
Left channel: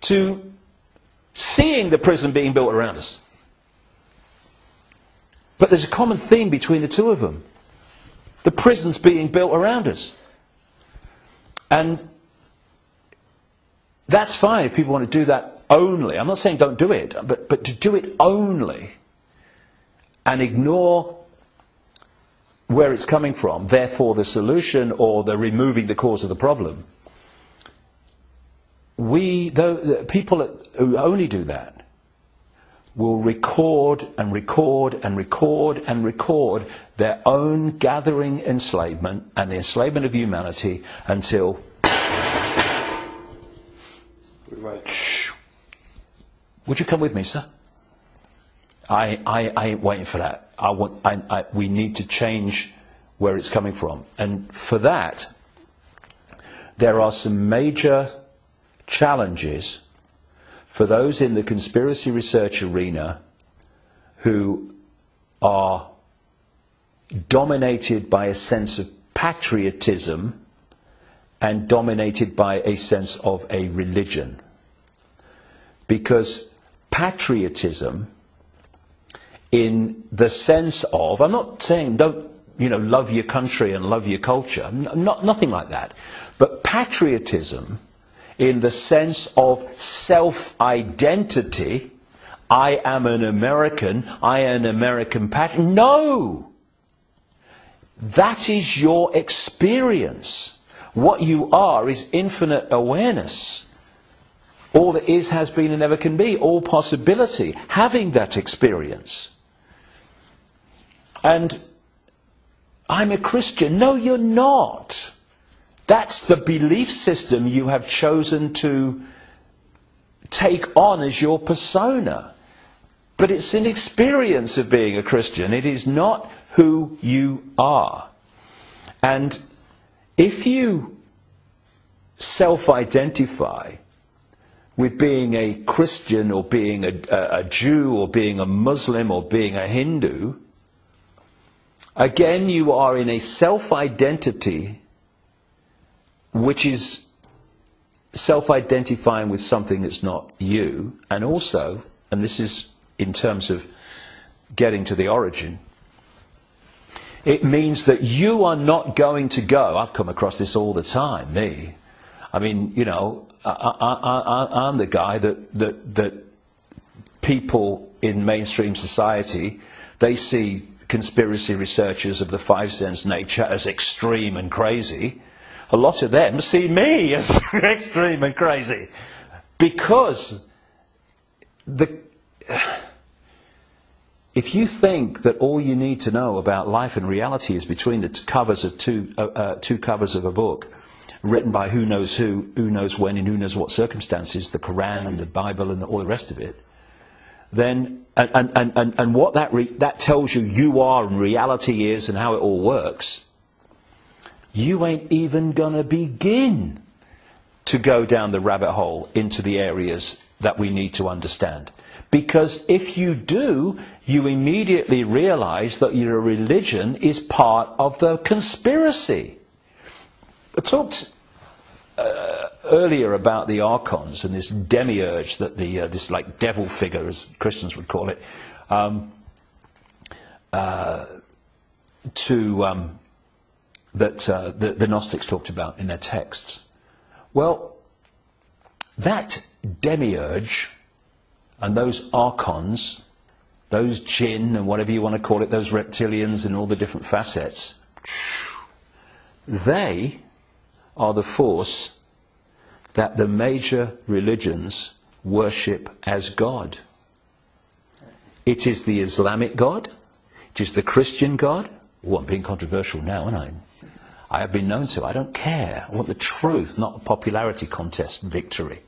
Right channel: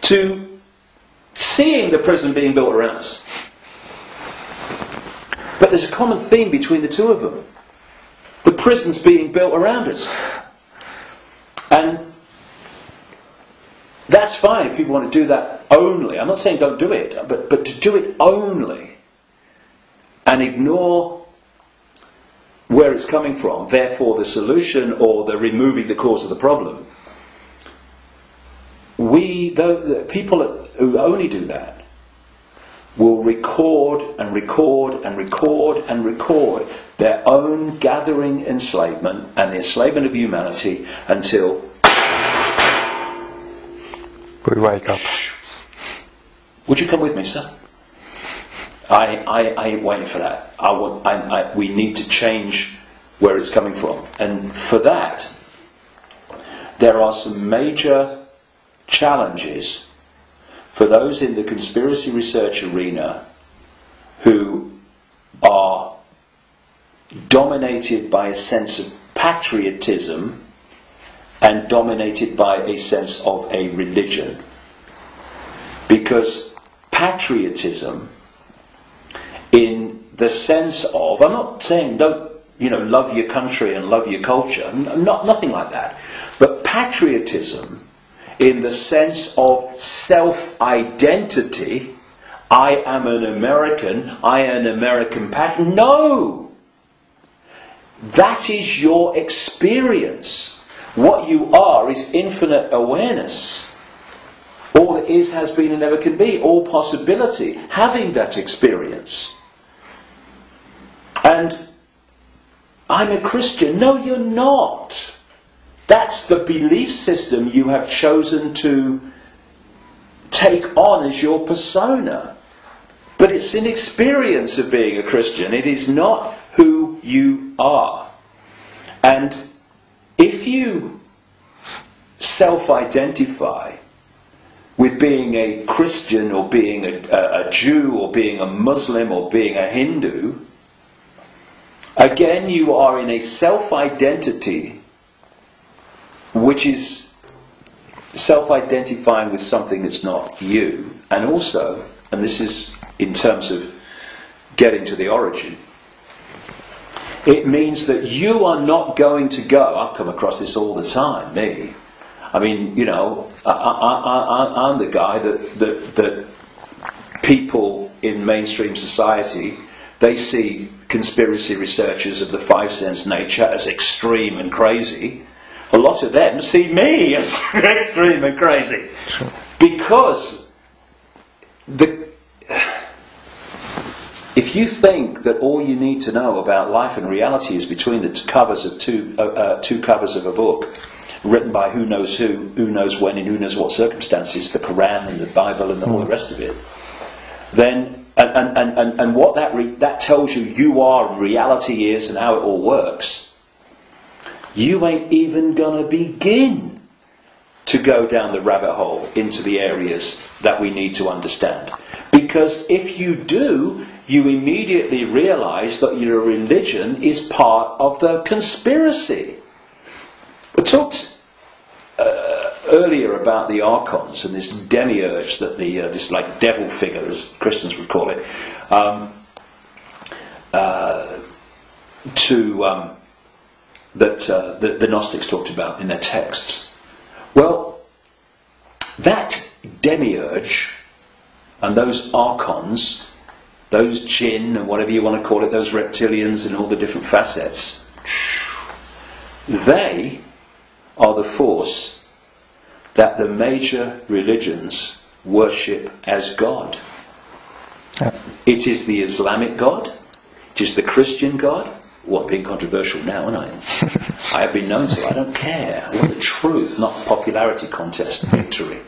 to seeing the prison being built around us. But there's a common theme between the two of them. The prison's being built around us. And that's fine if people want to do that only. I'm not saying don't do it, but to do it only and ignore where it's coming from, therefore the solution or the removing the cause of the problem. The people who only do that will record and record and record and record their own gathering enslavement and the enslavement of humanity until we wake up. Would you come with me, sir? I ain't waiting for that. We need to change where it's coming from. And for that, there are some major challenges for those in the conspiracy research arena who are dominated by a sense of patriotism and dominated by a sense of a religion. Because patriotism, in the sense of, I'm not saying don't, love your country and love your culture, nothing like that, but patriotism in the sense of self-identity, I am an American, I am an American patriot. No! That is your experience. What you are is infinite awareness. All that is, has been, and never can be. All possibility. Having that experience. And I'm a Christian. No, you're not. That's the belief system you have chosen to take on as your persona. But it's an experience of being a Christian. It is not who you are. And if you self-identify with being a Christian or being a Jew or being a Muslim or being a Hindu, again you are in a self-identity which is self-identifying with something that's not you, and also, and this is in terms of getting to the origin, it means that you are not going to go, I've come across this all the time, me. I mean, I'm the guy that people in mainstream society, they see conspiracy researchers of the 5 sense nature as extreme and crazy. A lot of them see me as extreme and crazy. Sure. Because if you think that all you need to know about life and reality is between the covers of two covers of a book written by who knows when, in who knows what circumstances, the Quran and the Bible and all the rest of it, then and what that tells you are and reality is and how it all works, you ain't even gonna begin to go down the rabbit hole into the areas that we need to understand. Because if you do, you immediately realize that your religion is part of the conspiracy. We talked earlier about the archons and this demiurge, that this like devil figure, as Christians would call it, that the Gnostics talked about in their texts. Well, that demiurge and those archons, those jinn, and whatever you want to call it, those reptilians and all the different facets, they are the force that the major religions worship as God. Yeah. It is the Islamic God, it is the Christian God. What, being controversial now, aren't I? I have been known to. I don't care. I want the truth, not the popularity contest victory.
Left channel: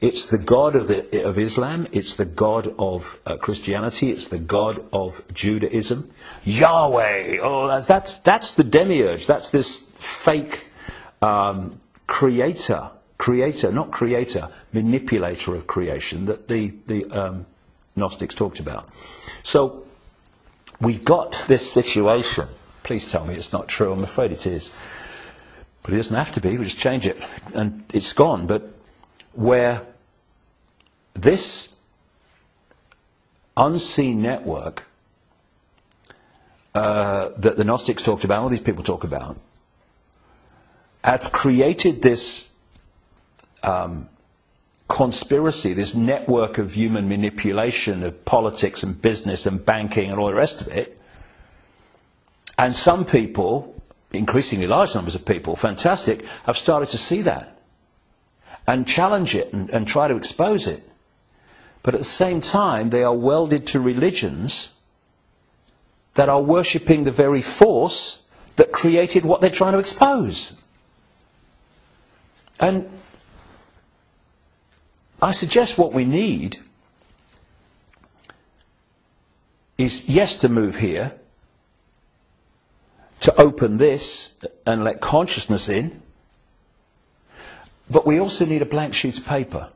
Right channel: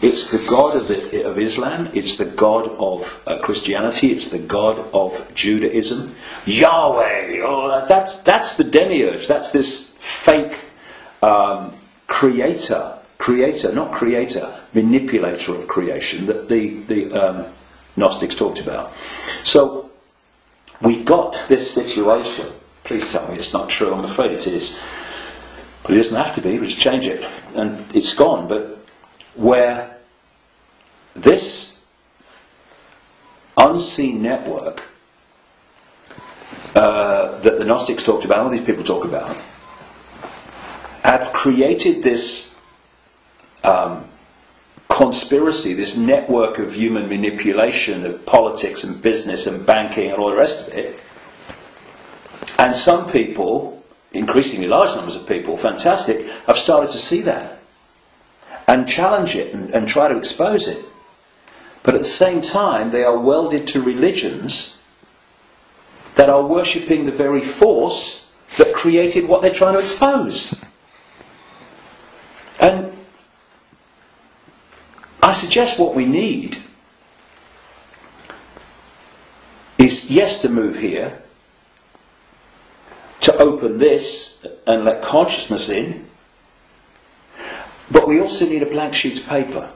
It's the God of Islam, it's the God of Christianity, it's the God of Judaism. Yahweh! Oh, that's the demiurge. That's this fake manipulator of creation that the Gnostics talked about. So we got this situation. Please tell me it's not true. I'm afraid it is. But it doesn't have to be. We just change it. And it's gone. But where this unseen network that the Gnostics talked about, all these people talk about, have created this conspiracy, this network of human manipulation of politics and business and banking and all the rest of it. And some people, increasingly large numbers of people, fantastic, have started to see that and challenge it and try to expose it. But at the same time, they are welded to religions that are worshipping the very force that created what they're trying to expose. And I suggest what we need is, yes, to move here, to open this and let consciousness in, but we also need a blank sheet of paper.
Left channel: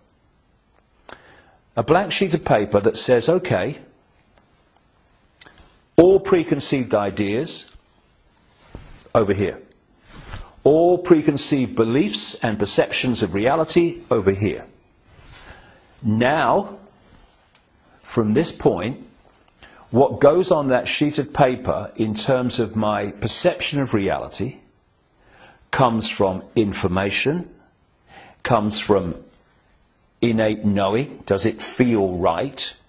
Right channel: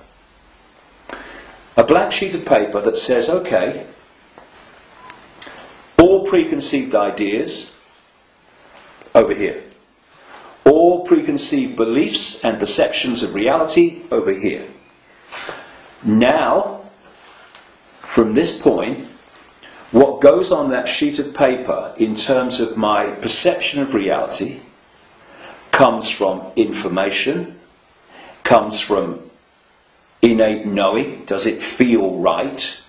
A blank sheet of paper that says, okay, all preconceived ideas over here. All preconceived beliefs and perceptions of reality over here. Now, from this point, what goes on that sheet of paper in terms of my perception of reality comes from information, comes from innate knowing, does it feel right,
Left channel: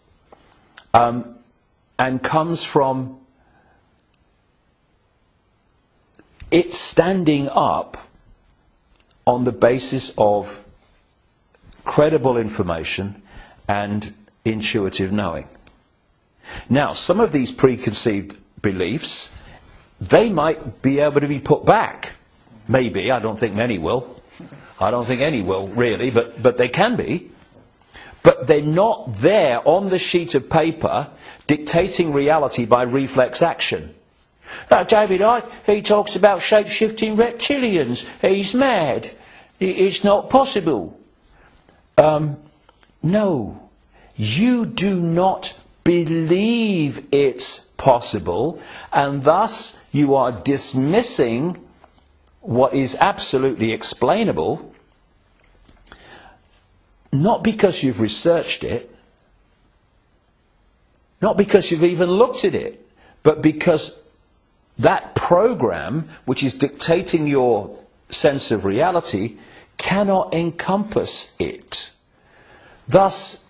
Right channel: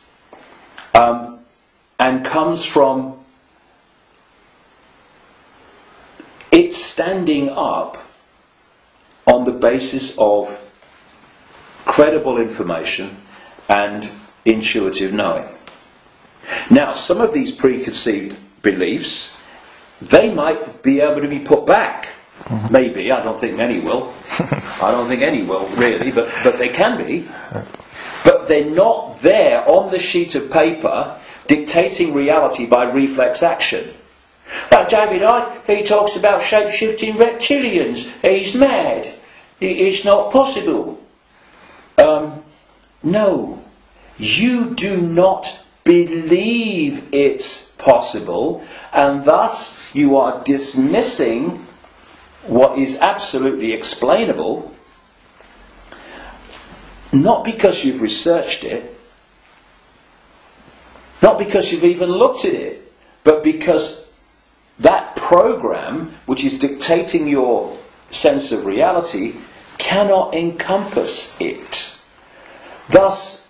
and comes from it standing up on the basis of credible information and intuitive knowing. Now, some of these preconceived beliefs, they might be able to be put back. Mm-hmm. Maybe. I don't think many will. I don't think any will, really, but they can be. But they're not there on the sheet of paper dictating reality by reflex action. David Icke, he talks about shape-shifting reptilians. He's mad. It's not possible. No, you do not believe it's possible, and thus you are dismissing what is absolutely explainable, not because you've researched it, not because you've even looked at it, but because that program, which is dictating your sense of reality, cannot encompass it. Thus,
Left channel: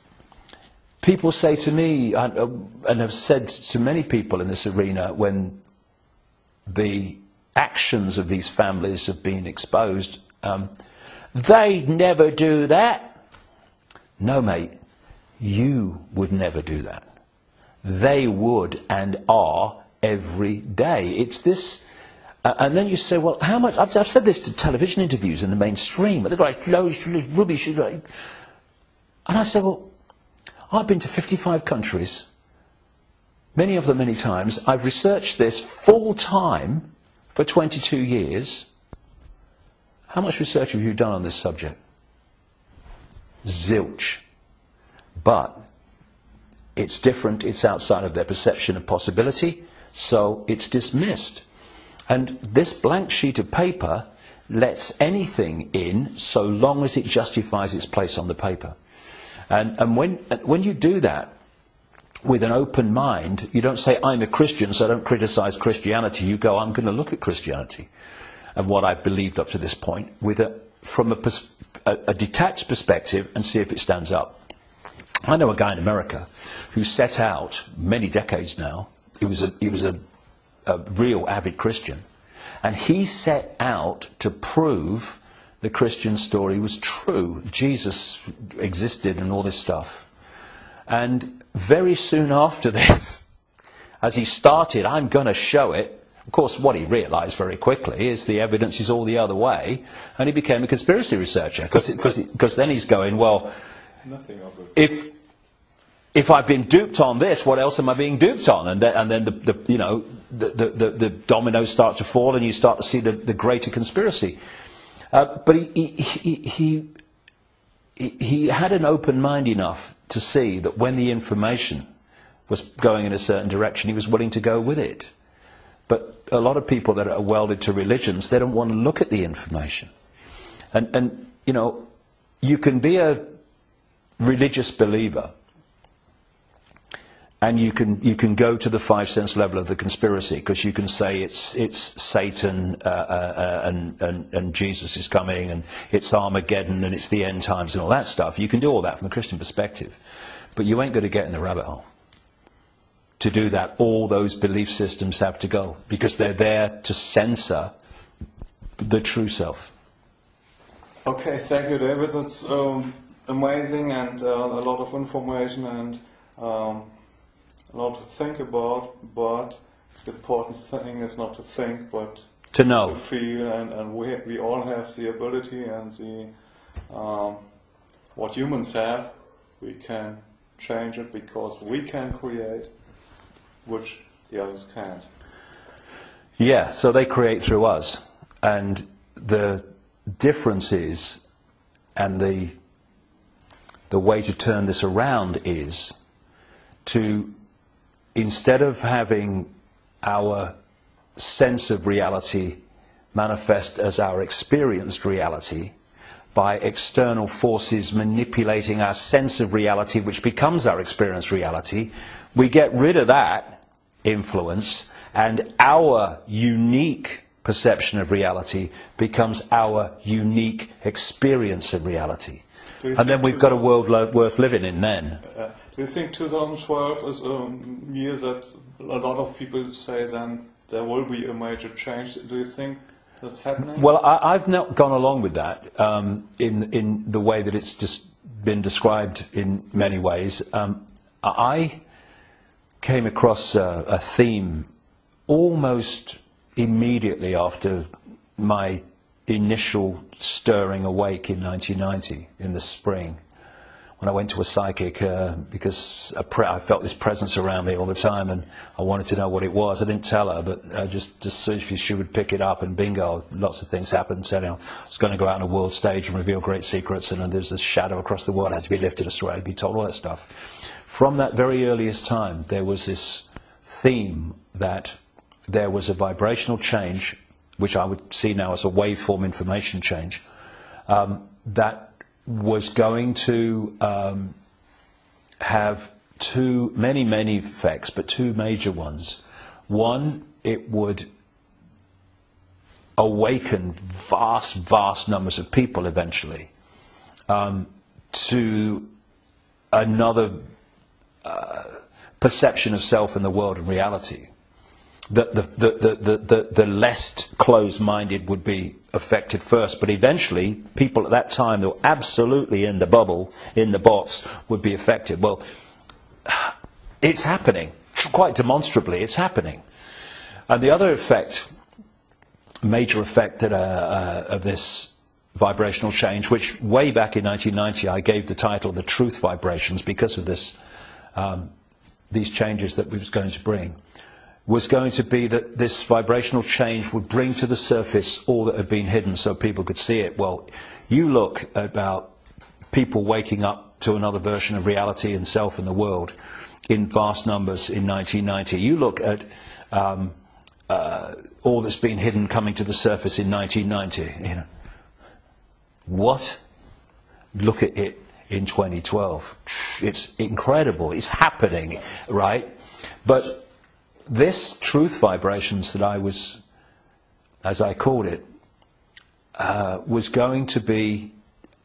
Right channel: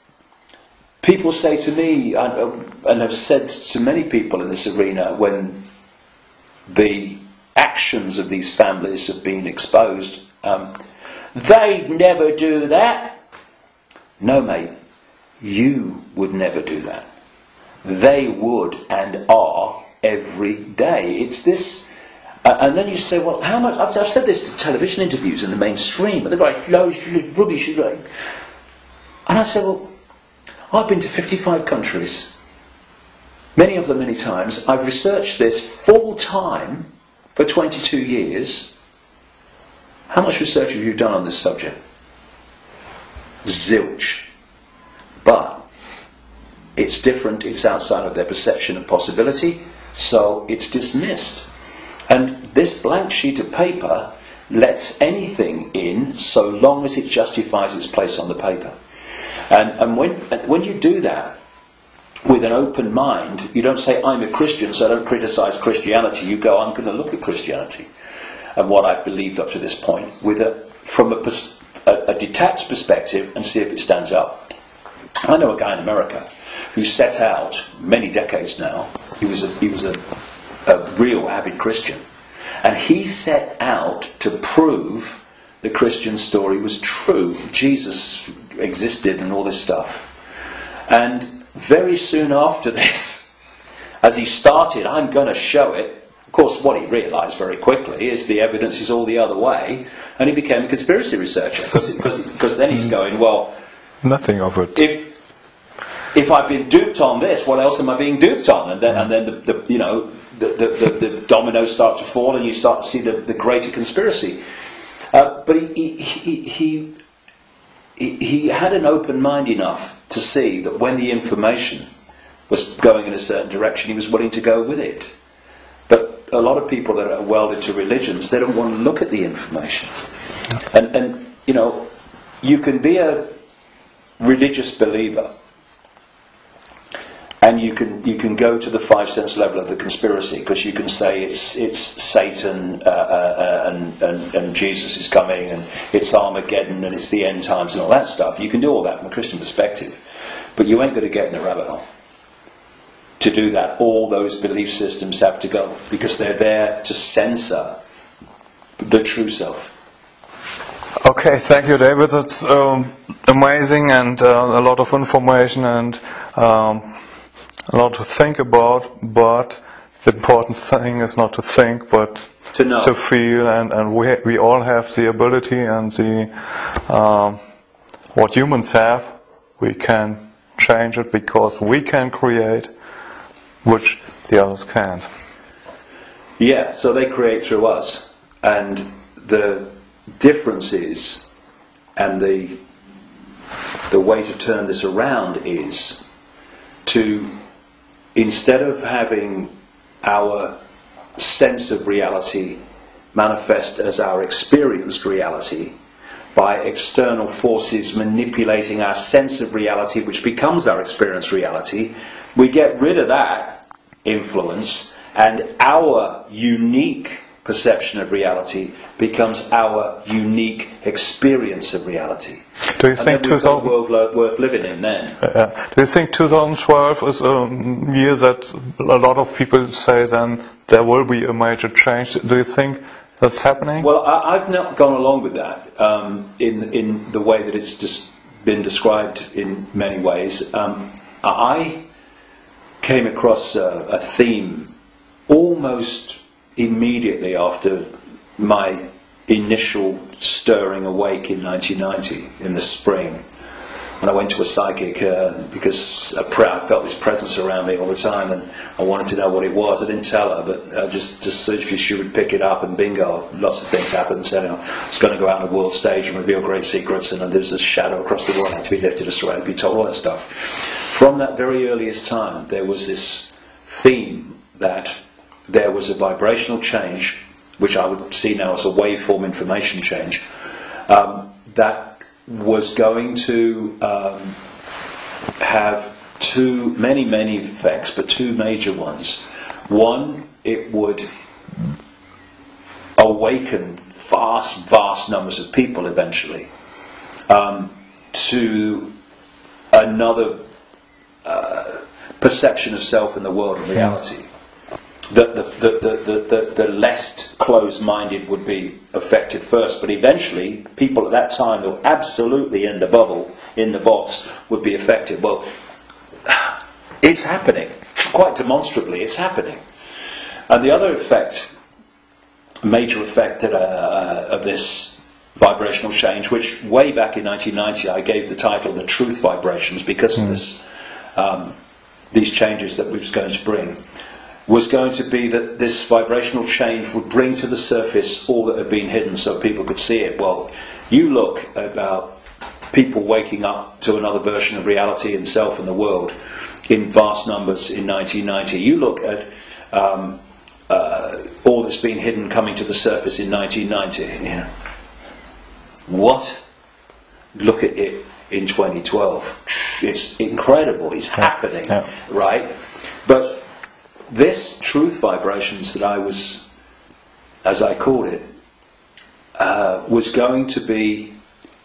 people say to me, and have said to many people in this arena, when the actions of these families have been exposed, they'd never do that. No, mate, you would never do that. They would and are every day. It's this. And then you say, well, how much? I've said this to television interviews in the mainstream, but they're like, loads of rubbish. And I say, well, I've been to 55 countries, many of them many times. I've researched this full time for 22 years. How much research have you done on this subject? Zilch. But it's different, it's outside of their perception of possibility, so it's dismissed. And this blank sheet of paper lets anything in so long as it justifies its place on the paper. And when you do that with an open mind, you don't say, I'm a Christian, so I don't criticize Christianity. You go, I'm going to look at Christianity and what I've believed up to this point from a detached perspective and see if it stands up. I know a guy in America who set out, many decades now, he was a real avid Christian, and he set out to prove the Christian story was true. Jesus existed and all this stuff. And very soon after this, as he started, I'm going to show it, of course what he realised very quickly is the evidence is all the other way, and he became a conspiracy researcher, because then he's going, well, nothing of it. If I've been duped on this, what else am I being duped on? And then the dominoes start to fall, and you start to see the greater conspiracy. But he had an open mind enough to see that when the information was going in a certain direction, he was willing to go with it. But a lot of people that are welded to religions, they don't want to look at the information. And you can be a religious believer, and you can go to the 5 sense level of the conspiracy, because you can say it's Satan and Jesus is coming, and it's Armageddon, and it's the end times and all that stuff. You can do all that from a Christian perspective, but you ain't going to get in the rabbit hole. To do that, all those belief systems have to go, because they're there to censor the true self. Okay, thank you, David. That's amazing, and a lot of information, and a lot to think about, but the important thing is not to think, but to know, to feel, and we all have the ability and the what humans have. We can change it because we can create, which the others can't. Yeah, so they create through us, and the difference is, and the way to turn this around is to, instead of having our sense of reality manifest as our experienced reality by external forces manipulating our sense of reality, which becomes our experienced reality, we get rid of that influence, and our unique perception of reality becomes our unique experience of reality. Do you think we've got a world worth living in then? Do you think 2012 is a year that a lot of people say then there will be a major change? Do you think that's happening? Well, I've not gone along with that in the way that it's just been described in many ways. I came across a theme almost immediately after my initial stirring awake in 1990 in the spring, when I went to a psychic because I felt this presence around me all the time, and I wanted to know what it was. I didn't tell her, but just she would pick it up, and bingo, lots of things happened. So, I was going to go out on a world stage and reveal great secrets, and there was a shadow across the world, had to be lifted astray and be told all that stuff. From that very earliest time, there was this theme that there was a vibrational change, which I would see now as a waveform information change, that was going to have many effects, but two major ones. One, it would awaken vast numbers of people eventually to another perception of self in the world and reality. The less closed-minded would be affected first, but eventually people at that time who were absolutely in the bubble, in the box, would be affected. Well, it's happening. Quite demonstrably, it's happening. And the other effect, major effect of this vibrational change, which way back in 1990 I gave the title The Truth Vibrations because of this, these changes that we was going to bring, was going to be that this vibrational change would bring to the surface all that had been hidden so people could see it. Well, you look about people waking up to another version of reality and self in the world, in vast numbers in 1990. You look at all that's been hidden coming to the surface in 1990. You know, what? Look at it in 2012. It's incredible. It's happening, right? But this truth vibrations that I was, as I called it, was going to be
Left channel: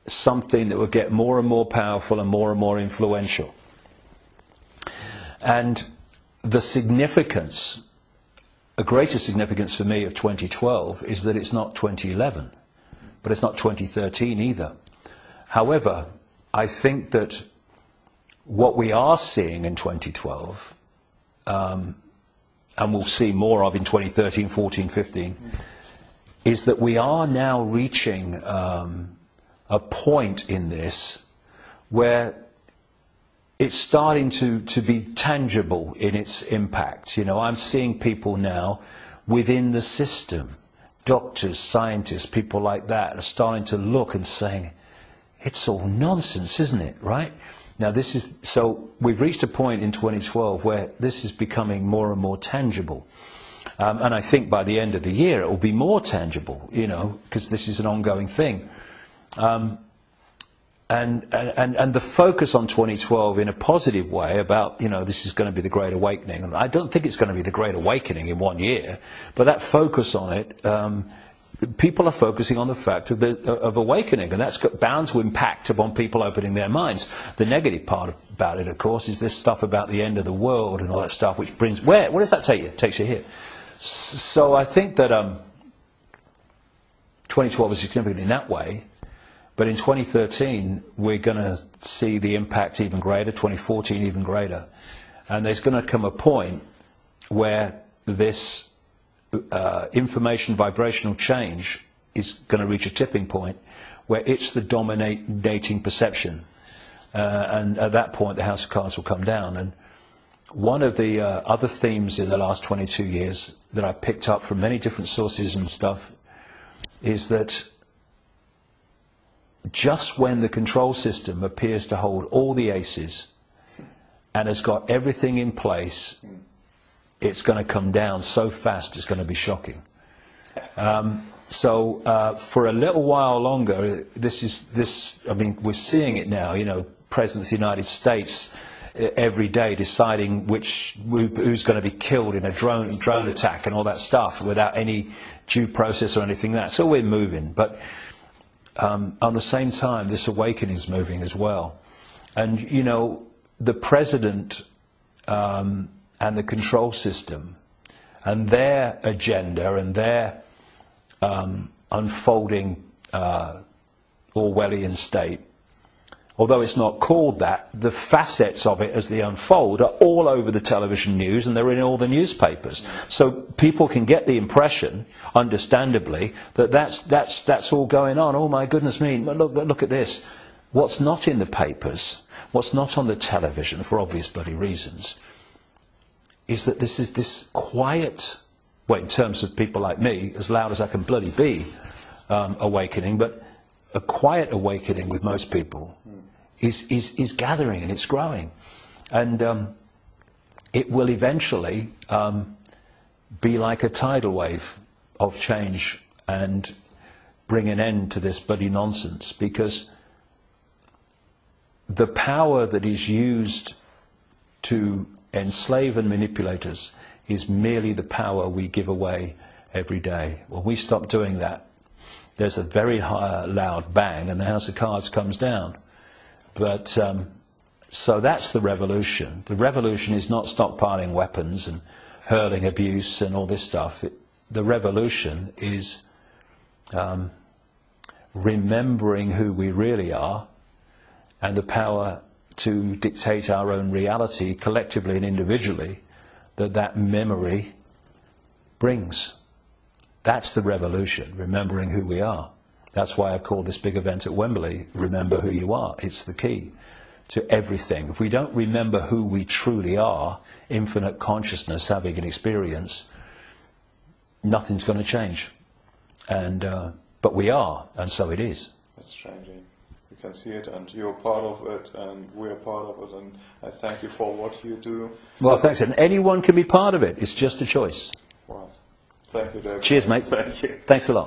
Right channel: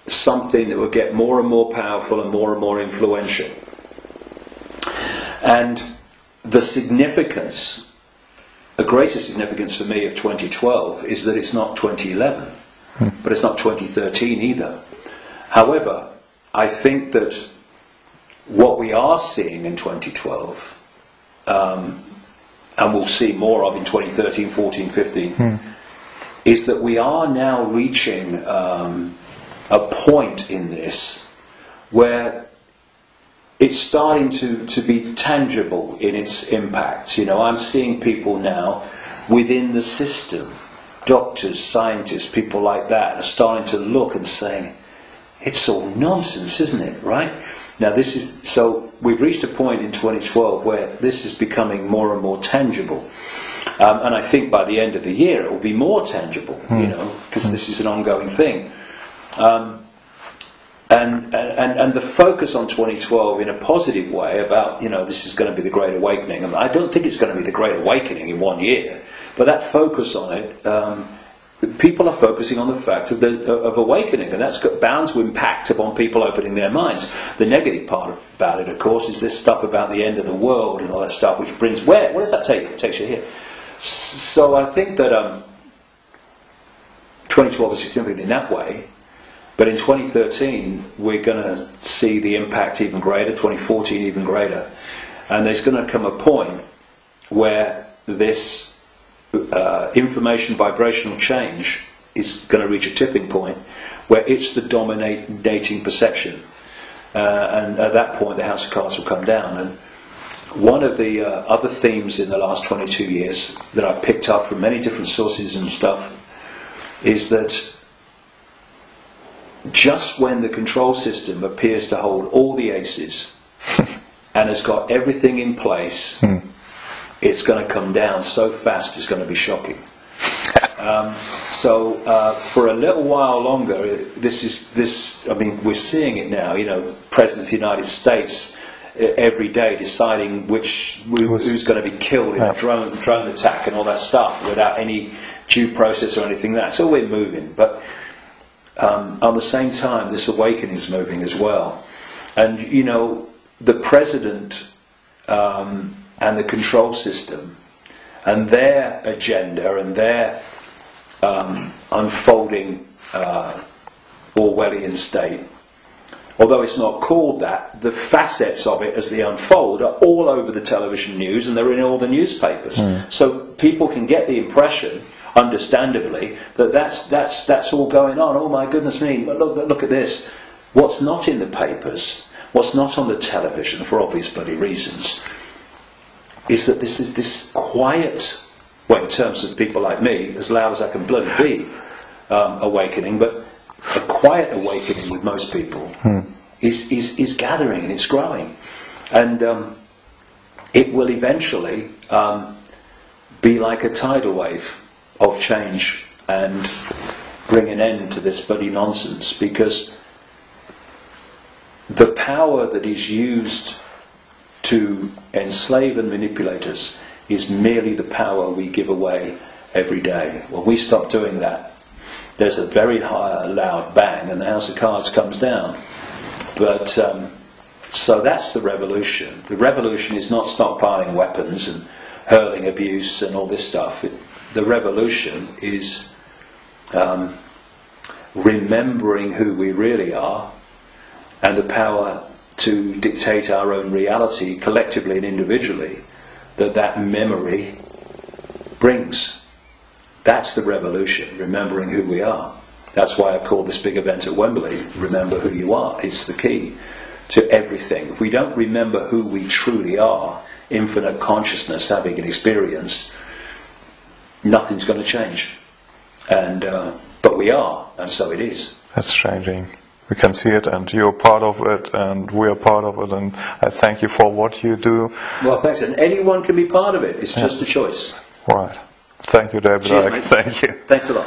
something that would get more and more powerful and more influential. And the significance, a greater significance for me of 2012 is that it's not 2011, but it's not 2013 either. However, I think that what we are seeing in 2012, and we'll see more of in 2013, 14, 15, is that we are now reaching a point in this where it's starting to be tangible in its impact. You know, I'm seeing people now within the system, doctors, scientists, people like that, are starting to look and saying, it's all nonsense, isn't it, right? Now so we've reached a point in 2012 where this is becoming more and more tangible. And I think by the end of the year it will be more tangible, you know, because this is an ongoing thing. And the focus on 2012 in a positive way about, you know, this is going to be the Great Awakening. And I don't think it's going to be the Great Awakening in 1 year, but that focus on it, people are focusing on the fact of awakening, and that's bound to impact upon people opening their minds. The negative part about it, of course, is this stuff about the end of the world and all that stuff, which brings, where does that take you? It takes you here. So I think that 2012 is significant in that way. But in 2013, we're going to see the impact even greater, 2014 even greater. And there's going to come a point where this information vibrational change is going to reach a tipping point where it's the dominating perception. And at that point, the House of Cards will come down. And one of the other themes in the last 22 years that I picked up from many different sources and stuff is that just when the control system appears to hold all the aces and has got everything in place, it's going to come down so fast it's going to be shocking. So for a little while longer, I mean, we're seeing it now, you know, President of the United States every day deciding who's going to be killed in a drone attack and all that stuff without any due process or anything like that. So we're moving, but at the same time, this awakening is moving as well. And, you know, the president and the control system and their agenda and their unfolding Orwellian state, although it's not called that, the facets of it as they unfold are all over the television news and they're in all the newspapers. So people can get the impression, understandably, that's all going on. Oh my goodness me, look at this. What's not in the papers, what's not on the television, for obvious bloody reasons, is that this is this quiet, well, in terms of people like me, as loud as I can bloody be, awakening, but a quiet awakening with most people is gathering and it's growing. And it will eventually be like a tidal wave of change and bring an end to this bloody nonsense, because the power that is used to enslave and manipulate us is merely the power we give away every day. When we stop doing that, there's a very loud bang and the House of Cards comes down. But so that's the revolution. The revolution is not stockpiling weapons and hurling abuse and all this stuff. The revolution is remembering who we really are and the power to dictate our own reality collectively and individually that memory brings. That's the revolution, remembering who we are. That's why I call this big event at Wembley, Remember Who You Are. It's the key to everything. If we don't remember who we truly are, infinite consciousness having an experience, nothing's going to change. And but we are, and so it is. That's changing. we can see it, and you're part of it, and we are part of it, and I thank you for what you do. Well, thanks. And anyone can be part of it. It's just a choice. Right. Thank you, David. Cheers, mate. Thank you. Thanks a lot.